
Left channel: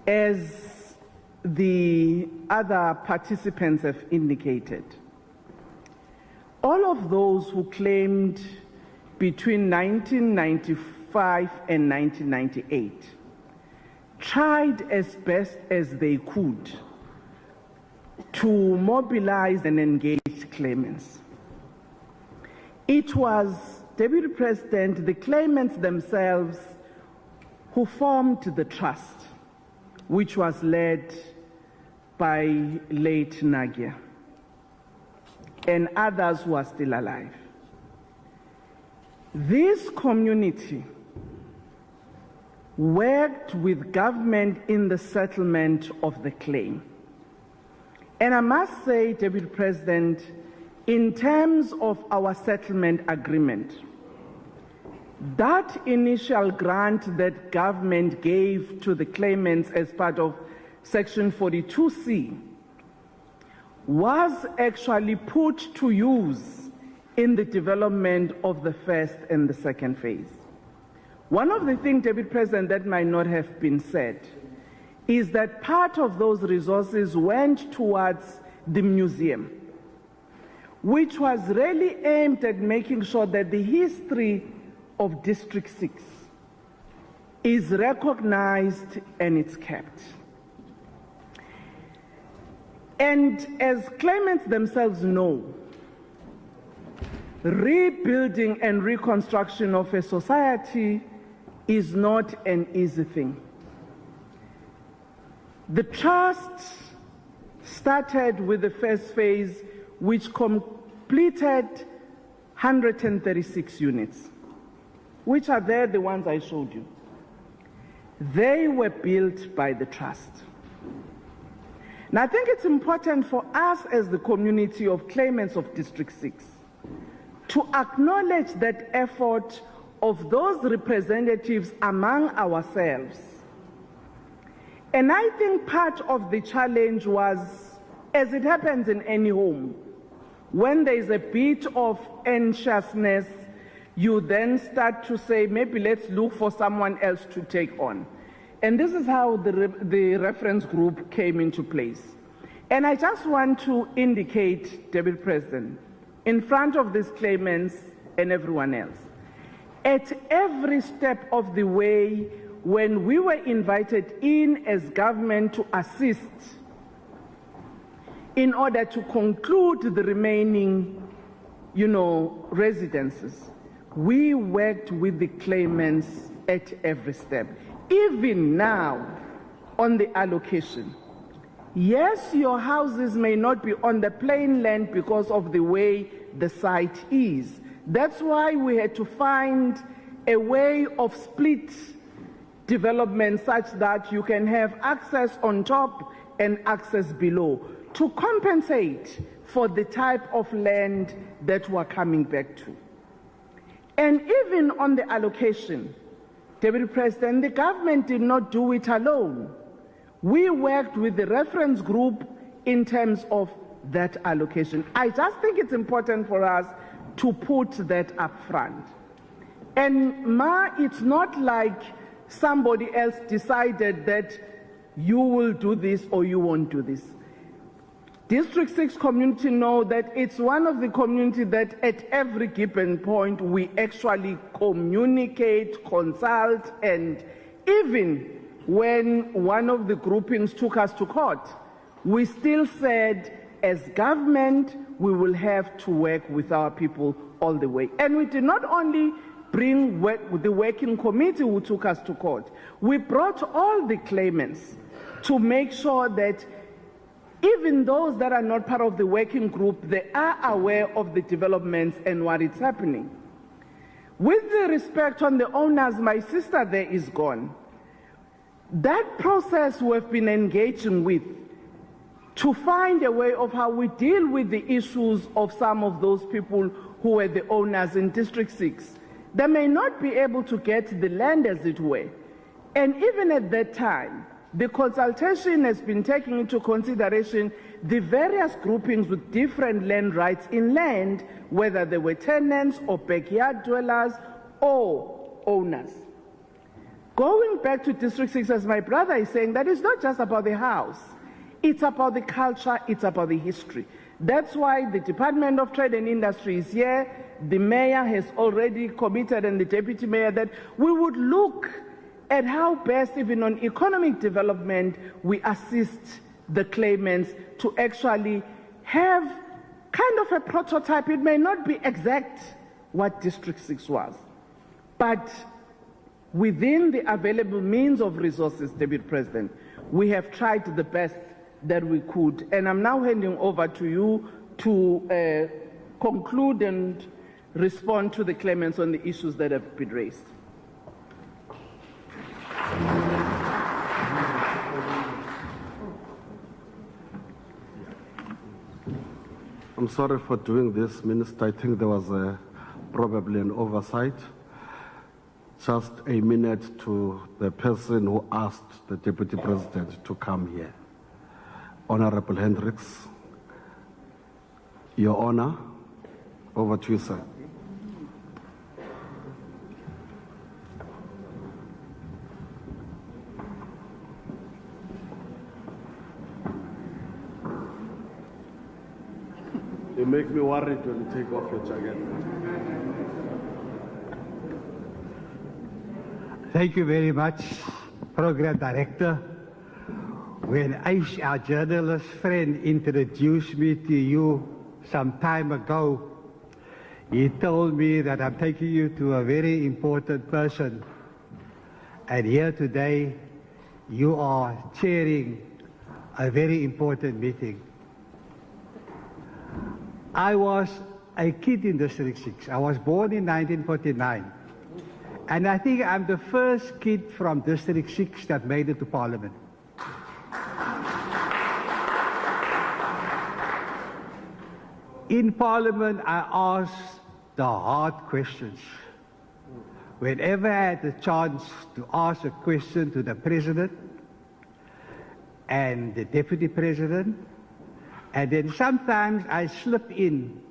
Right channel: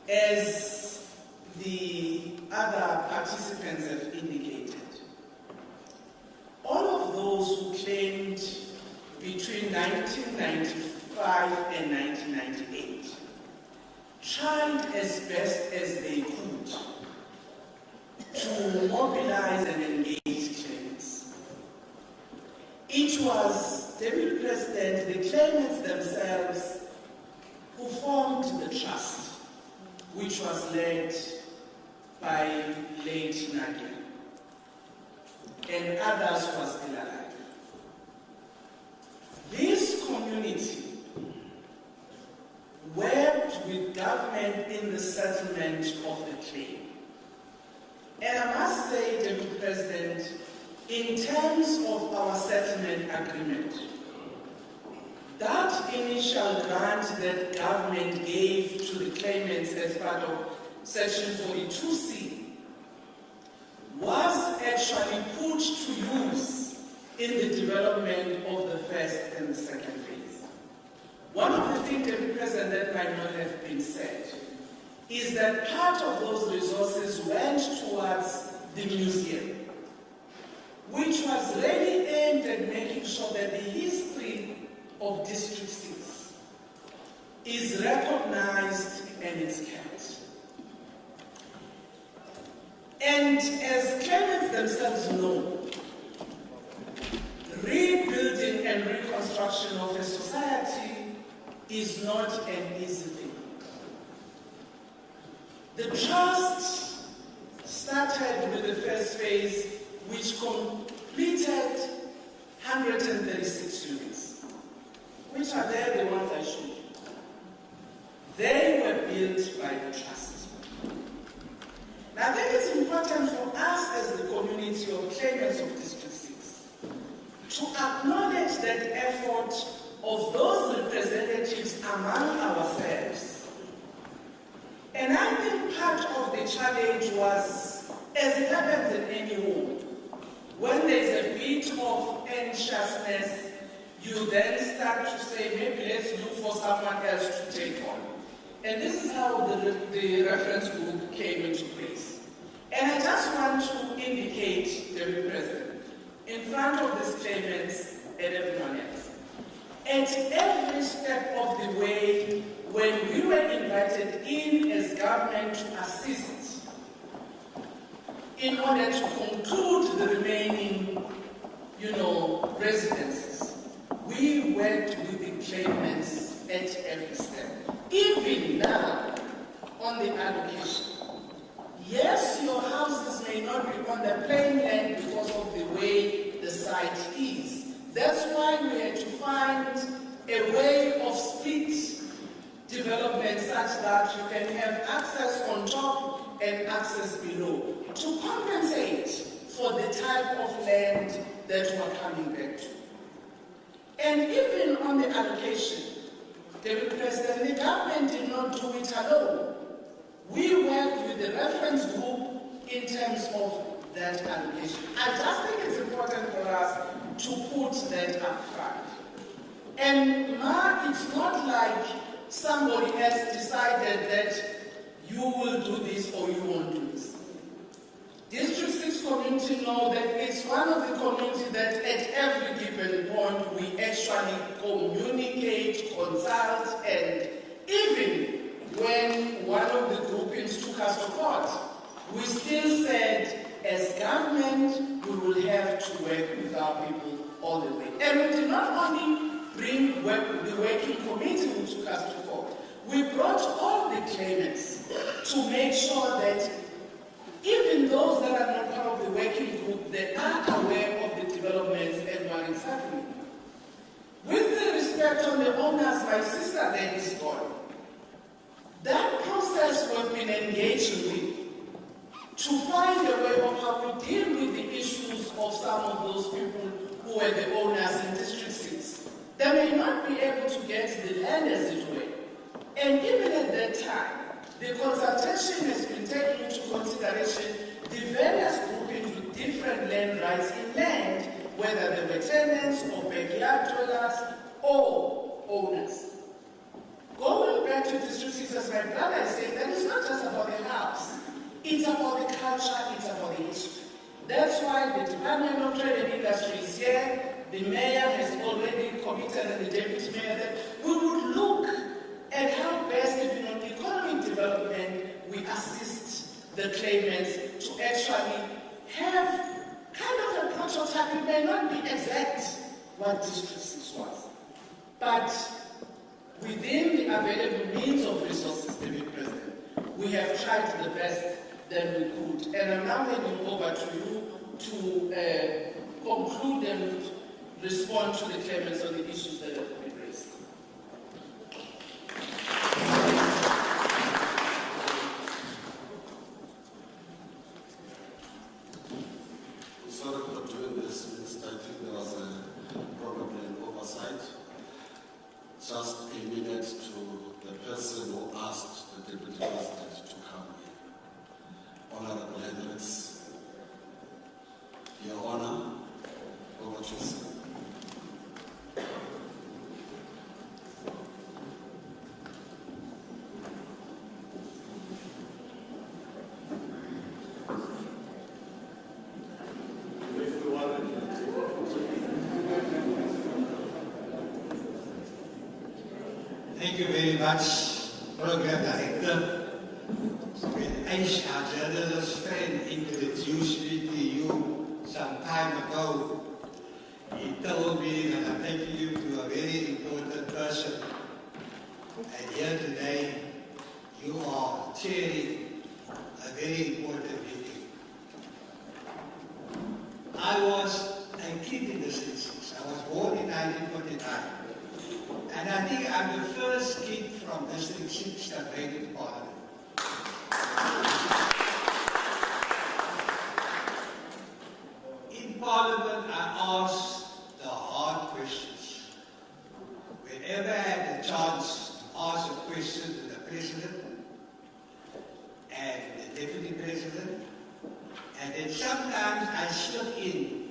as the other participants have indicated, all of those who claimed between 1995 and 1998 tried as best as they could to mobilize and engage claimants. It was, Deputy President, the claimants themselves who formed the trust, which was led by late Nagia and others who are still alive. This community worked with government in the settlement of the claim. And I must say, Deputy President, in terms of our settlement agreement, that initial grant that government gave to the claimants as part of Section 42C was actually put to use in the development of the first and the second phase. One of the things, Deputy President, that might not have been said is that part of those resources went towards the museum, which was really aimed at making sure that the history of District 6 is recognized and it's kept. And as claimants themselves know, rebuilding and reconstruction of a society is not an easy thing. The trust started with the first phase, which completed 136 units, which are there, the ones I showed you. They were built by the trust. Now, I think it's important for us as the community of claimants of District 6 to acknowledge that effort of those representatives among ourselves. And I think part of the challenge was, as it happens in any home, when there's a bit of anxiousness, you then start to say, maybe let's look for someone else to take on. And this is how the reference group came into place. And I just want to indicate, Deputy President, in front of these claimants and everyone else, at every step of the way, when we were invited in as government to assist in order to conclude the remaining, residences, we worked with the claimants at every step. Even now, on the allocation, yes, your houses may not be on the plain land because of the way the site is. That's why we had to find a way of split development such that you can have access on top and access below to compensate for the type of land that we're coming back to. And even on the allocation, Deputy President, the government did not do it alone. We worked with the reference group in terms of that allocation. I just think it's important for us to put that up front. And it's not like somebody else decided that you will do this or you won't do this. District 6 community know that it's one of the communities that at every given point we actually communicate, consult, and even when one of the groupings took us to court, we still said, as government, we will have to work with our people all the way. And we did not only bring the working committee who took us to court, we brought all the claimants to make sure that even those that are not part of the working group, they are aware of the developments and what is happening. With the respect on the owners, my sister there is gone. That process we've been engaging with to find a way of how we deal with the issues of some of those people who were the owners in District 6. They may not be able to get the land as it were. And even at that time, the consultation has been taking into consideration the various groupings with different land rights in land, whether they were tenants or backyard dwellers or owners. Going back to District 6, as my brother is saying, that it's not just about the house. It's about the culture, it's about the history. That's why the Department of Trade and Industry is here. The mayor has already committed, and the deputy mayor, that we would look at how best, even on economic development, we assist the claimants to actually have kind of a prototype. It may not be exact what District 6 was, but within the available means of resources, Deputy President, we have tried the best that we could. And I'm now handing over to you to conclude and respond to the claimants on the issues that have been raised. I'm sorry for doing this, Minister. I think there was probably an oversight. Just a minute to the person who asked the Deputy President to come here. Honorable Hendricks, Your Honor, over to you, sir. You make me worried when you take off your jacket. Thank you very much, Program Director. When Aish, our journalist friend, introduced me to you some time ago, he told me that I'm taking you to a very important person. And here today, you are chairing a very important meeting. I was a kid in District 6. I was born in 1949. And I think I'm the first kid from District 6 that made it to Parliament. In Parliament, I asked the hard questions. Whenever I had the chance to ask a question to the President and the Deputy President, and then sometimes I slipped in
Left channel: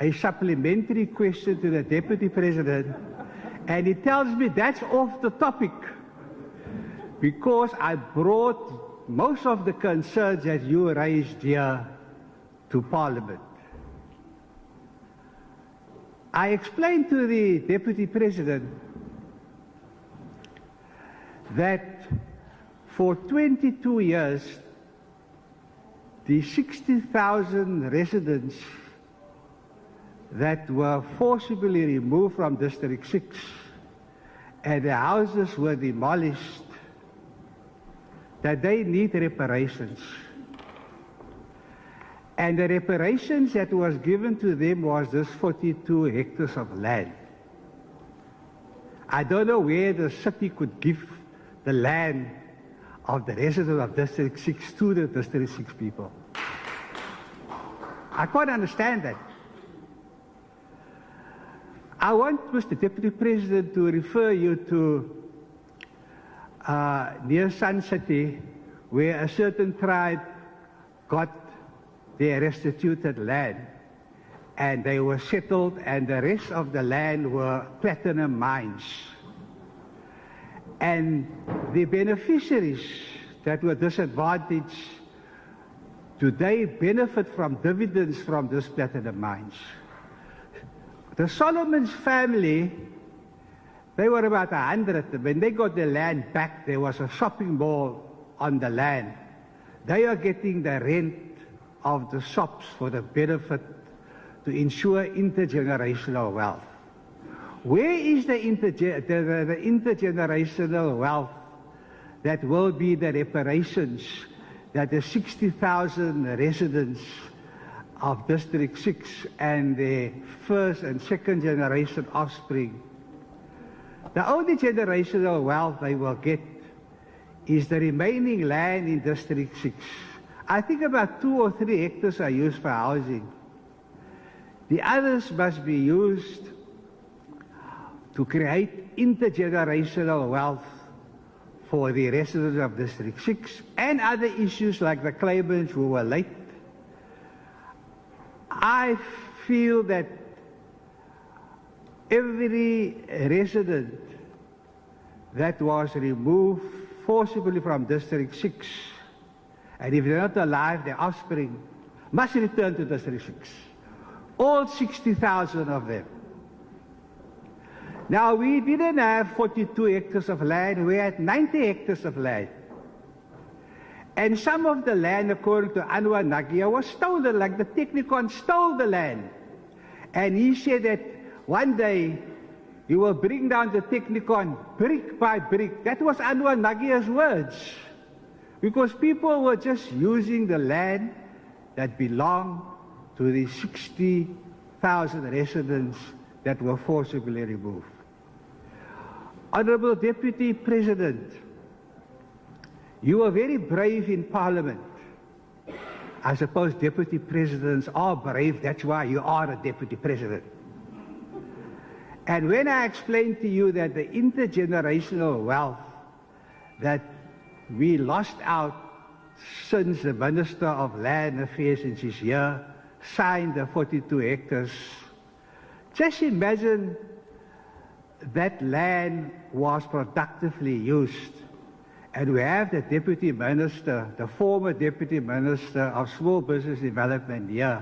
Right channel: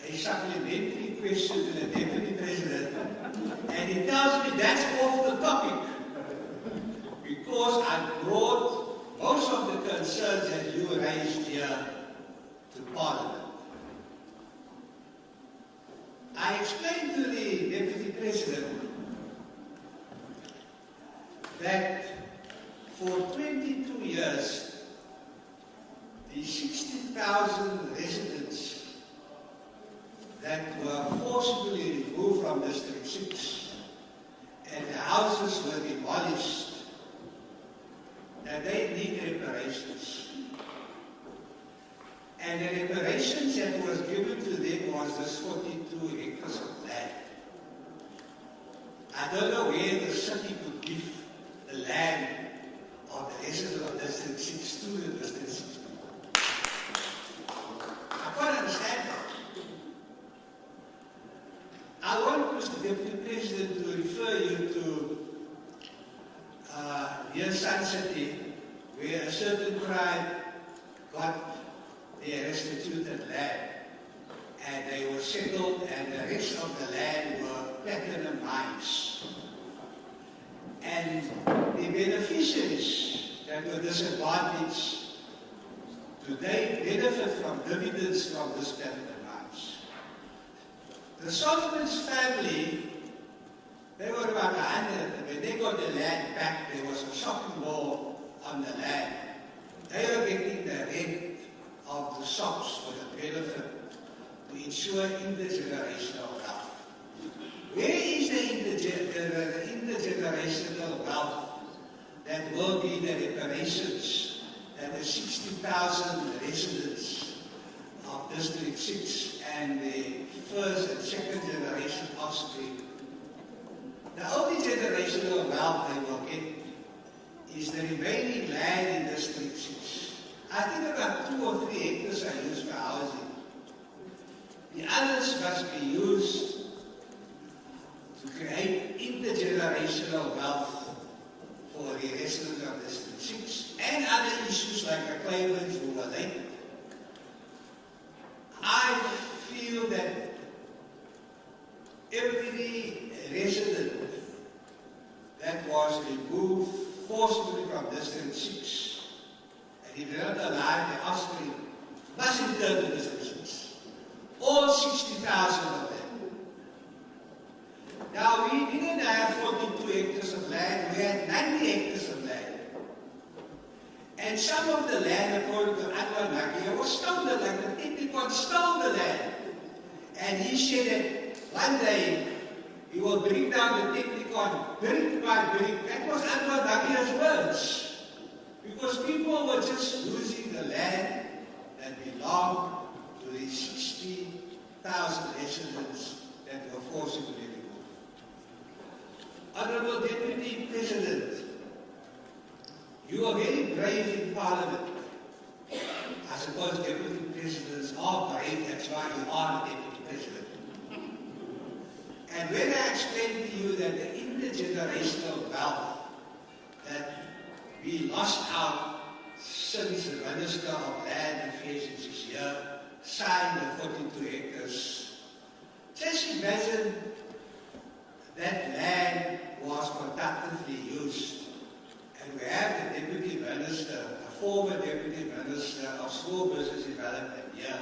a supplementary question to the Deputy President, and he tells me that's off the topic because I brought most of the concerns that you raised here to Parliament. I explained to the Deputy President that for 22 years, the 60,000 residents that were forcibly removed from District 6 and the houses were demolished, that they need reparations. And the reparations that was given to them was this 42 hectares of land. I don't know where the city could give the land of the residents of District 6 to the District 6 people. I can't understand that. I want Mr. Deputy President to refer you to near Sun City, where a certain tribe got their restituted land and they were settled, and the rest of the land were platinum mines. And the beneficiaries that were disadvantaged today benefit from dividends from this platinum mines. The Solomon's family, they were about 100. When they got the land back, there was a shopping mall on the land. They are getting the rent of the shops for the benefit to ensure intergenerational wealth. Where is the intergenerational wealth that will be the reparations that the 60,000 residents of District 6 and their first and second generation offspring, the only generational wealth they will get is the remaining land in District 6. I think about 2 or 3 hectares are used for housing. The others must be used to create intergenerational wealth for the residents of District 6 and other issues like the claimants who were late. I feel that every resident that was removed forcibly from District 6, and if they're not alive, their offspring must return to District 6. All 60,000 of them. Now, we didn't have 42 hectares of land, we had 90 hectares of land. And some of the land, according to Anwar Nagia, was stolen, like the Technicon stole the land. And he said that one day he will bring down the Technicon brick by brick. That was Anwar Nagia's words. Because people were just using the land that belonged to the 60,000 residents that were forcibly removed. Honorable Deputy President, you were very brave in Parliament. I suppose Deputy Presidents are brave, that's why you are a Deputy President. And when I explained to you that the intergenerational wealth that we lost out since the Minister of Land Affairs in this year signed the 42 hectares, just imagine that land was productively used. And we have the Deputy Minister, the former Deputy Minister of Small Business Development here.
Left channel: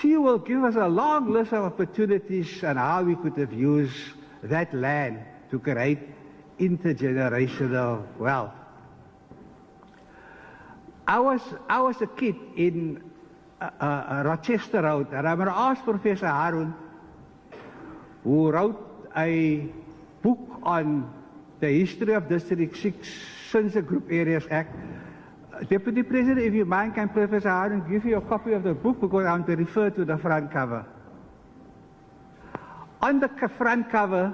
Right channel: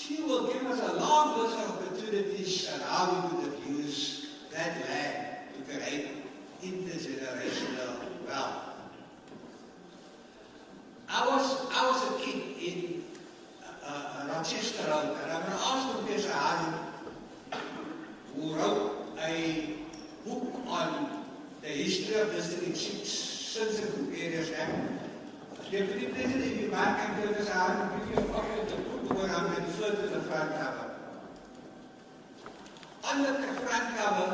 She will give us a long list of opportunities on how we could have used that land to create intergenerational wealth. I was a kid in Rochester Road, and I'm going to ask Professor Harun, who wrote a book on the history of District 6 since the Group Areas Act. Deputy President, if you mind, can Professor Harun give you a copy of the book, because I'm going to refer to the front cover. On the front cover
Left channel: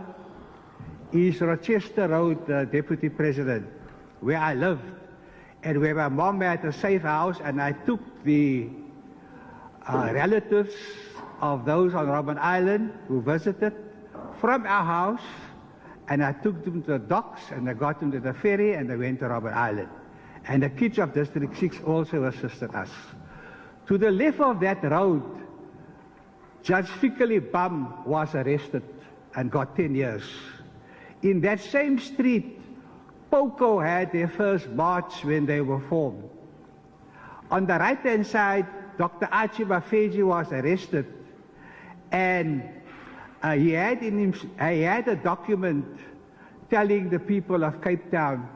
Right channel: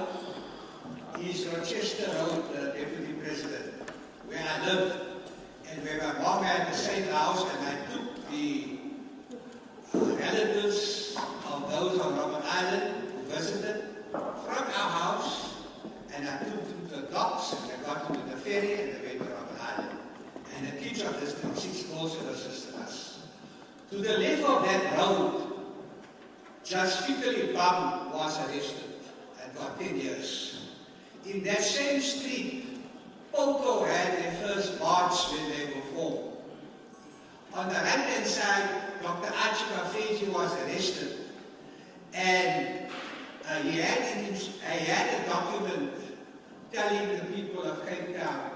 is Rochester Road, Deputy President, where I live, and where my mom had a safe house, and I took the relatives of those on Robben Island who visited from our house, and I took them to the docks, and I got them to the ferry, and they went to Robben Island. And the kids of District 6 also assisted us. To the left of that road, Judge Fikeli Bam was arrested and got 10 years. In that same street, POCO had their first march when they were formed. On the right-hand side, Dr. Archie Bafeji was arrested, and he had a document telling the people of Cape Town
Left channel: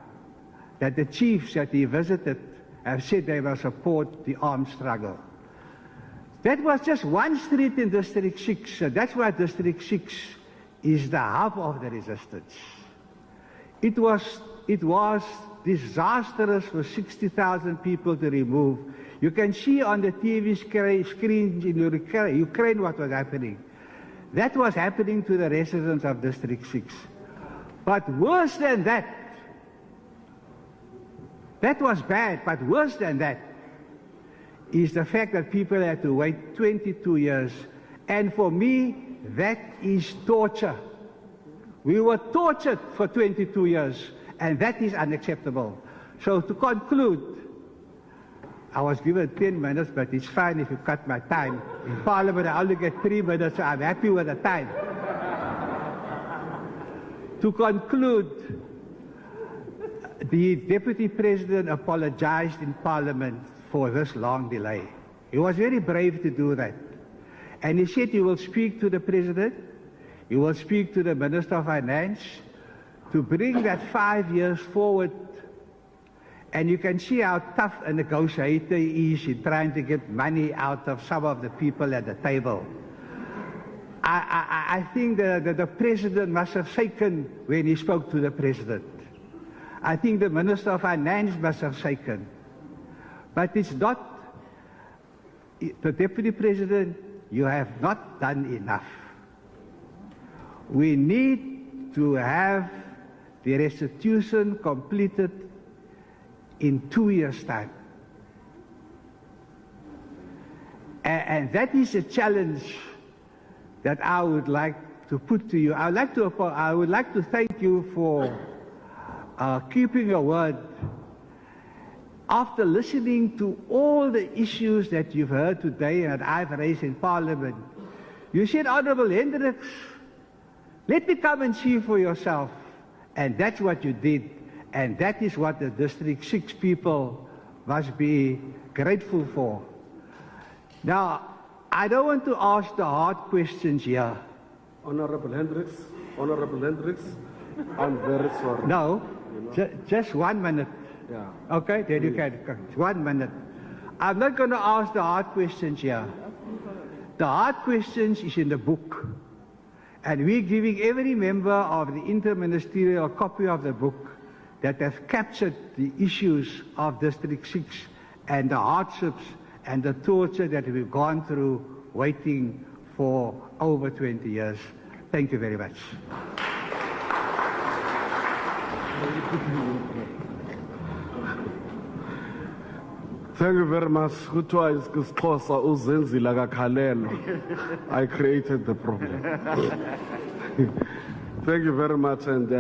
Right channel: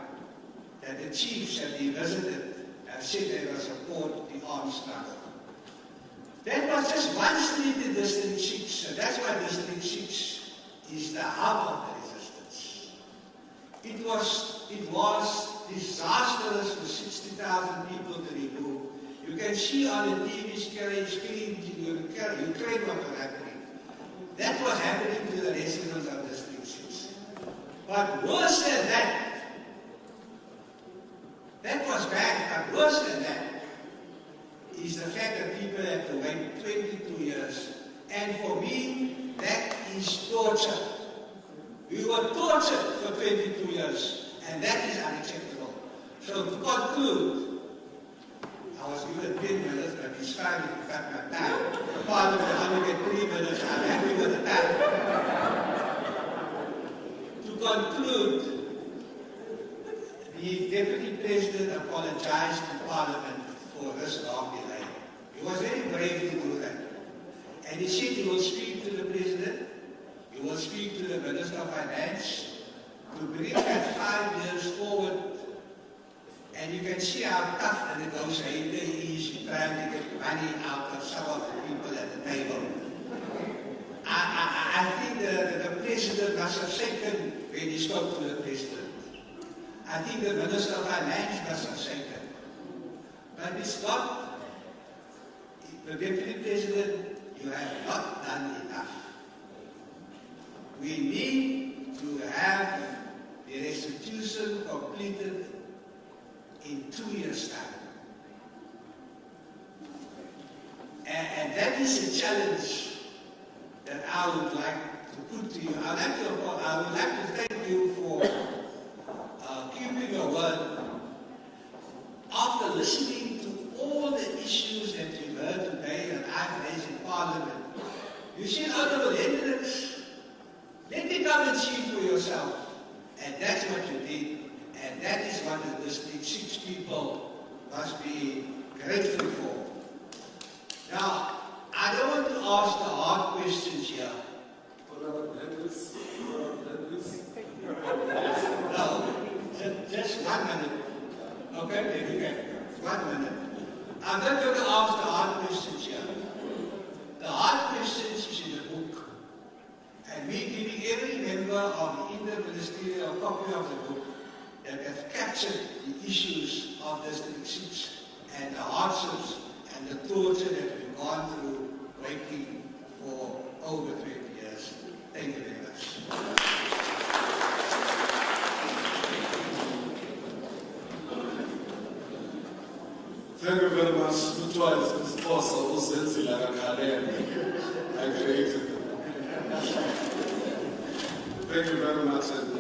that the chiefs that he visited have said they will support the armed struggle. That was just one street in District 6, so that's why District 6 is the hub of the resistance. It was disastrous for 60,000 people to remove. You can see on the TV screen in Ukraine what was happening. That was happening to the residents of District 6. But worse than that, that was bad, but worse than that is the fact that people had to wait 22 years. And for me, that is torture. We were tortured for 22 years, and that is unacceptable. So to conclude, I was given 10 minutes, but it's fine if you cut my time. In Parliament, I only get 3 minutes, so I'm happy with the time. To conclude, the Deputy President apologized in Parliament for this long delay. He was very brave to do that. And he said he will speak to the President, he will speak to the Minister of Finance to bring that 5 years forward. And you can see how tough a negotiator he is in trying to get money out of some of the people at the table. I think that the President must have shaken when he spoke to the President. I think the Minister of Finance must have shaken. But it's not, the Deputy President, you have not done enough. We need to have the restitution completed in 2 years' time. And that is a challenge that I would like to put to you. I would like to thank you for keeping your word. After listening to all the issues that you've heard today and I've raised in Parliament, you said, Honourable Hendricks, let me come and see for yourself. And that's what you did. And that is what the District 6 people must be grateful for. Now, I don't want to ask the hard questions here. Honourable Hendricks, I'm very sorry. No, just 1 minute. Yeah. Okay, there you can. 1 minute. I'm not going to ask the hard questions here. The hard questions is in the book. And we're giving every member of the interministerial a copy of the book that has captured the issues of District 6 and the hardships and the torture that we've gone through waiting for over 20 years. Thank you very much. Thank you very much. I created the problem. Thank you very much, and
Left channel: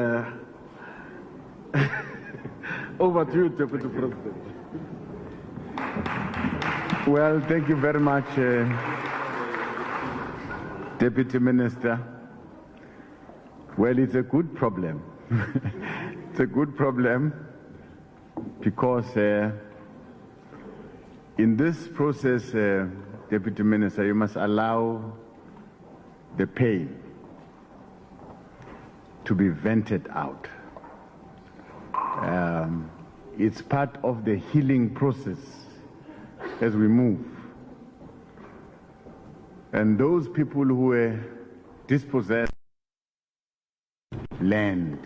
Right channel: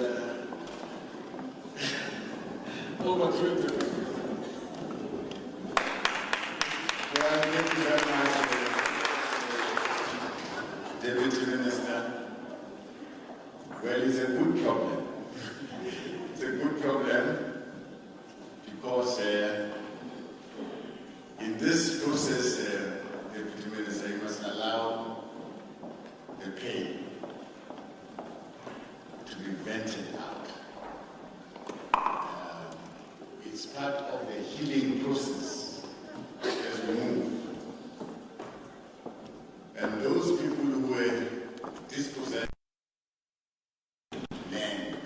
over to you, Deputy President. Well, thank you very much, Deputy Minister. Well, it's a good problem. It's a good problem because in this process, Deputy Minister, you must allow the pay to be vented out. It's part of the healing process as we move. And those people who were dispossessed land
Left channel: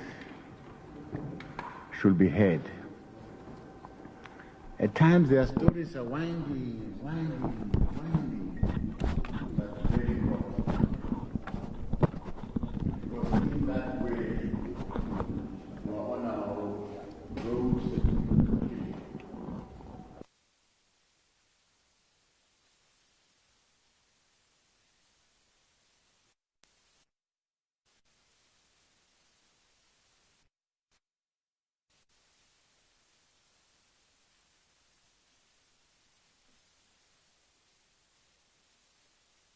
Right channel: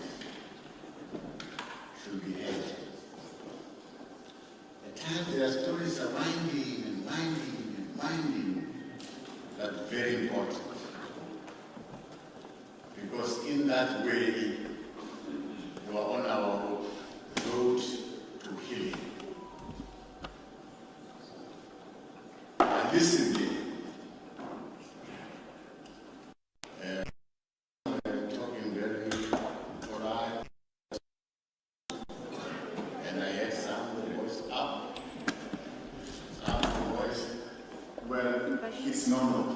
should be heard. At times their stories are winding, but very important. Because in that way, we are on our road to healing. And listen, talking very polite, and I had some voice up, some voice. Well, it's normal.